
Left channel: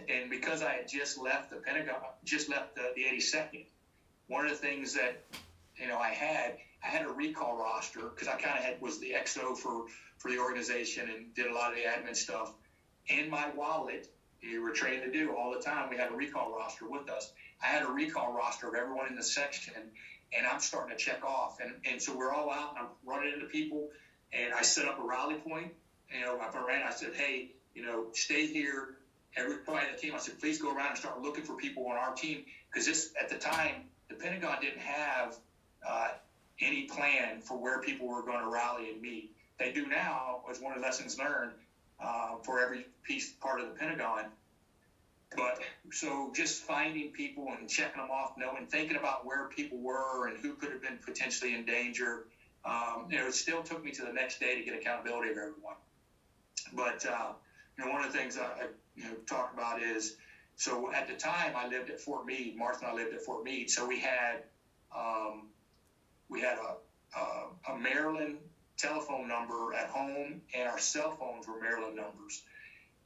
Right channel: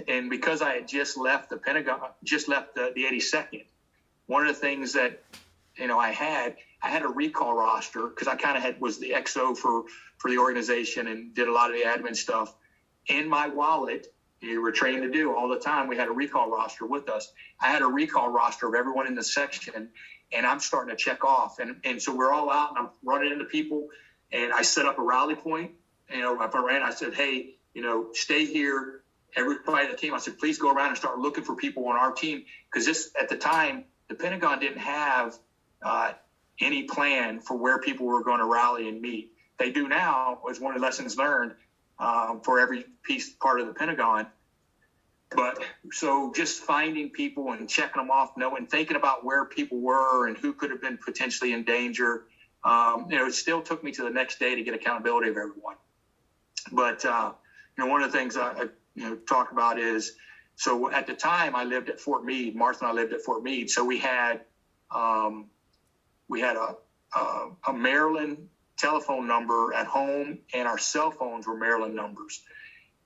and because I had just left the Pentagon, just left the 82nd, one of the things that, you know, I had a recall roster, because I kind of was the XO for the organization and did a lot of the admin stuff. In my wallet, you were trained to do all the time, we had a recall roster with us. I had a recall roster of everyone in the section, and I'm starting to check off. And so we're all out, and I'm running into people, and I set up a rally point. You know, I said, hey, you know, stay here. Everybody that came, I said, please go around and start looking for people on our team. Because at the time, the Pentagon didn't have any plan for where people were going to rally and meet. They do now, as one of the lessons learned for every part of the Pentagon. But so just finding people and checking them off, thinking about where people were and who could have been potentially in danger. You know, it still took me to the next day to get accountability of everyone. But, you know, one of the things I talk about is, so at the time I lived at Fort Meade, Martha and I lived at Fort Meade. So we had a Maryland telephone number at home, and our cell phones were Maryland numbers.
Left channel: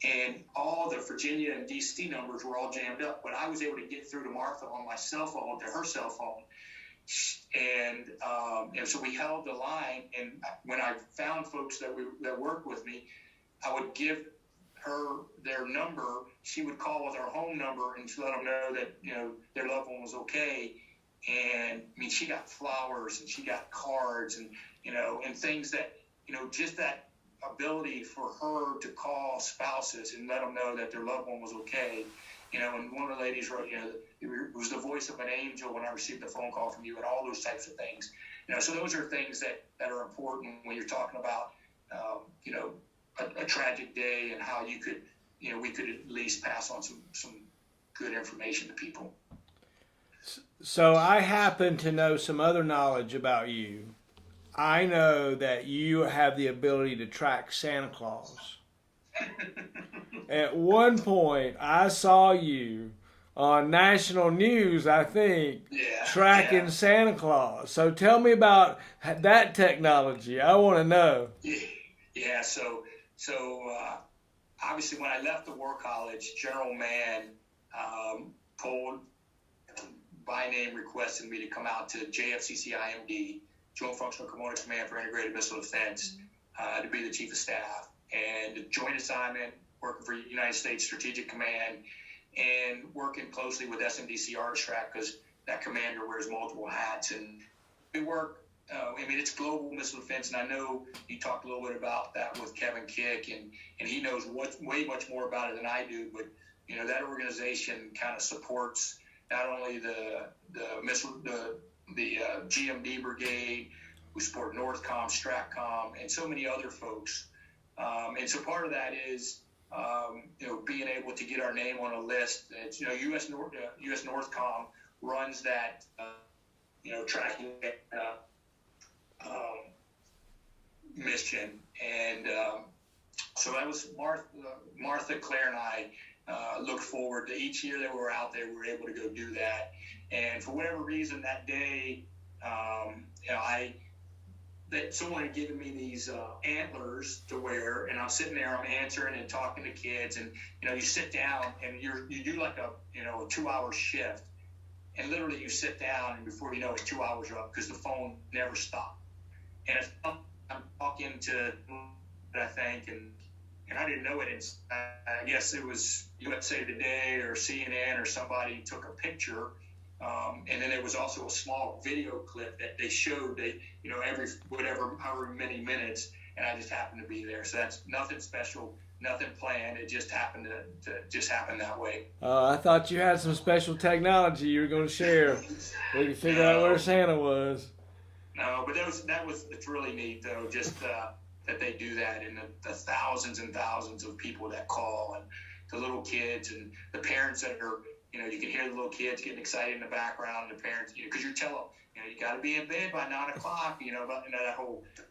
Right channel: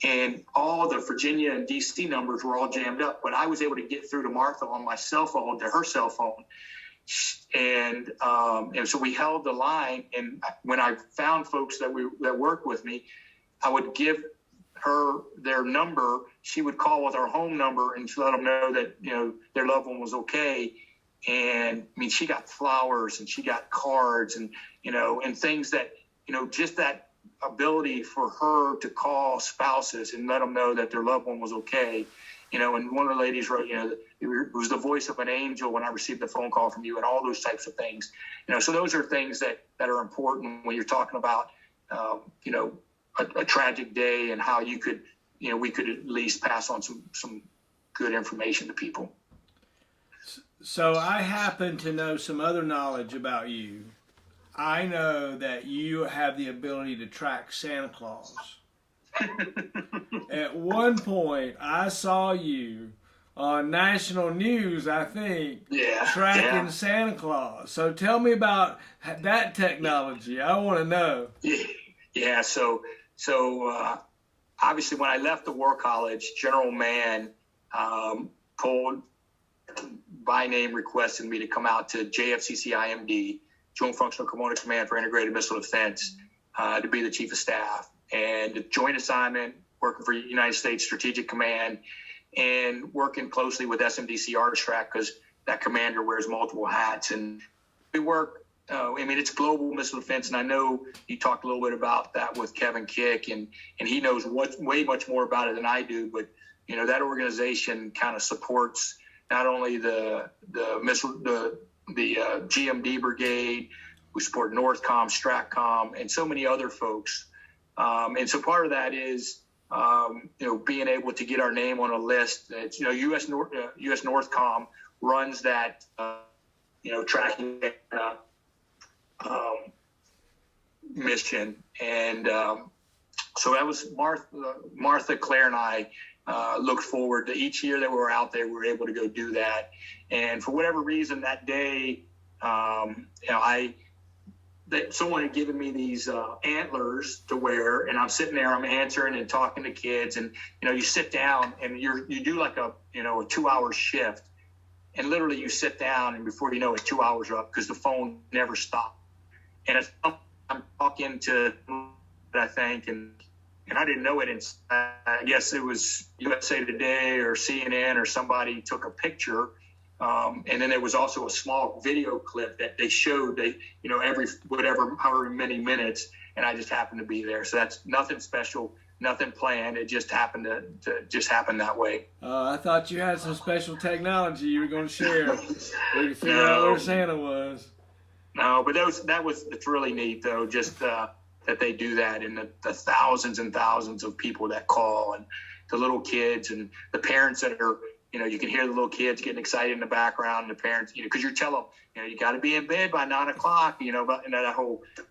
And all the Virginia and DC numbers were all jammed up, but I was able to get through to Martha on my cell phone, to her cell phone. And so we held the line. And when I found folks that worked with me, I would give her their number. She would call with our home number and let them know that, you know, their loved one was okay. And I mean, she got flowers and she got cards and, you know, and things that, you know, just that ability for her to call spouses and let them know that their loved one was okay. You know, and one of the ladies wrote, you know, it was the voice of an angel when I received the phone call from you, and all those types of things. You know, so those are things that are important when you're talking about, you know, a tragic day, and how you could, you know, we could at least pass on some good information to people. So I happen to know some other knowledge about you. I know that you have the ability to track Santa Claus. At one point, I saw you on national news, I think, tracking Santa Claus. So tell me about that technology. I want to know. Yeah. So obviously, when I left the War College, General Mann pulled by name, requested me to come out to JFCC IMD, Joint Functional Component Command for Integrated Missile Defense, to be the Chief of Staff, and joint assignment, working for United States Strategic Command, and working closely with SMDC Artistrat, because that commander wears multiple hats. And we work, I mean, it's global missile defense, and I know you talked a little bit about that with Kevin Kick, and he knows way much more about it than I do. But, you know, that organization kind of supports not only the GMD brigade, we support NORTHCOM, STRATCOM, and so many other folks. And so part of that is, you know, being able to get our name on a list. It's, you know, US NORTHCOM runs that, you know, tracking mission. And So that was Martha, Claire, and I looked forward to each year that we were out there. We were able to go do that. And for whatever reason that day, someone had given me these antlers to wear, and I'm sitting there, I'm answering and talking to kids, and you sit down and you do like a 2-hour shift, and literally you sit down, and before you know it, 2 hours are up because the phone never stopped. And I'm talking to, I think, and I didn't know it. And I guess it was USA Today or CNN or somebody took a picture. And then there was also a small video clip that they showed, every however many minutes, and I just happened to be there. So that's nothing special, nothing planned. It just happened to just happen that way. I thought you had some special technology you were going to share. We could figure out where Santa was. No, but it's really neat though, just that they do that, and the thousands and thousands of people that call, and the little kids and the parents that are. You can hear the little kids getting excited in the background, and the parents, because you tell them, you got to be in bed by 9 o'clock, and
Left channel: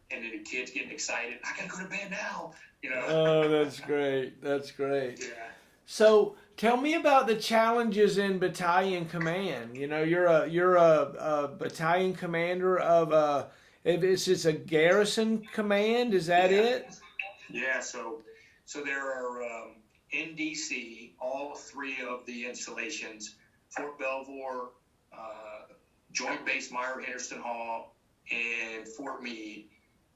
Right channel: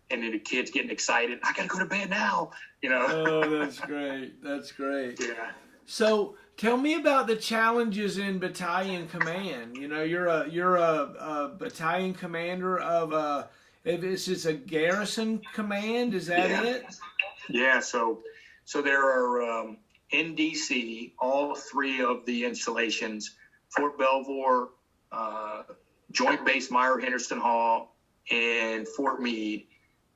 then the kids getting excited. I got to go to bed now, Oh, that's great. That's great. Yeah. So tell me about the challenges in battalion command. You're a battalion commander of this is a garrison command. Is that it? Yeah. So there are, in DC, all three of the installations, Fort Belvoir, Joint Base Meyer-Henderson Hall, and Fort Meade,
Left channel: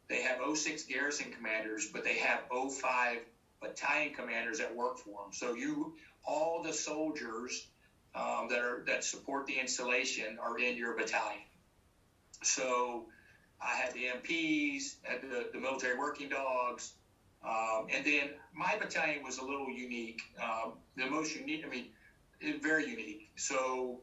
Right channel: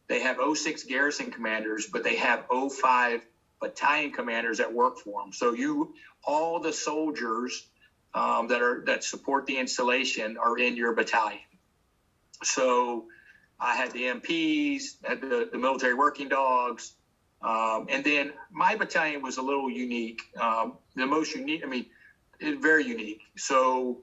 they have 06 garrison commanders, but they have 05 battalion commanders that work for them. So all the soldiers that support the installation are in your battalion. So I had the MPs, had the military working dogs, and then my battalion was a little unique. The most unique, very unique. So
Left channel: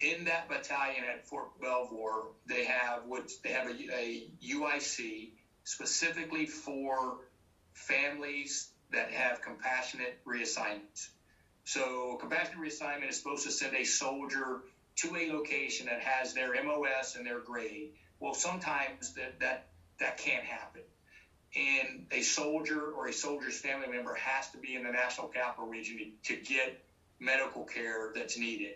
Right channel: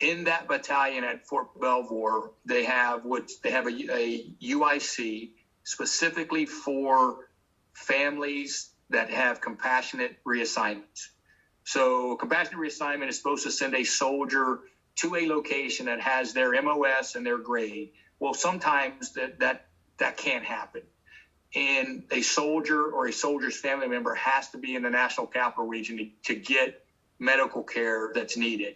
in that battalion at Fort Belvoir, they have a UIC specifically for families that have compassionate reassignments. So compassionate reassignment is supposed to send a soldier to a location that has their MOS and their grade. Well, sometimes that can't happen. And a soldier or a soldier's family member has to be in the National Capital Region to get medical care that's needed.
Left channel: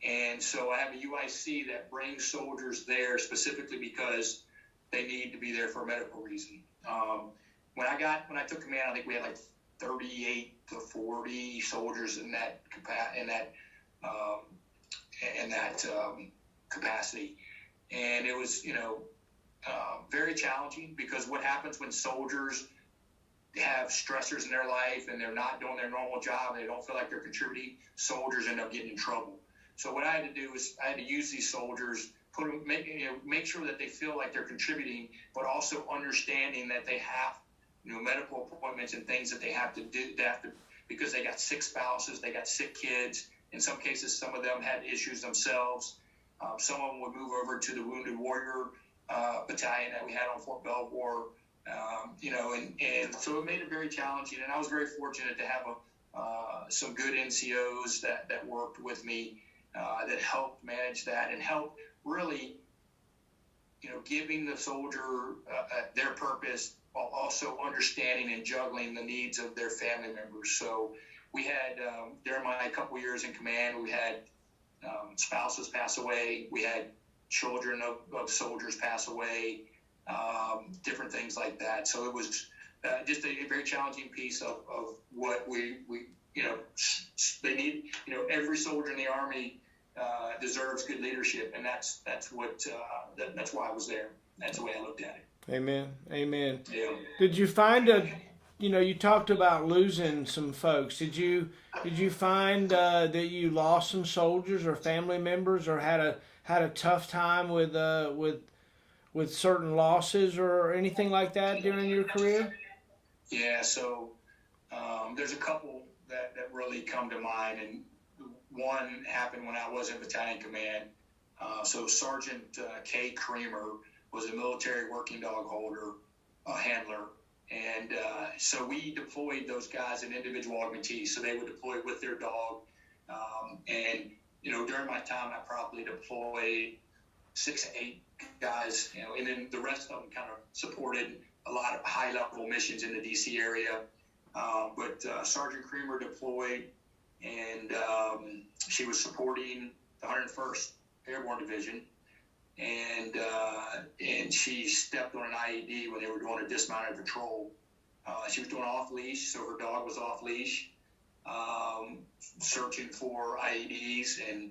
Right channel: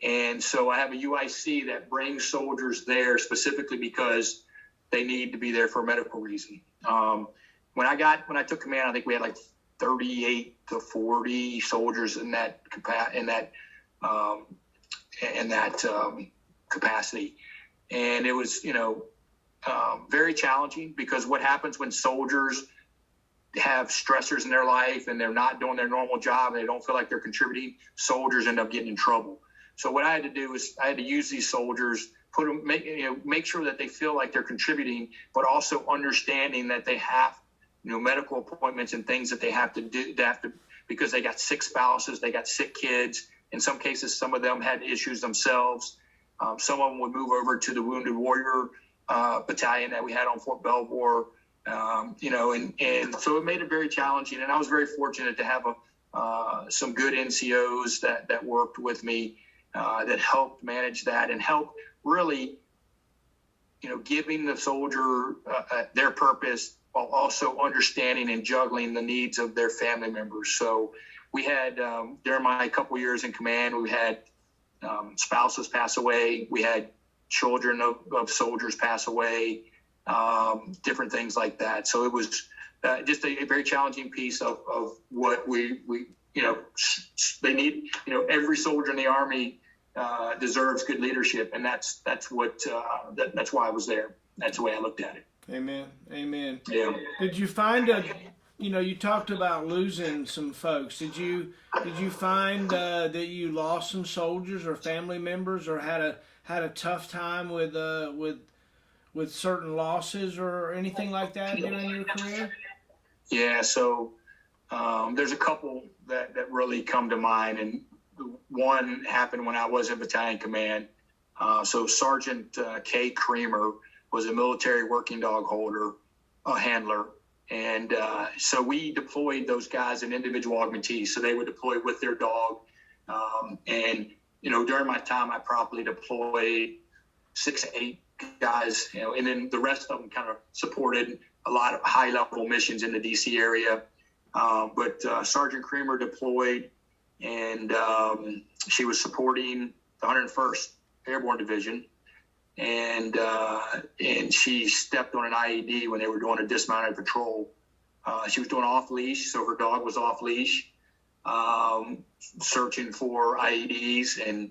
And so I have a UIC that brings soldiers there specifically because they need to be there for a medical reason. When I took command, I think we had like 38 to 40 soldiers in that capacity. And it was, very challenging, because what happens when soldiers have stressors in their life and they're not doing their normal job and they don't feel like they're contributing, soldiers end up getting in trouble. So what I had to do is I had to use these soldiers, make sure that they feel like they're contributing, but also understanding that they have, medical appointments and things that they have to do, because they got sick spouses, they got sick kids. In some cases, some of them had issues themselves. Some of them would move over to the Wounded Warrior battalion that we had on Fort Belvoir, and so it made it very challenging. And I was very fortunate to have some good NCOs that worked with me, that helped manage that and helped really, giving the soldier their purpose while also understanding and juggling the needs of their family members. So we had, during my couple years in command, we had spouses pass away. We had children of soldiers pass away, different things like that. So it was just a very challenging piece of what we they need. Every soldier in the Army deserves good leadership, and that's why I was there. That's the way I looked at it. Amen. Amen. Yeah. Did you find you talked about losing some folks. Did you find that you lost some soldiers or family members, or had a tough time with certain losses or anything like that during your career? Yeah. So there's a couple that really come to mind, and one happened when I was in battalion command. So Sergeant K. Creamer was a military working dog holder, a handler. And so we deployed those guys in individual augmentees. So they would deploy with their dog. And during my time, I probably deployed 6 to 8 guys, and then the rest of them kind of supported a lot of high-level missions in the D.C. area. But Sergeant Creamer deployed, and she was supporting the 101st Airborne Division, and she stepped on an IED when they were doing a dismounted patrol. She was doing off leash, so her dog was off leash, searching for IEDs, and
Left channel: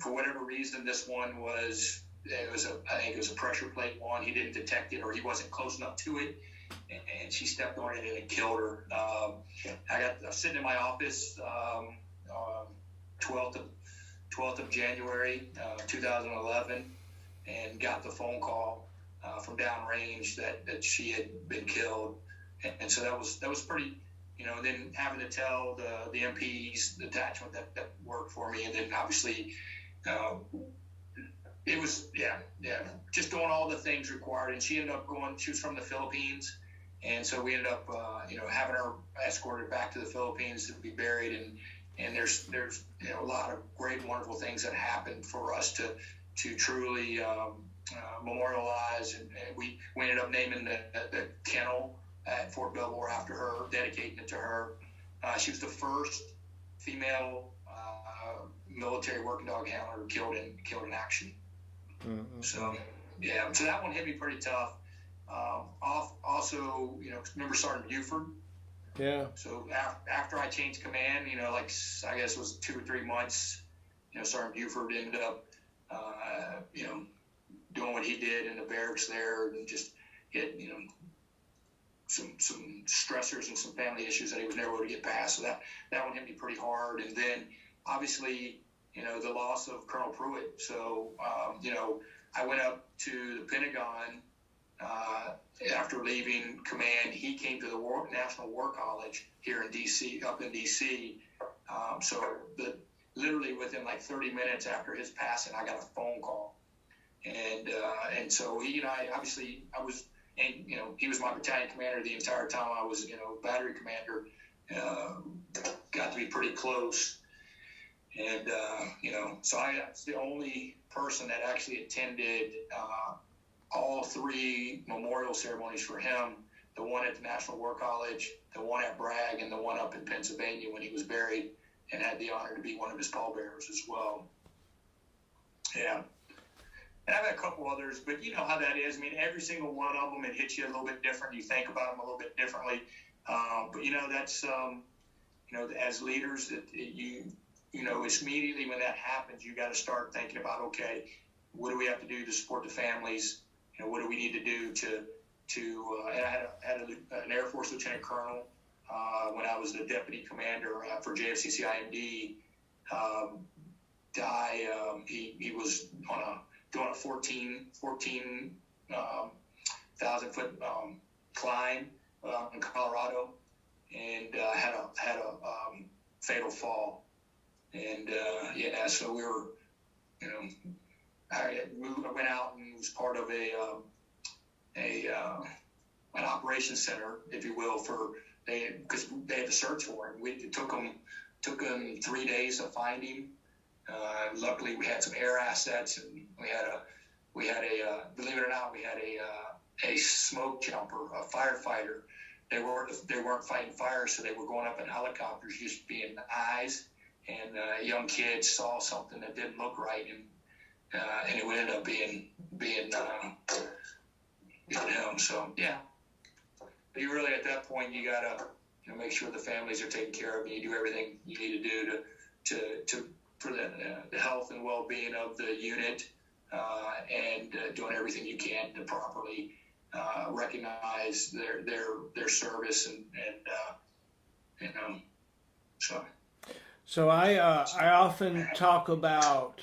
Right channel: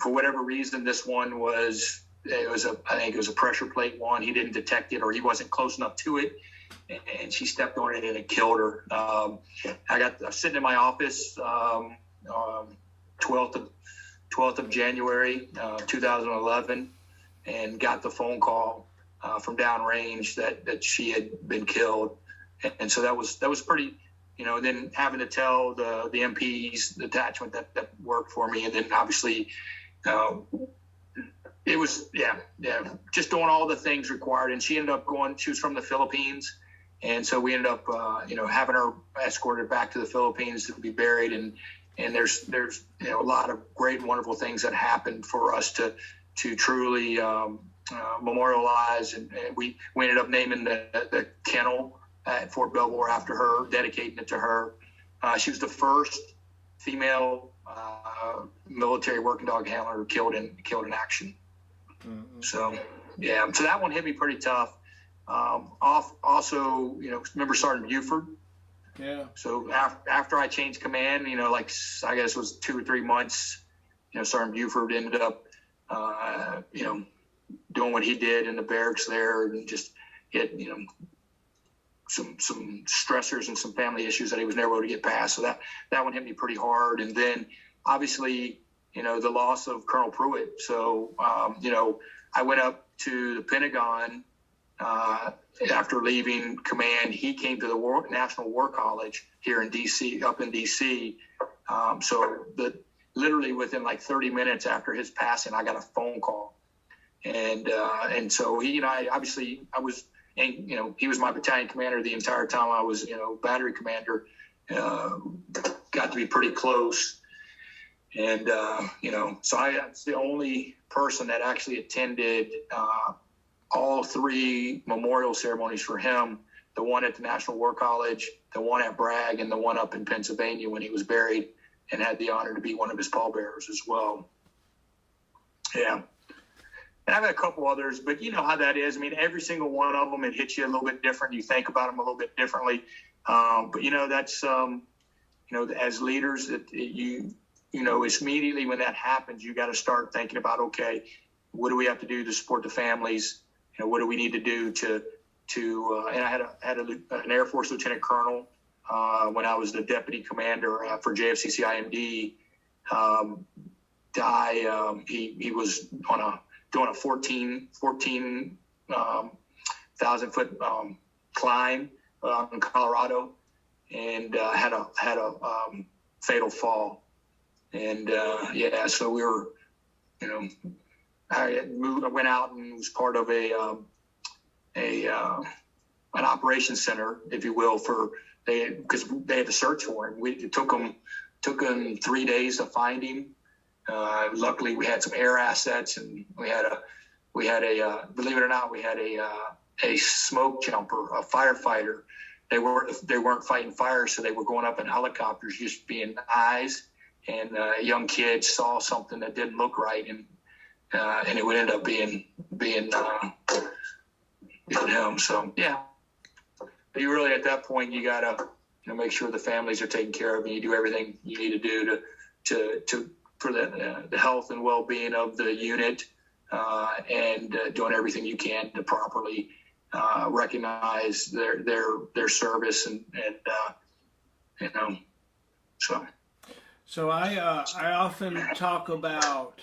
for whatever reason, this one I think it was a pressure plate one. He didn't detect it, or he wasn't close enough to it, and she stepped on it and it killed her. I was sitting in my office, 12th of January, 2011, and got the phone call from downrange that she had been killed, and so that was pretty. And then having to tell the MPs, the detachment that worked for me, and then obviously it was, just doing all the things required. And she ended up she was from the Philippines. And so we ended up, having her escorted back to the Philippines to be buried. And there's a lot of great and wonderful things that happened for us to truly memorialize. And we ended up naming the kennel at Fort Belvoir after her, dedicating it to her. She was the first female military working dog handler killed in action. Mm-hmm. So that one hit me pretty tough. Also, remember Sergeant Buford? Yeah. So after I changed command, I guess it was 2 or 3 months, Sergeant Buford ended up, doing what he did in the barracks there, and just hit, some stressors and some family issues that he was never able to get past. So that one hit me pretty hard. And then obviously, the loss of Colonel Pruitt. So, I went up to the Pentagon after leaving command. He came to the National War College here in D.C., up in D.C. So literally within like 30 minutes after his passing, I got a phone call. And so he and I was, and, he was my battalion commander the entire time I was, battery commander, got to be pretty close. And, so I was the only person that actually attended all 3 memorial ceremonies for him, the one at the National War College, the one at Bragg, and the one up in Pennsylvania when he was buried, and had the honor to be one of his pallbearers as well. Yeah. And I've had a couple others, but you know how that is. I mean, every single one of them, it hits you a little bit different. You think about them a little bit differently. But, that's, as leaders, that it's immediately when that happens, you got to start thinking about, okay, what do we have to do to support the families? What do we need to do to and I had an Air Force Lieutenant Colonel when I was the deputy commander for JFCC IMD die. He was doing a 14,000 foot climb in Colorado, and had a fatal fall. And so we were, I went out and was part of an operations center, if you will, because they had to search for him. It took them 3 days to find him. Luckily, we had some air assets, and we had a believe it or not, we had a smoke jumper, a firefighter. They weren't fighting fire, so they were going up in helicopters, just being eyes. And a young kid saw something that didn't look right, and it would end up being him. So yeah, but you really at that point you gotta make sure the families are taken care of, and you do everything you need to do to for the health and well-being of the unit, and doing everything you can to properly recognize their service and so. So I often talk about,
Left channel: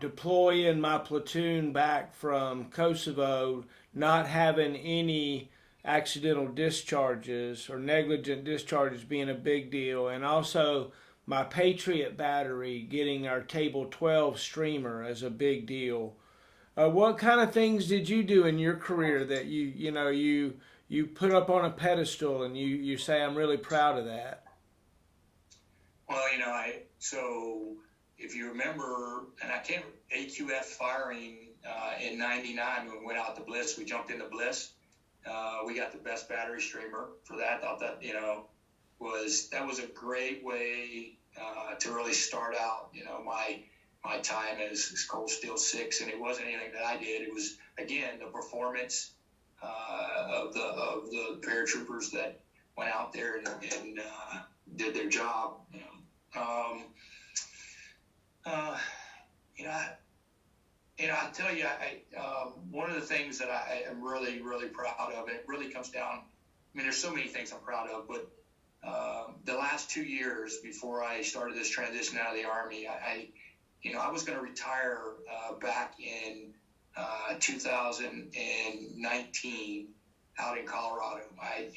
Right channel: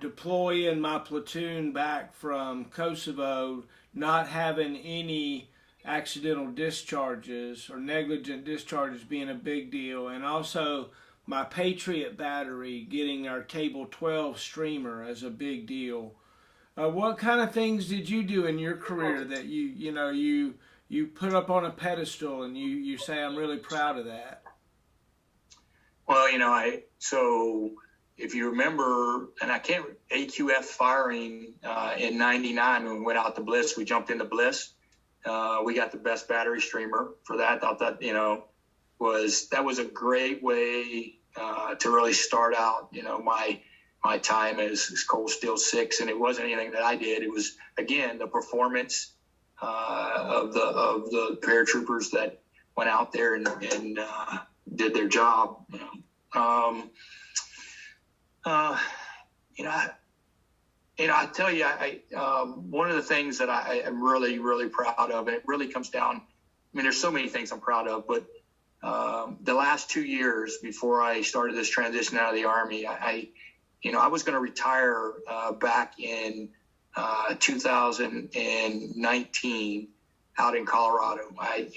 deploying my platoon back from Kosovo, not having any accidental discharges or negligent discharges being a big deal, and also my Patriot battery getting our Table 12 streamer as a big deal. What kind of things did you do in your career that you put up on a pedestal and you say, I'm really proud of that? Well, if you remember, and AQF firing in '99 when we went out to Bliss, we jumped into Bliss. We got the best battery streamer for that. I thought that, was a great way to really start out, my time as Cold Steel 6. And it wasn't anything that I did. It was, again, the performance of the paratroopers that went out there and did their job. I tell you, one of the things that I am really, really proud of, and it really comes down, there's so many things I'm proud of, but the last 2 years before I started this transition out of the Army, I was going to retire back in 2019 out in Colorado. I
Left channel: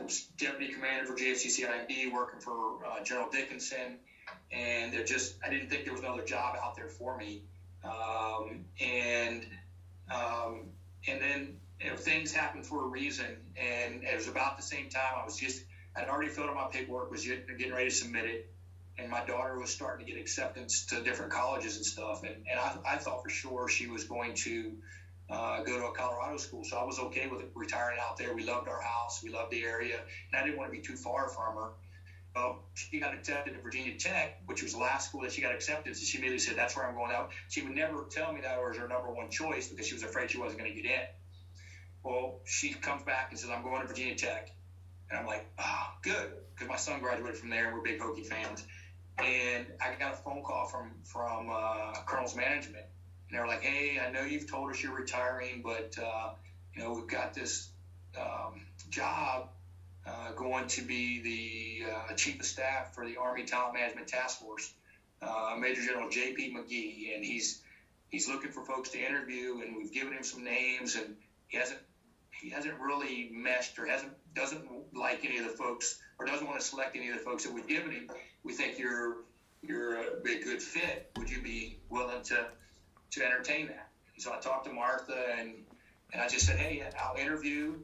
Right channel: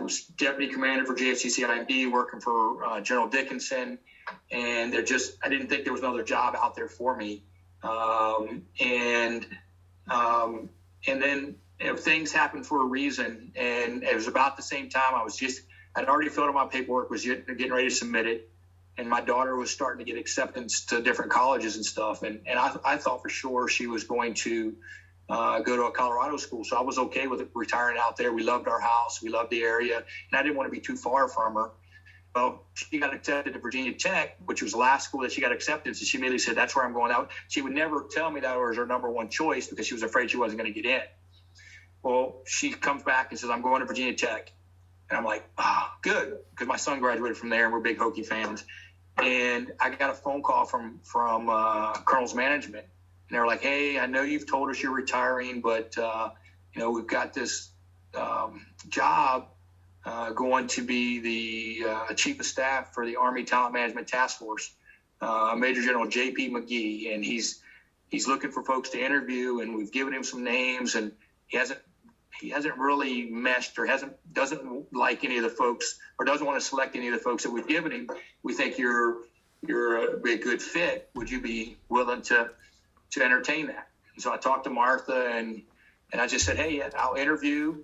was deputy commander for JFCCIMD, working for General Dickinson, and I didn't think there was another job out there for me. And then things happen for a reason, and it was about the same time I'd already filled out my paperwork, was getting ready to submit it, and my daughter was starting to get acceptance to different colleges and stuff, and I thought for sure she was going to go to a Colorado school, so I was okay with retiring out there. We loved our house, we loved the area, and I didn't want to be too far from her. Well, she got accepted to Virginia Tech, which was the last school that she got acceptance, and she immediately said, that's where I'm going out. She would never tell me that was her number one choice because she was afraid she wasn't going to get in. Well, she comes back and says, I'm going to Virginia Tech. And I'm like, good, because my son graduated from there, and we're big Hokie fans. And I got a phone call from Colonel's management, and they were like, hey, I know you've told us you're retiring, but, we've got this job going to be the chief of staff for the Army Talent Management Task Force, Major General J.P. McGee, and he's looking for folks to interview, and we've given him some names, and he hasn't really meshed or doesn't like any of the folks, or doesn't want to select any of the folks that we've given him. We think you're a good fit. Would you be willing to entertain that? And so I talked to Martha, and I just said, hey, I'll interview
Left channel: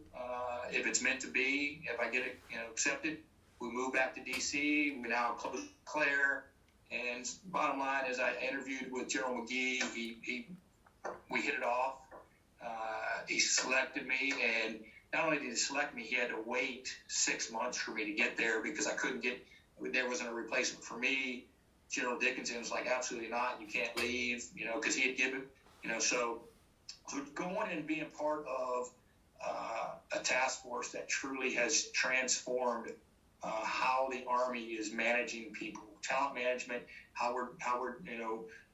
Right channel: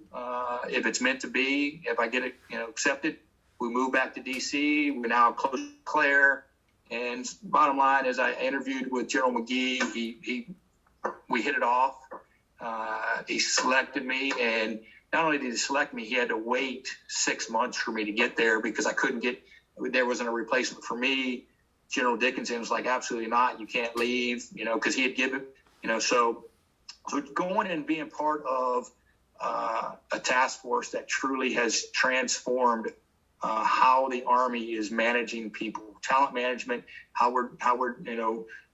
if it's meant to be. If I get it, accepted, we move back to D.C. We're now close to Claire. And bottom line is, I interviewed with General McGee. We hit it off. He selected me, and not only did he select me, he had to wait 6 months for me to get there because there wasn't a replacement for me. General Dickinson was like, absolutely not. You can't leave, because he had given, so going and being part of a task force that truly has transformed how the Army is managing people, talent management, how we're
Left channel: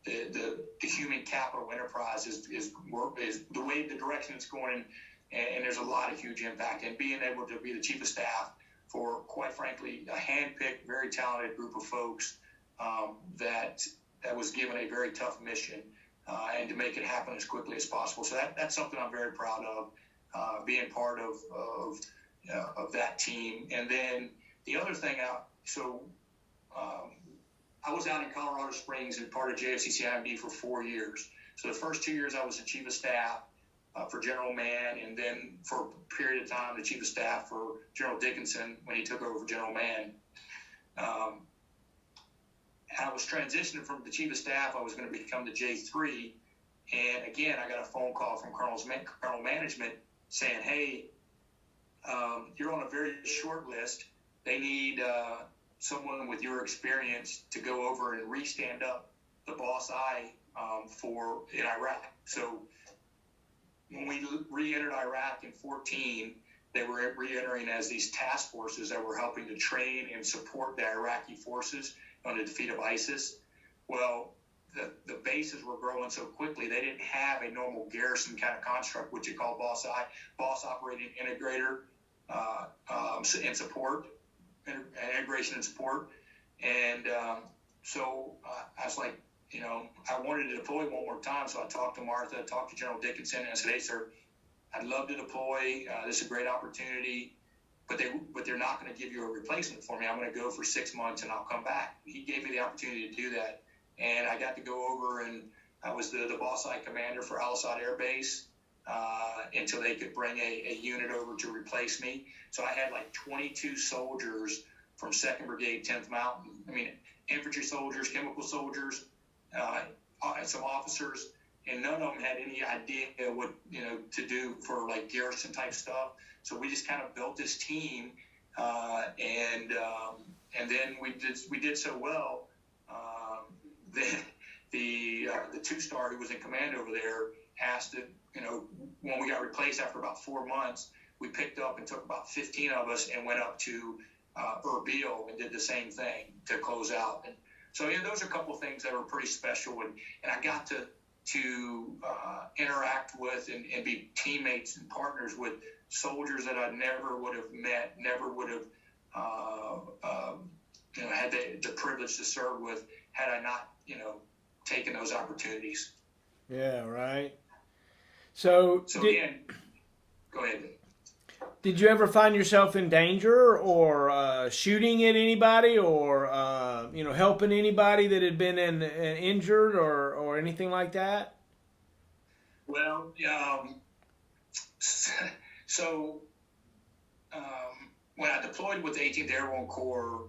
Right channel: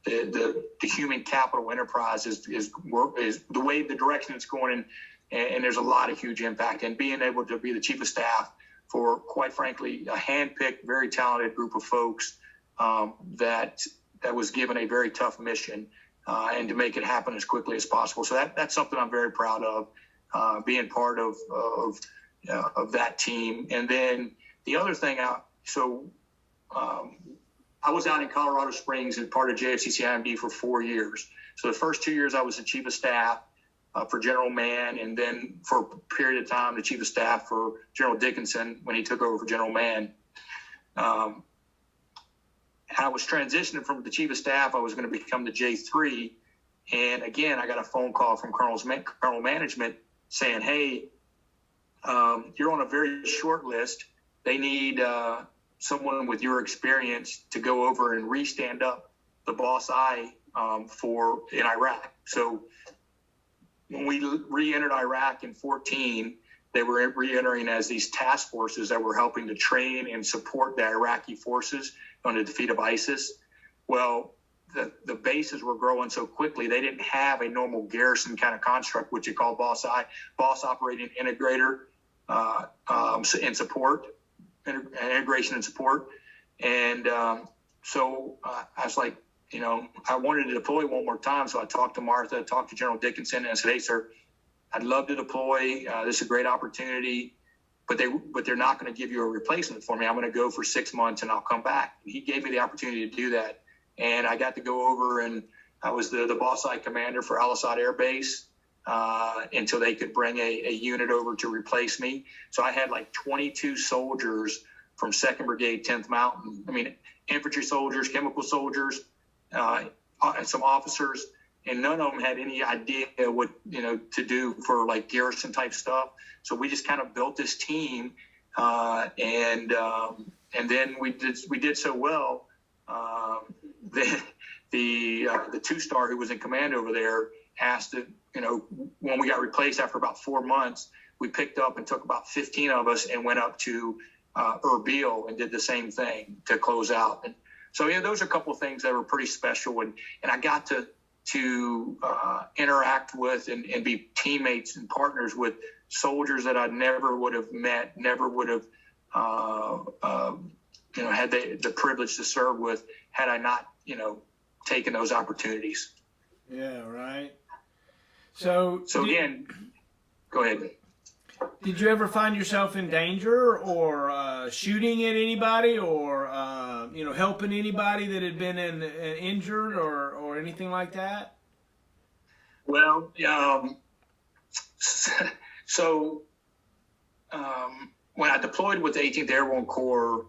the human capital enterprise is the way, the direction it's going in, and there's a lot of huge impact. And being able to be the chief of staff for, quite frankly, a handpicked, very talented group of folks that was given a very tough mission, and to make it happen as quickly as possible. So that's something I'm very proud of, being part of that team. And then the other thing, I was out in Colorado Springs and part of JFCCIMD for 4 years. So the first 2 years I was the chief of staff for General Mann, and then for a period of time the chief of staff for General Dickinson when he took over for General Mann. I was transitioning from the chief of staff. I was going to become the J3, and again I got a phone call from Colonel management saying, hey, you're on a very short list. They need someone with your experience to go over and re-stand up the Boss Eye in Iraq. So when we re-entered Iraq in 2014, they were re-entering as these task forces that were helping to train and support the Iraqi forces on the defeat of ISIS. Well, the bases were growing so quickly, they didn't have a normal garrison kind of construct, which you call Boss Eye, Boss Operating Integrator, and support. Integration and support. And so I was like, I wanted to deploy one more time. So I talked to Martha, talked to General Dickinson, and I said, hey, sir, I'd love to deploy. This is a great opportunity, but they're not going to give you a replacement for me. I'm going to go for 6 months and I'll come back. And he gave me the opportunity to do that. And I got to go over, and I was the Boss Eye commander for Al Asad Air Base until they could bring a unit over to replace me. So I had like 22 soldiers from 2nd Brigade, 10th Mountain. I mean, infantry soldiers, chemical soldiers, some officers, and none of them had any idea what, to do for like garrison type stuff. So we just kind of built this team, and then we did so well. The 2-star who was in command over there asked to, when we got replaced after about 4 months, we picked up and took about 15 of us and went up to Erbil and did the same thing to close out. And so, those are a couple of things that were pretty special. And I got to interact with and be teammates and partners with soldiers that I never would have met, never would have, had the privilege to serve with had I not, taken those opportunities. Yeah, right. So again, go ahead. Did you ever find yourself in danger or shooting at anybody or, helping anybody that had been injured or anything like that? Well, when I deployed with the 18th Airborne Corps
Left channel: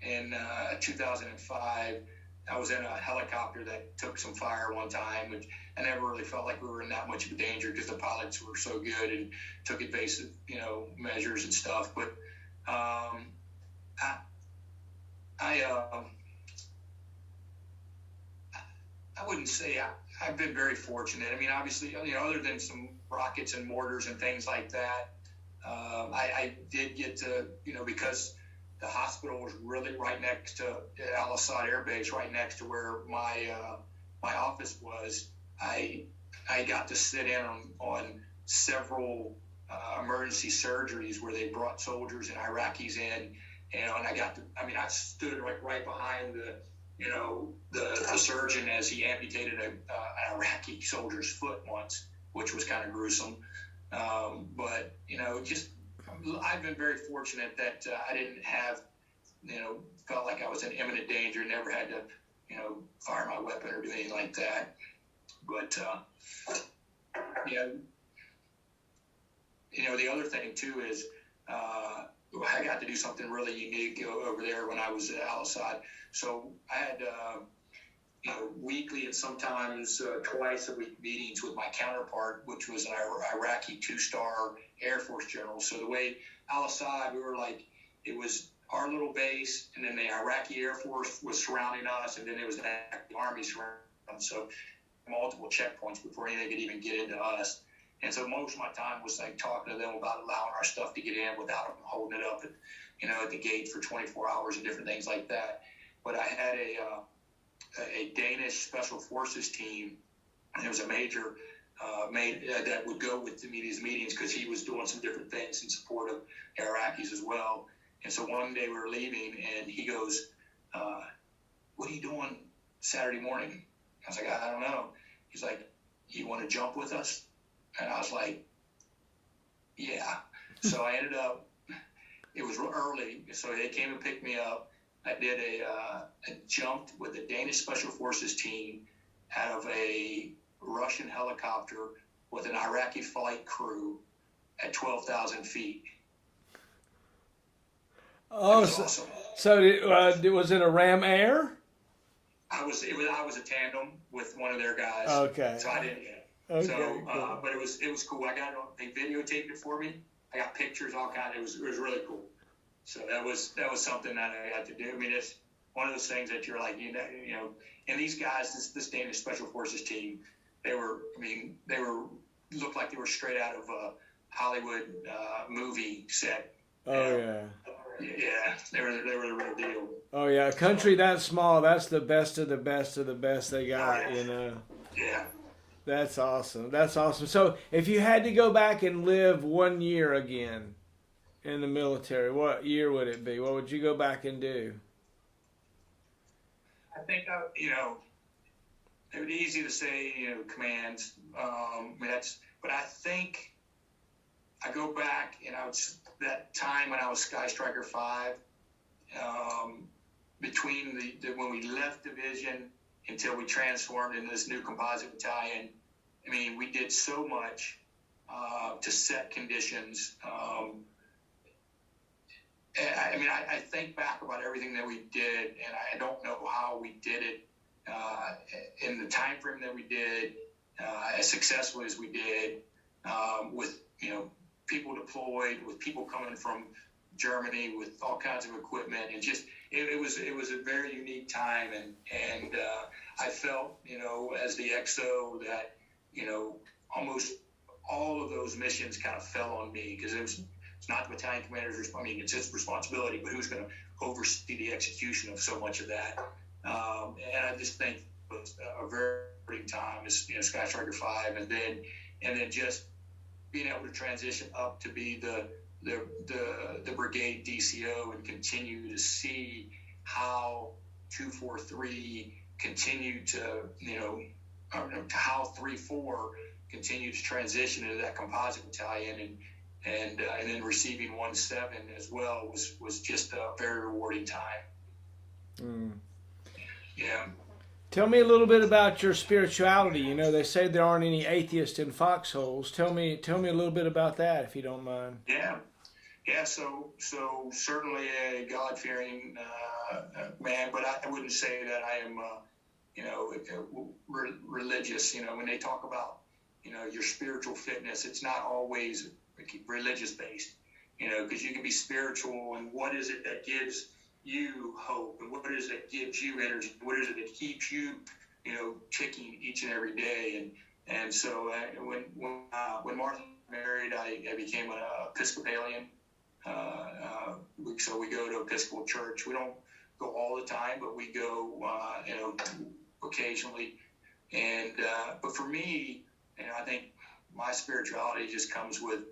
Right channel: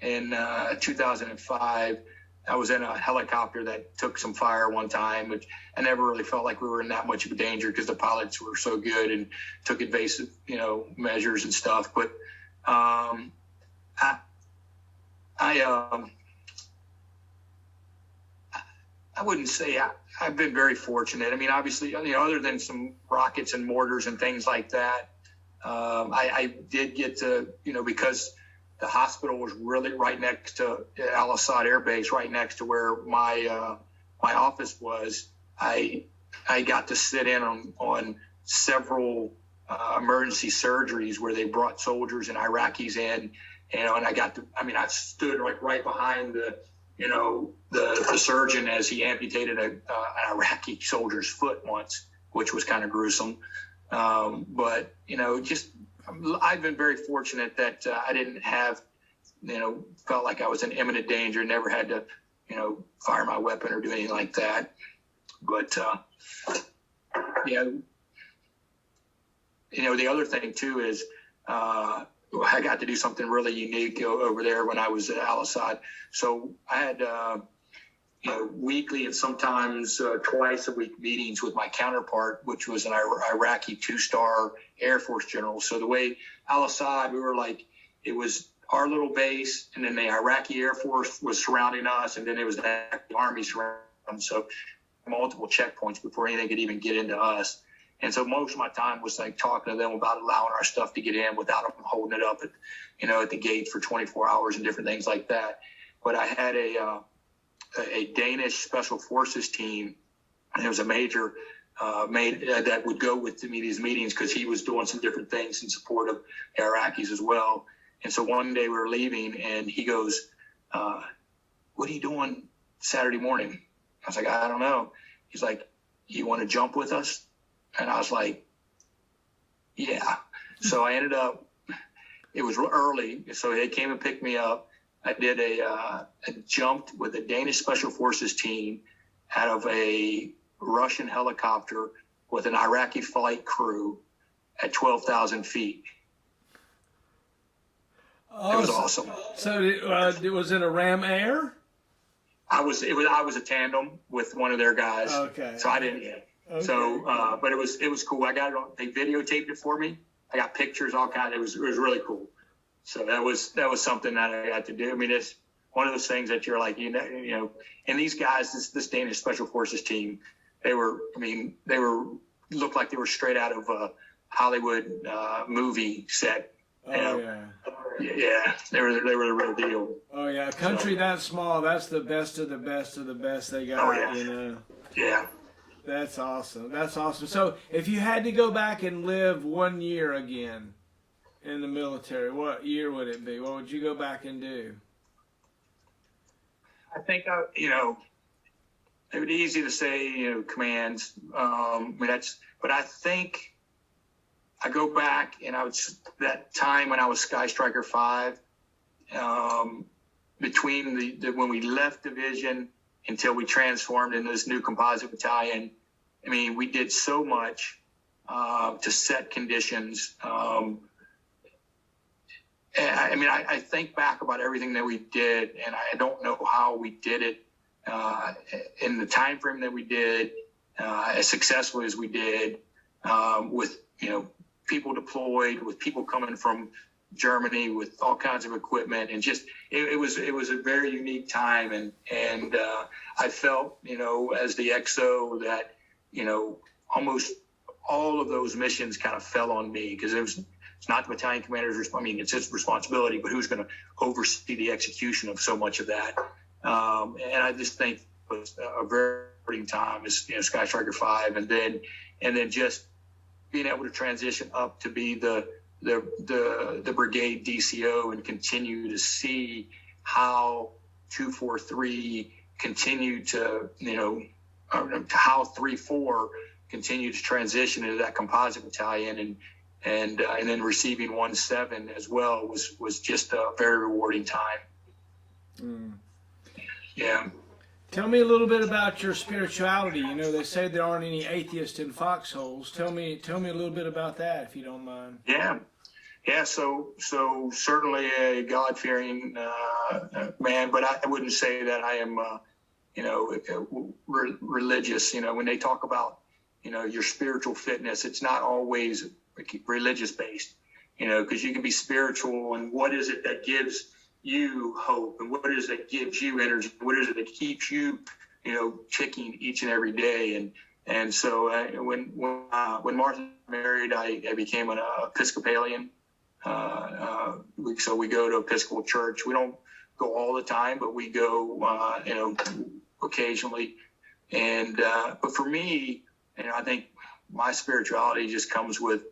in 2005, I was in a helicopter that took some fire one time, which I never really felt like we were in that much of a danger because the pilots were so good and took evasive, measures and stuff. But I wouldn't say I've been very fortunate. I mean, obviously, other than some rockets and mortars and things like that, I did get to, because the hospital was really right next to Al Assad Air Base, right next to where my office was. I got to sit in on several emergency surgeries where they brought soldiers and Iraqis in, and I stood like right behind the surgeon as he amputated an Iraqi soldier's foot once, which was kind of gruesome. But I've been very fortunate that I didn't have, felt like I was in imminent danger, never had to, fire my weapon or do anything like that. But, the other thing too is I got to do something really unique over there when I was at Al Assad. So I had, weekly and sometimes twice a week meetings with my counterpart, which was an Iraqi 2-star Air Force general. So the way Al Assad, we were like, it was our little base, and then the Iraqi Air Force was surrounding us, and then it was the Army surrounding us. So multiple checkpoints before anything could even get into us. And so most of my time was like talking to them about allowing our stuff to get in without them holding it up at the gate for 24 hours and different things like that. But I had a Danish Special Forces team, and there was a major that would go with me these meetings because he was doing some different things in support of Iraqis as well. And so one day we were leaving, and he goes, "What are you doing Saturday morning?" I was like, "I don't know." He's like, "You want to jump with us?" And I was like, "Yeah." So I ended up, it was early, so they came and picked me up. I did a jumped with a Danish Special Forces team out of a Russian helicopter with an Iraqi flight crew at 12,000 feet. Oh, it was awesome. So was it a Ram Air? I was a tandem with one of their guys. Okay. So I didn't. Okay. So, but it was cool. I got it on. They videotaped it for me. I got pictures, all kind. It was really cool. So that was something that I got to do. I mean, it's one of those things that you're like, and these guys, this Danish Special Forces team, they looked like they were straight out of a Hollywood movie set. Yeah. Yeah, they were the real deal. Oh yeah, a country that small, that's the best of the best of the best they got. Yeah. That's awesome. So if you had to go back and live 1 year again in the military, what year would it be? What would you go back and do? I think, it would be easy to say, commands. But I think I go back and that time when I was Sky Striker 5, between when we left division until we transformed into this new composite battalion, I mean, we did so much to set conditions. I mean, I think back about everything that we did, and I don't know how we did it in the time frame that we did, as successfully as we did, with people deployed, with people coming from Germany, with all kinds of equipment, and just it was a very unique time, and I felt as the XO that almost all of those missions kind of fell on me, because it's not the battalion commander's it's his responsibility, but who's going to oversee the execution of so much of that? And I just think it was a very rewarding time as Sky Striker 5, and then just being able to transition up to be the brigade DCO and continue to see how 243 continued to how 3-4 continued to transition into that composite battalion, and then receiving 1-7 as well was just a very rewarding time. Yeah. Tell me a little bit about your spirituality. They say there aren't any atheists in foxholes. Tell me a little bit about that, if you don't mind. Yeah. So certainly a God-fearing man, but I wouldn't say that I am, religious. When they talk about, your spiritual fitness, it's not always religious based. Because you can be spiritual, and what is it that gives you hope, and what is it that gives you energy? What is it that keeps you, ticking each and every day? And so when Martha married, I became an Episcopalian. So we go to Episcopal church. We don't go all the time, but we go, occasionally. And but for me, I think my spirituality just comes with,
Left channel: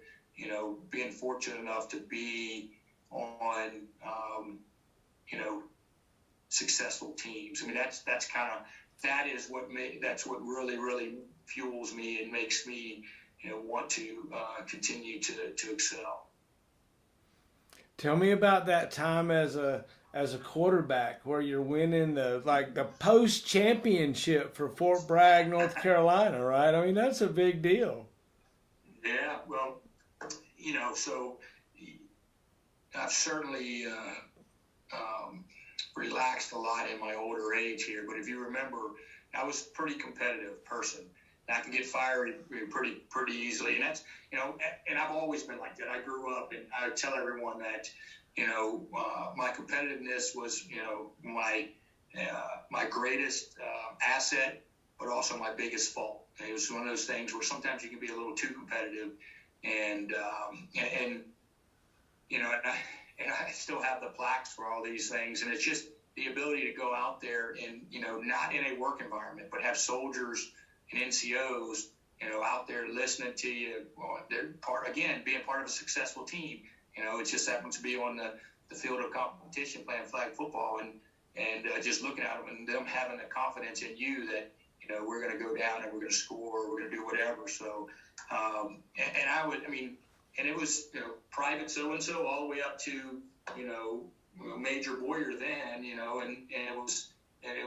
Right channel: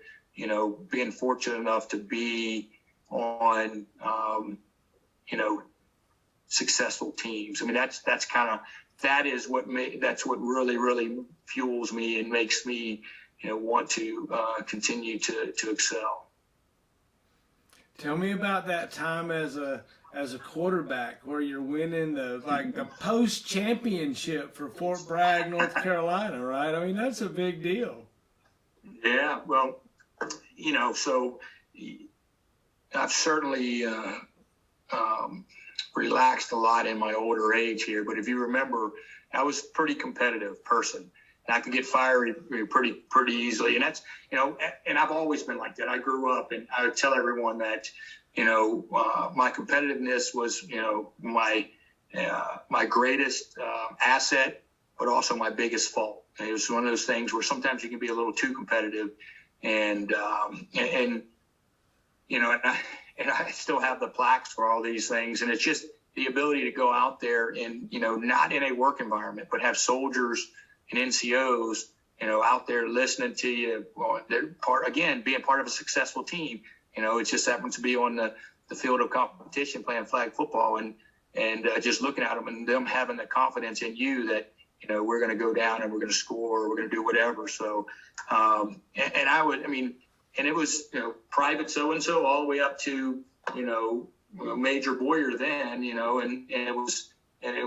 being fortunate enough to be on, successful teams. I mean, that's what really fuels me and makes me, want to continue to excel. Tell me about that time as a quarterback where you're winning the post championship for Fort Bragg, North Carolina, right? I mean, that's a big deal. Yeah, well, so I've certainly relaxed a lot in my older age here, but if you remember, I was a pretty competitive person. And I can get fiery pretty easily, and that's and I've always been like that. I grew up, and I would tell everyone that my competitiveness was my greatest asset, but also my biggest fault. And it was one of those things where sometimes you can be a little too competitive, and I still have the plaques for all these things, and it's just the ability to go out there and not in a work environment, but have soldiers and NCOs, out there listening to you. Well, they're being part of a successful team. It just happens to be on the field of competition playing flag football, and just looking at them and them having the confidence in you that, we're going to go down and we're going to score, or we're going to do whatever. So, and it was, Private so-and-so all the way up to, Major Bowyer then, and it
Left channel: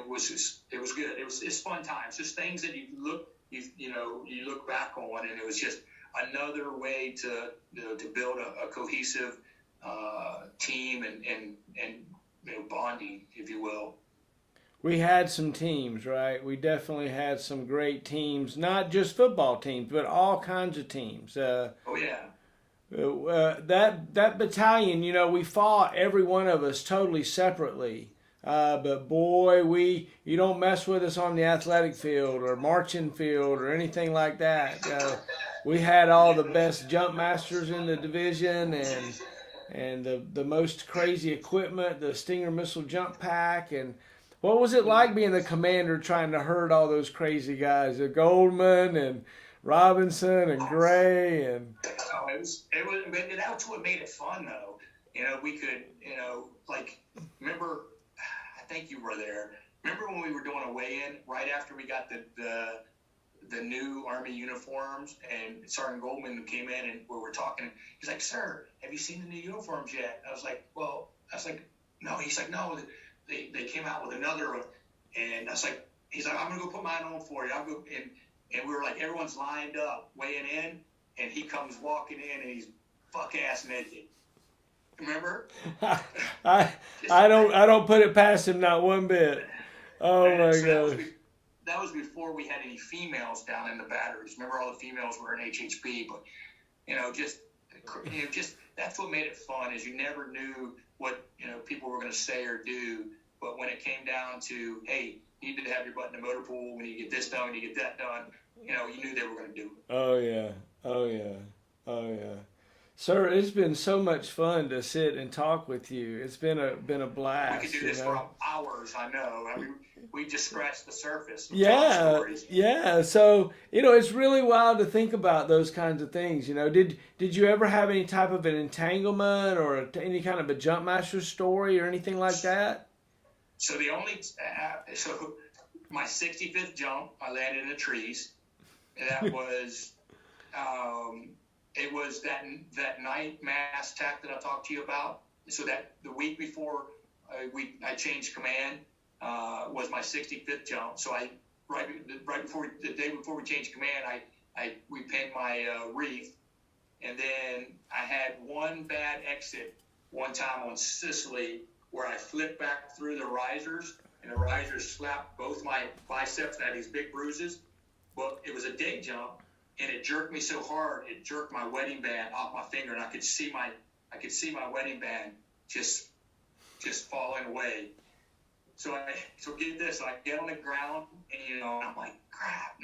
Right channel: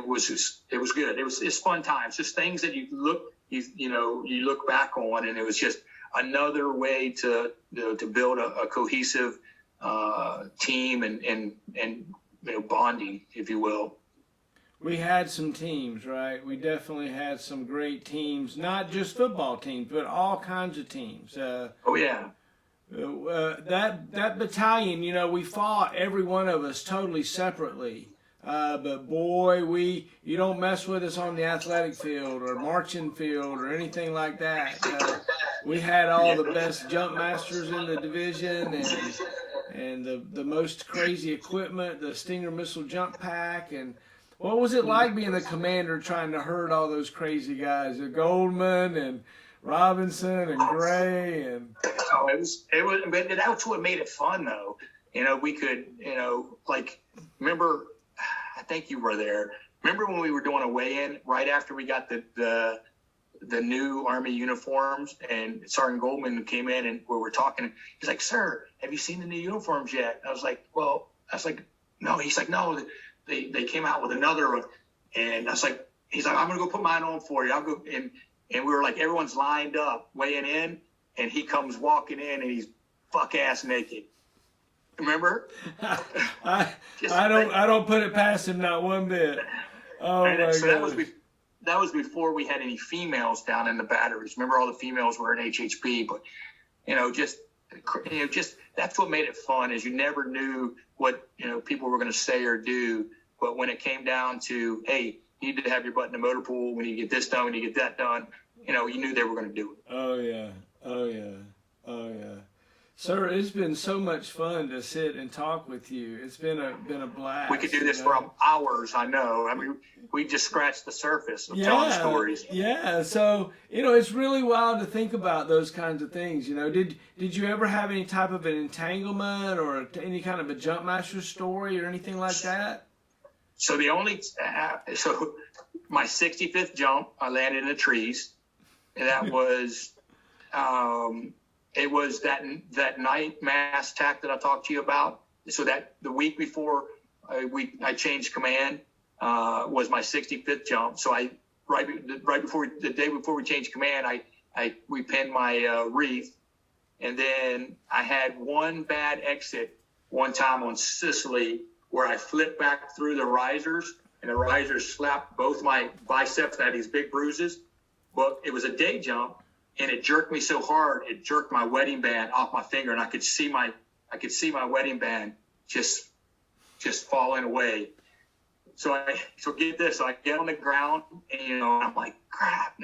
was good. It's fun times, just things that you look back on, and it was just another way to build a cohesive team and bonding, if you will. We had some teams, right? We definitely had some great teams, not just football teams, but all kinds of teams. Oh yeah. That battalion, we fought, every one of us, totally separately. But boy, you don't mess with us on the athletic field or marching field or anything like that. We had all the best jump masters in the division, and the most crazy equipment, the Stinger missile jump pack. And what was it like being the commander trying to herd all those crazy guys, Goldman and Robinson and Gray? And it was, but that's what made it fun, though. We could, remember, I think you were there. Remember when we were doing a weigh-in right after we got the new Army uniforms, and Sergeant Goldman came in and we were talking. He's like, "Sir, have you seen the new uniforms yet?" I was like, "No." He's like, "No, they came out with another one." And I was like, he's like, "I'm gonna go put mine on for you. I'll go." And we were like, everyone's lined up weighing in, and he comes walking in, and he's buck ass naked. Remember? I don't put it past him, not one bit. Oh my God. That was before we had any females down in the batteries. Remember, all the females were in HHP, but just that's what made it fun. Is you never knew what people were going to say or do, but when it came down to, hey, you need to have your butt in the motor pool when you get this done, when you get that done, you knew they were going to do it. Oh yeah, oh yeah, oh yeah. Sir, it's been so much fun to sit and talk with you. It's been a blast. We could do this for hours, I know. I mean, we just scratched the surface of telling stories. Yeah. So, it's really wild to think about those kinds of things. Did you ever have any type of an entanglement or any kind of a jump master story or anything like that? So my 65th jump, I landed in the trees. And that was... it was that night mass attack that I talked to you about. So that the week before I changed command was my 65th jump. So the day before we changed command, we pinned my wreath, and then I had one bad exit one time on Sicily where I flipped back through the risers, and the risers slapped both my biceps. I had these big bruises, but it was a day jump. And it jerked me so hard, it jerked my wedding band off my finger, and I could see my wedding band just falling away. So get this, I get on the ground, and I'm like, crap,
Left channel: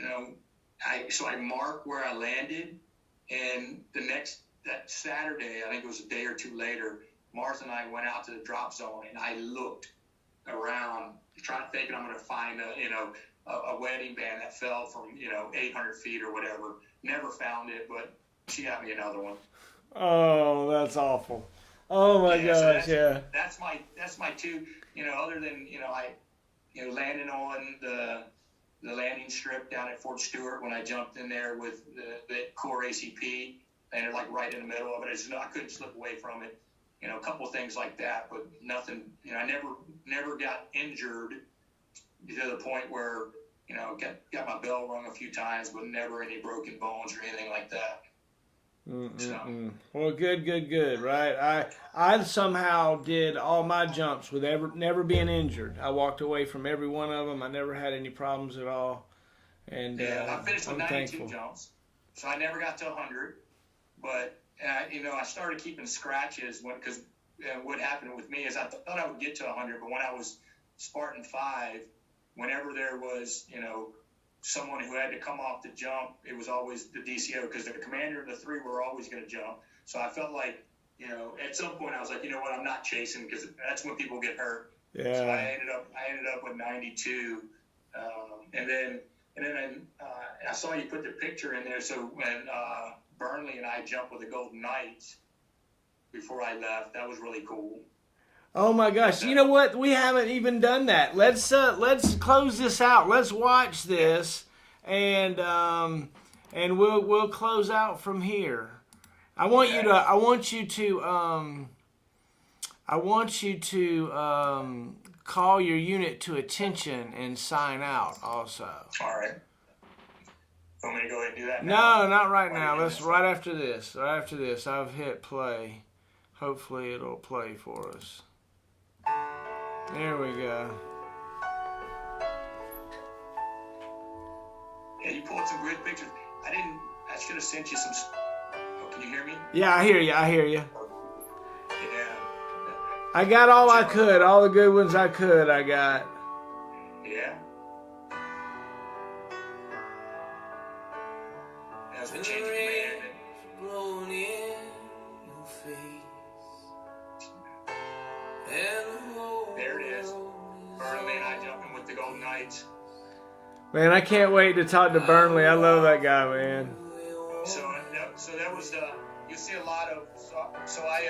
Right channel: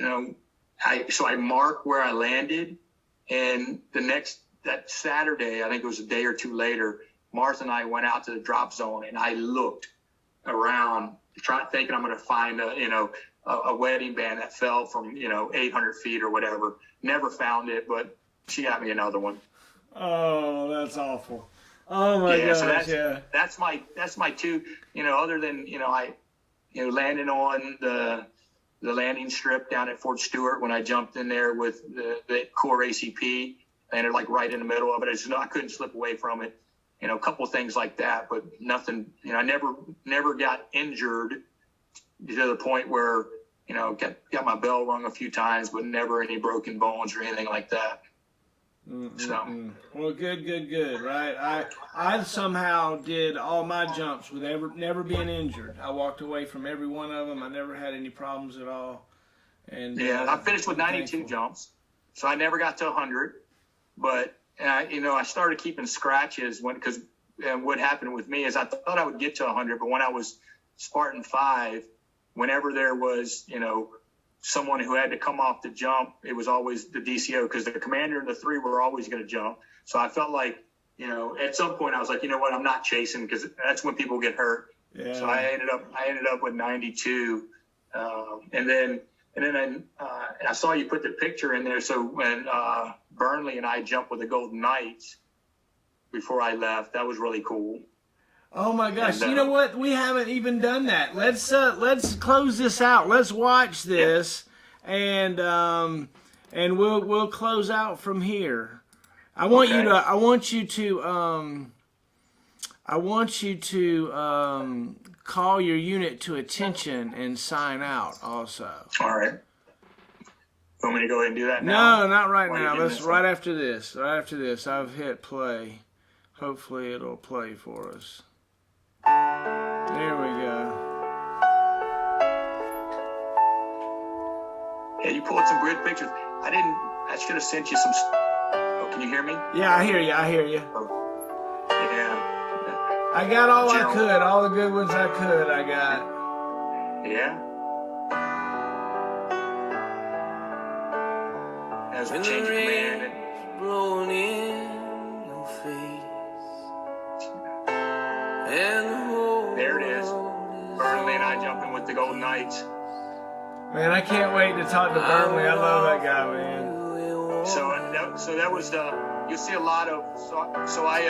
So I mark where I landed, and that Saturday, I think it was a day or two later, Martha and I went out to the drop zone, and I looked around, thinking I'm going to find a wedding band that fell from 800 feet or whatever. Never found it, but she got me another one. Oh, that's awful. Oh my gosh, so that's my two. Other than I landing on the landing strip down at Fort Stewart when I jumped in there with the core ACP, landed like right in the middle of it. I couldn't slip away from it. A couple of things like that, but nothing. I never got injured to the point where got my bell rung a few times, but never any broken bones or anything like that. So well, good, right? I somehow did all my jumps with never being injured. I walked away from every one of them. I never had any problems at all. And I finished with 92 jumps, so I never got to 100. But I started keeping scratches because what happened with me is I thought I would get to 100, but when I was Spartan 5. Whenever there was, someone who had to come off the jump, it was always the DCO because the commander and the 3 were always going to jump. So I felt like, at some point I was like, I'm not chasing because that's when people get hurt. Yeah. So I ended up with 92, and then I saw you put the picture in there. So when Burnley and I jumped with the Golden Knights before I left, that was really cool. Oh my gosh! You know what? We haven't even done that. Let's close this out. Let's watch this, and we'll close out from here. I want you to call your unit to attention and sign out. Also. All right. Want me to go ahead and do that now? No, not right now. Let's right after this. Right after this, I've hit play. Hopefully, it'll play for us. There we go. Yeah, you pulled some great pictures. I should have sent you some. Oh, can you hear me? Yeah, I hear you. Oh, yeah. I got all I could. All the good ones I could, I got. Yeah. As we change command. Blowing in your face. There it is. Burnley and I jumping with the Golden Knights. Man, I can't wait to talk to Burnley. I love that guy, man. So that was you see a lot of. So I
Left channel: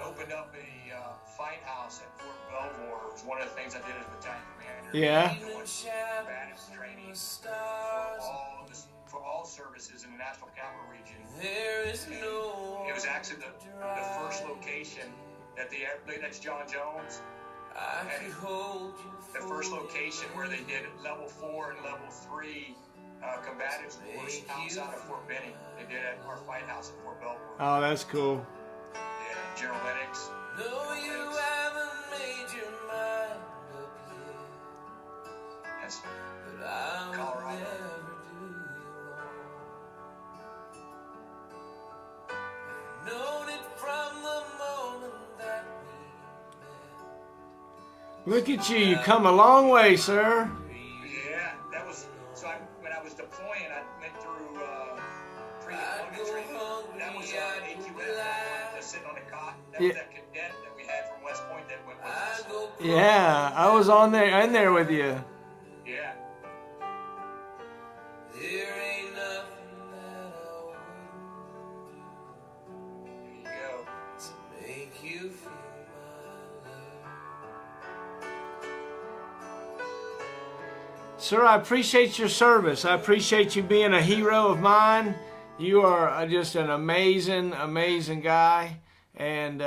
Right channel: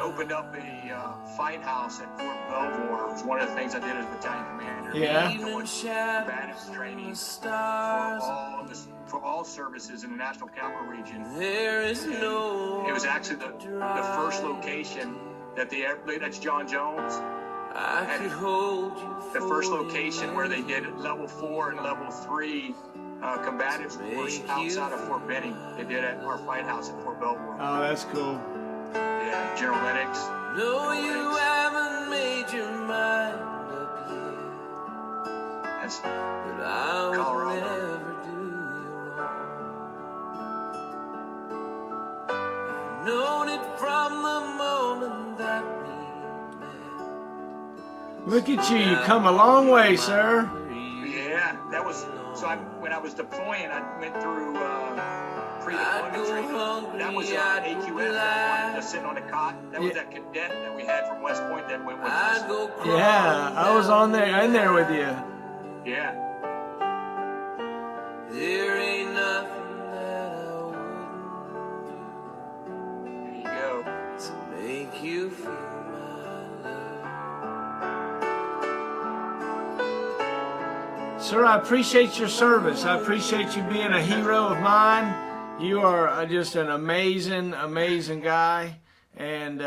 opened up a fight house at Fort Belvoir. It was one of the things I did as battalion commander. Yeah. Combative training for all services in the National Capital Region. It was actually the first location that's John Jones. The first location where they did level 4 and level 3 combative course outside of Fort Benning. They did it at our fight house at Fort Belvoir. Oh, that's cool. Yeah. General Lennox. No, you haven't made your mind up yet. That's But I will Colorado. never do you wrong. I've known it from the moment that we met. Look at you. You come a long way, sir. Yeah, that was, so when I was deploying, I went through pre-deployment training. That was AQF, that one just sitting on the cot. That was that cadet that we had from West Point that went with us. Yeah, I was in there with you. Yeah. There ain't nothing that I wouldn't There you go. do to make you feel my love. Sir, I appreciate your service. I appreciate you being a hero of mine. You are just an amazing, amazing guy. And,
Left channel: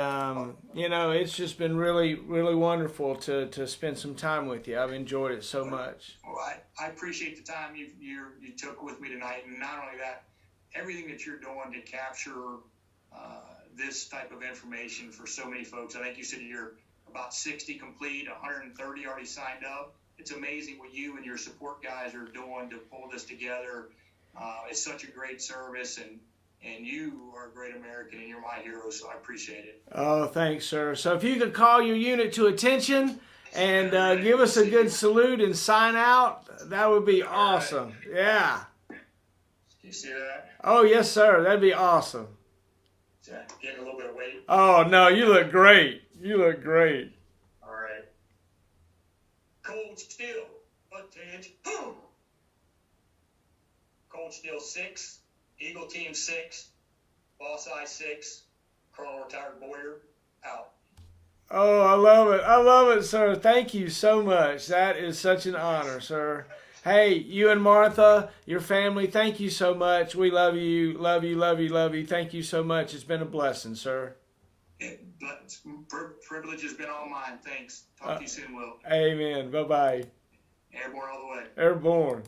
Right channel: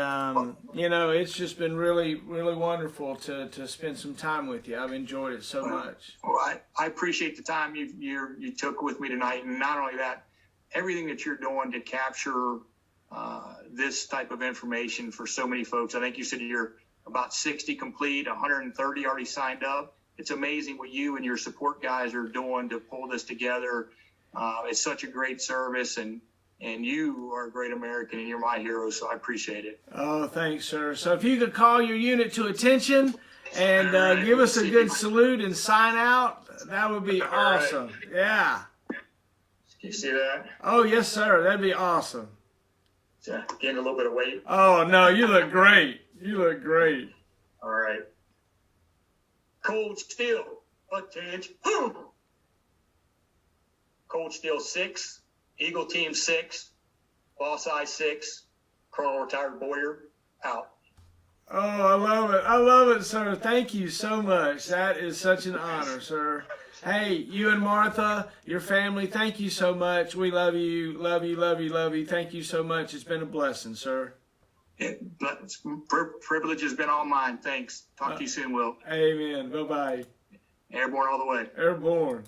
you know, it's just been really, really wonderful to spend some time with you. I've enjoyed it so much. Well, I appreciate the time you took with me tonight. And not only that, everything that you're doing to capture this type of information for so many folks. I think you said you're about 60 complete, 130 already signed up. It's amazing what you and your support guys are doing to pull this together. It's such a great service, and you are a great American, and you're my hero, so I appreciate it. Oh, thanks, sir. So if you could call your unit to attention and give us a good salute and sign out, that would be awesome. Right. Yeah. Can you see that? Oh, yes, sir. That'd be awesome. Gained a little bit of weight. Oh, no, you look great. You look great. All right. Cold Steel, attention. Cold Steel 6, Eagle Team 6, Boss I 6, Colonel Retired Bowyer, out. Oh, I love it. I love it, sir. Thank you so much. That is such an honor, sir. Hey, you and Martha, your family, thank you so much. We love you, love you, love you, love you. Thank you so much. It's been a blessing, sir. Privilege has been all mine. Thanks. Talk to you soon, Will. Amen. Bye-bye. Airborne all the way. Airborne.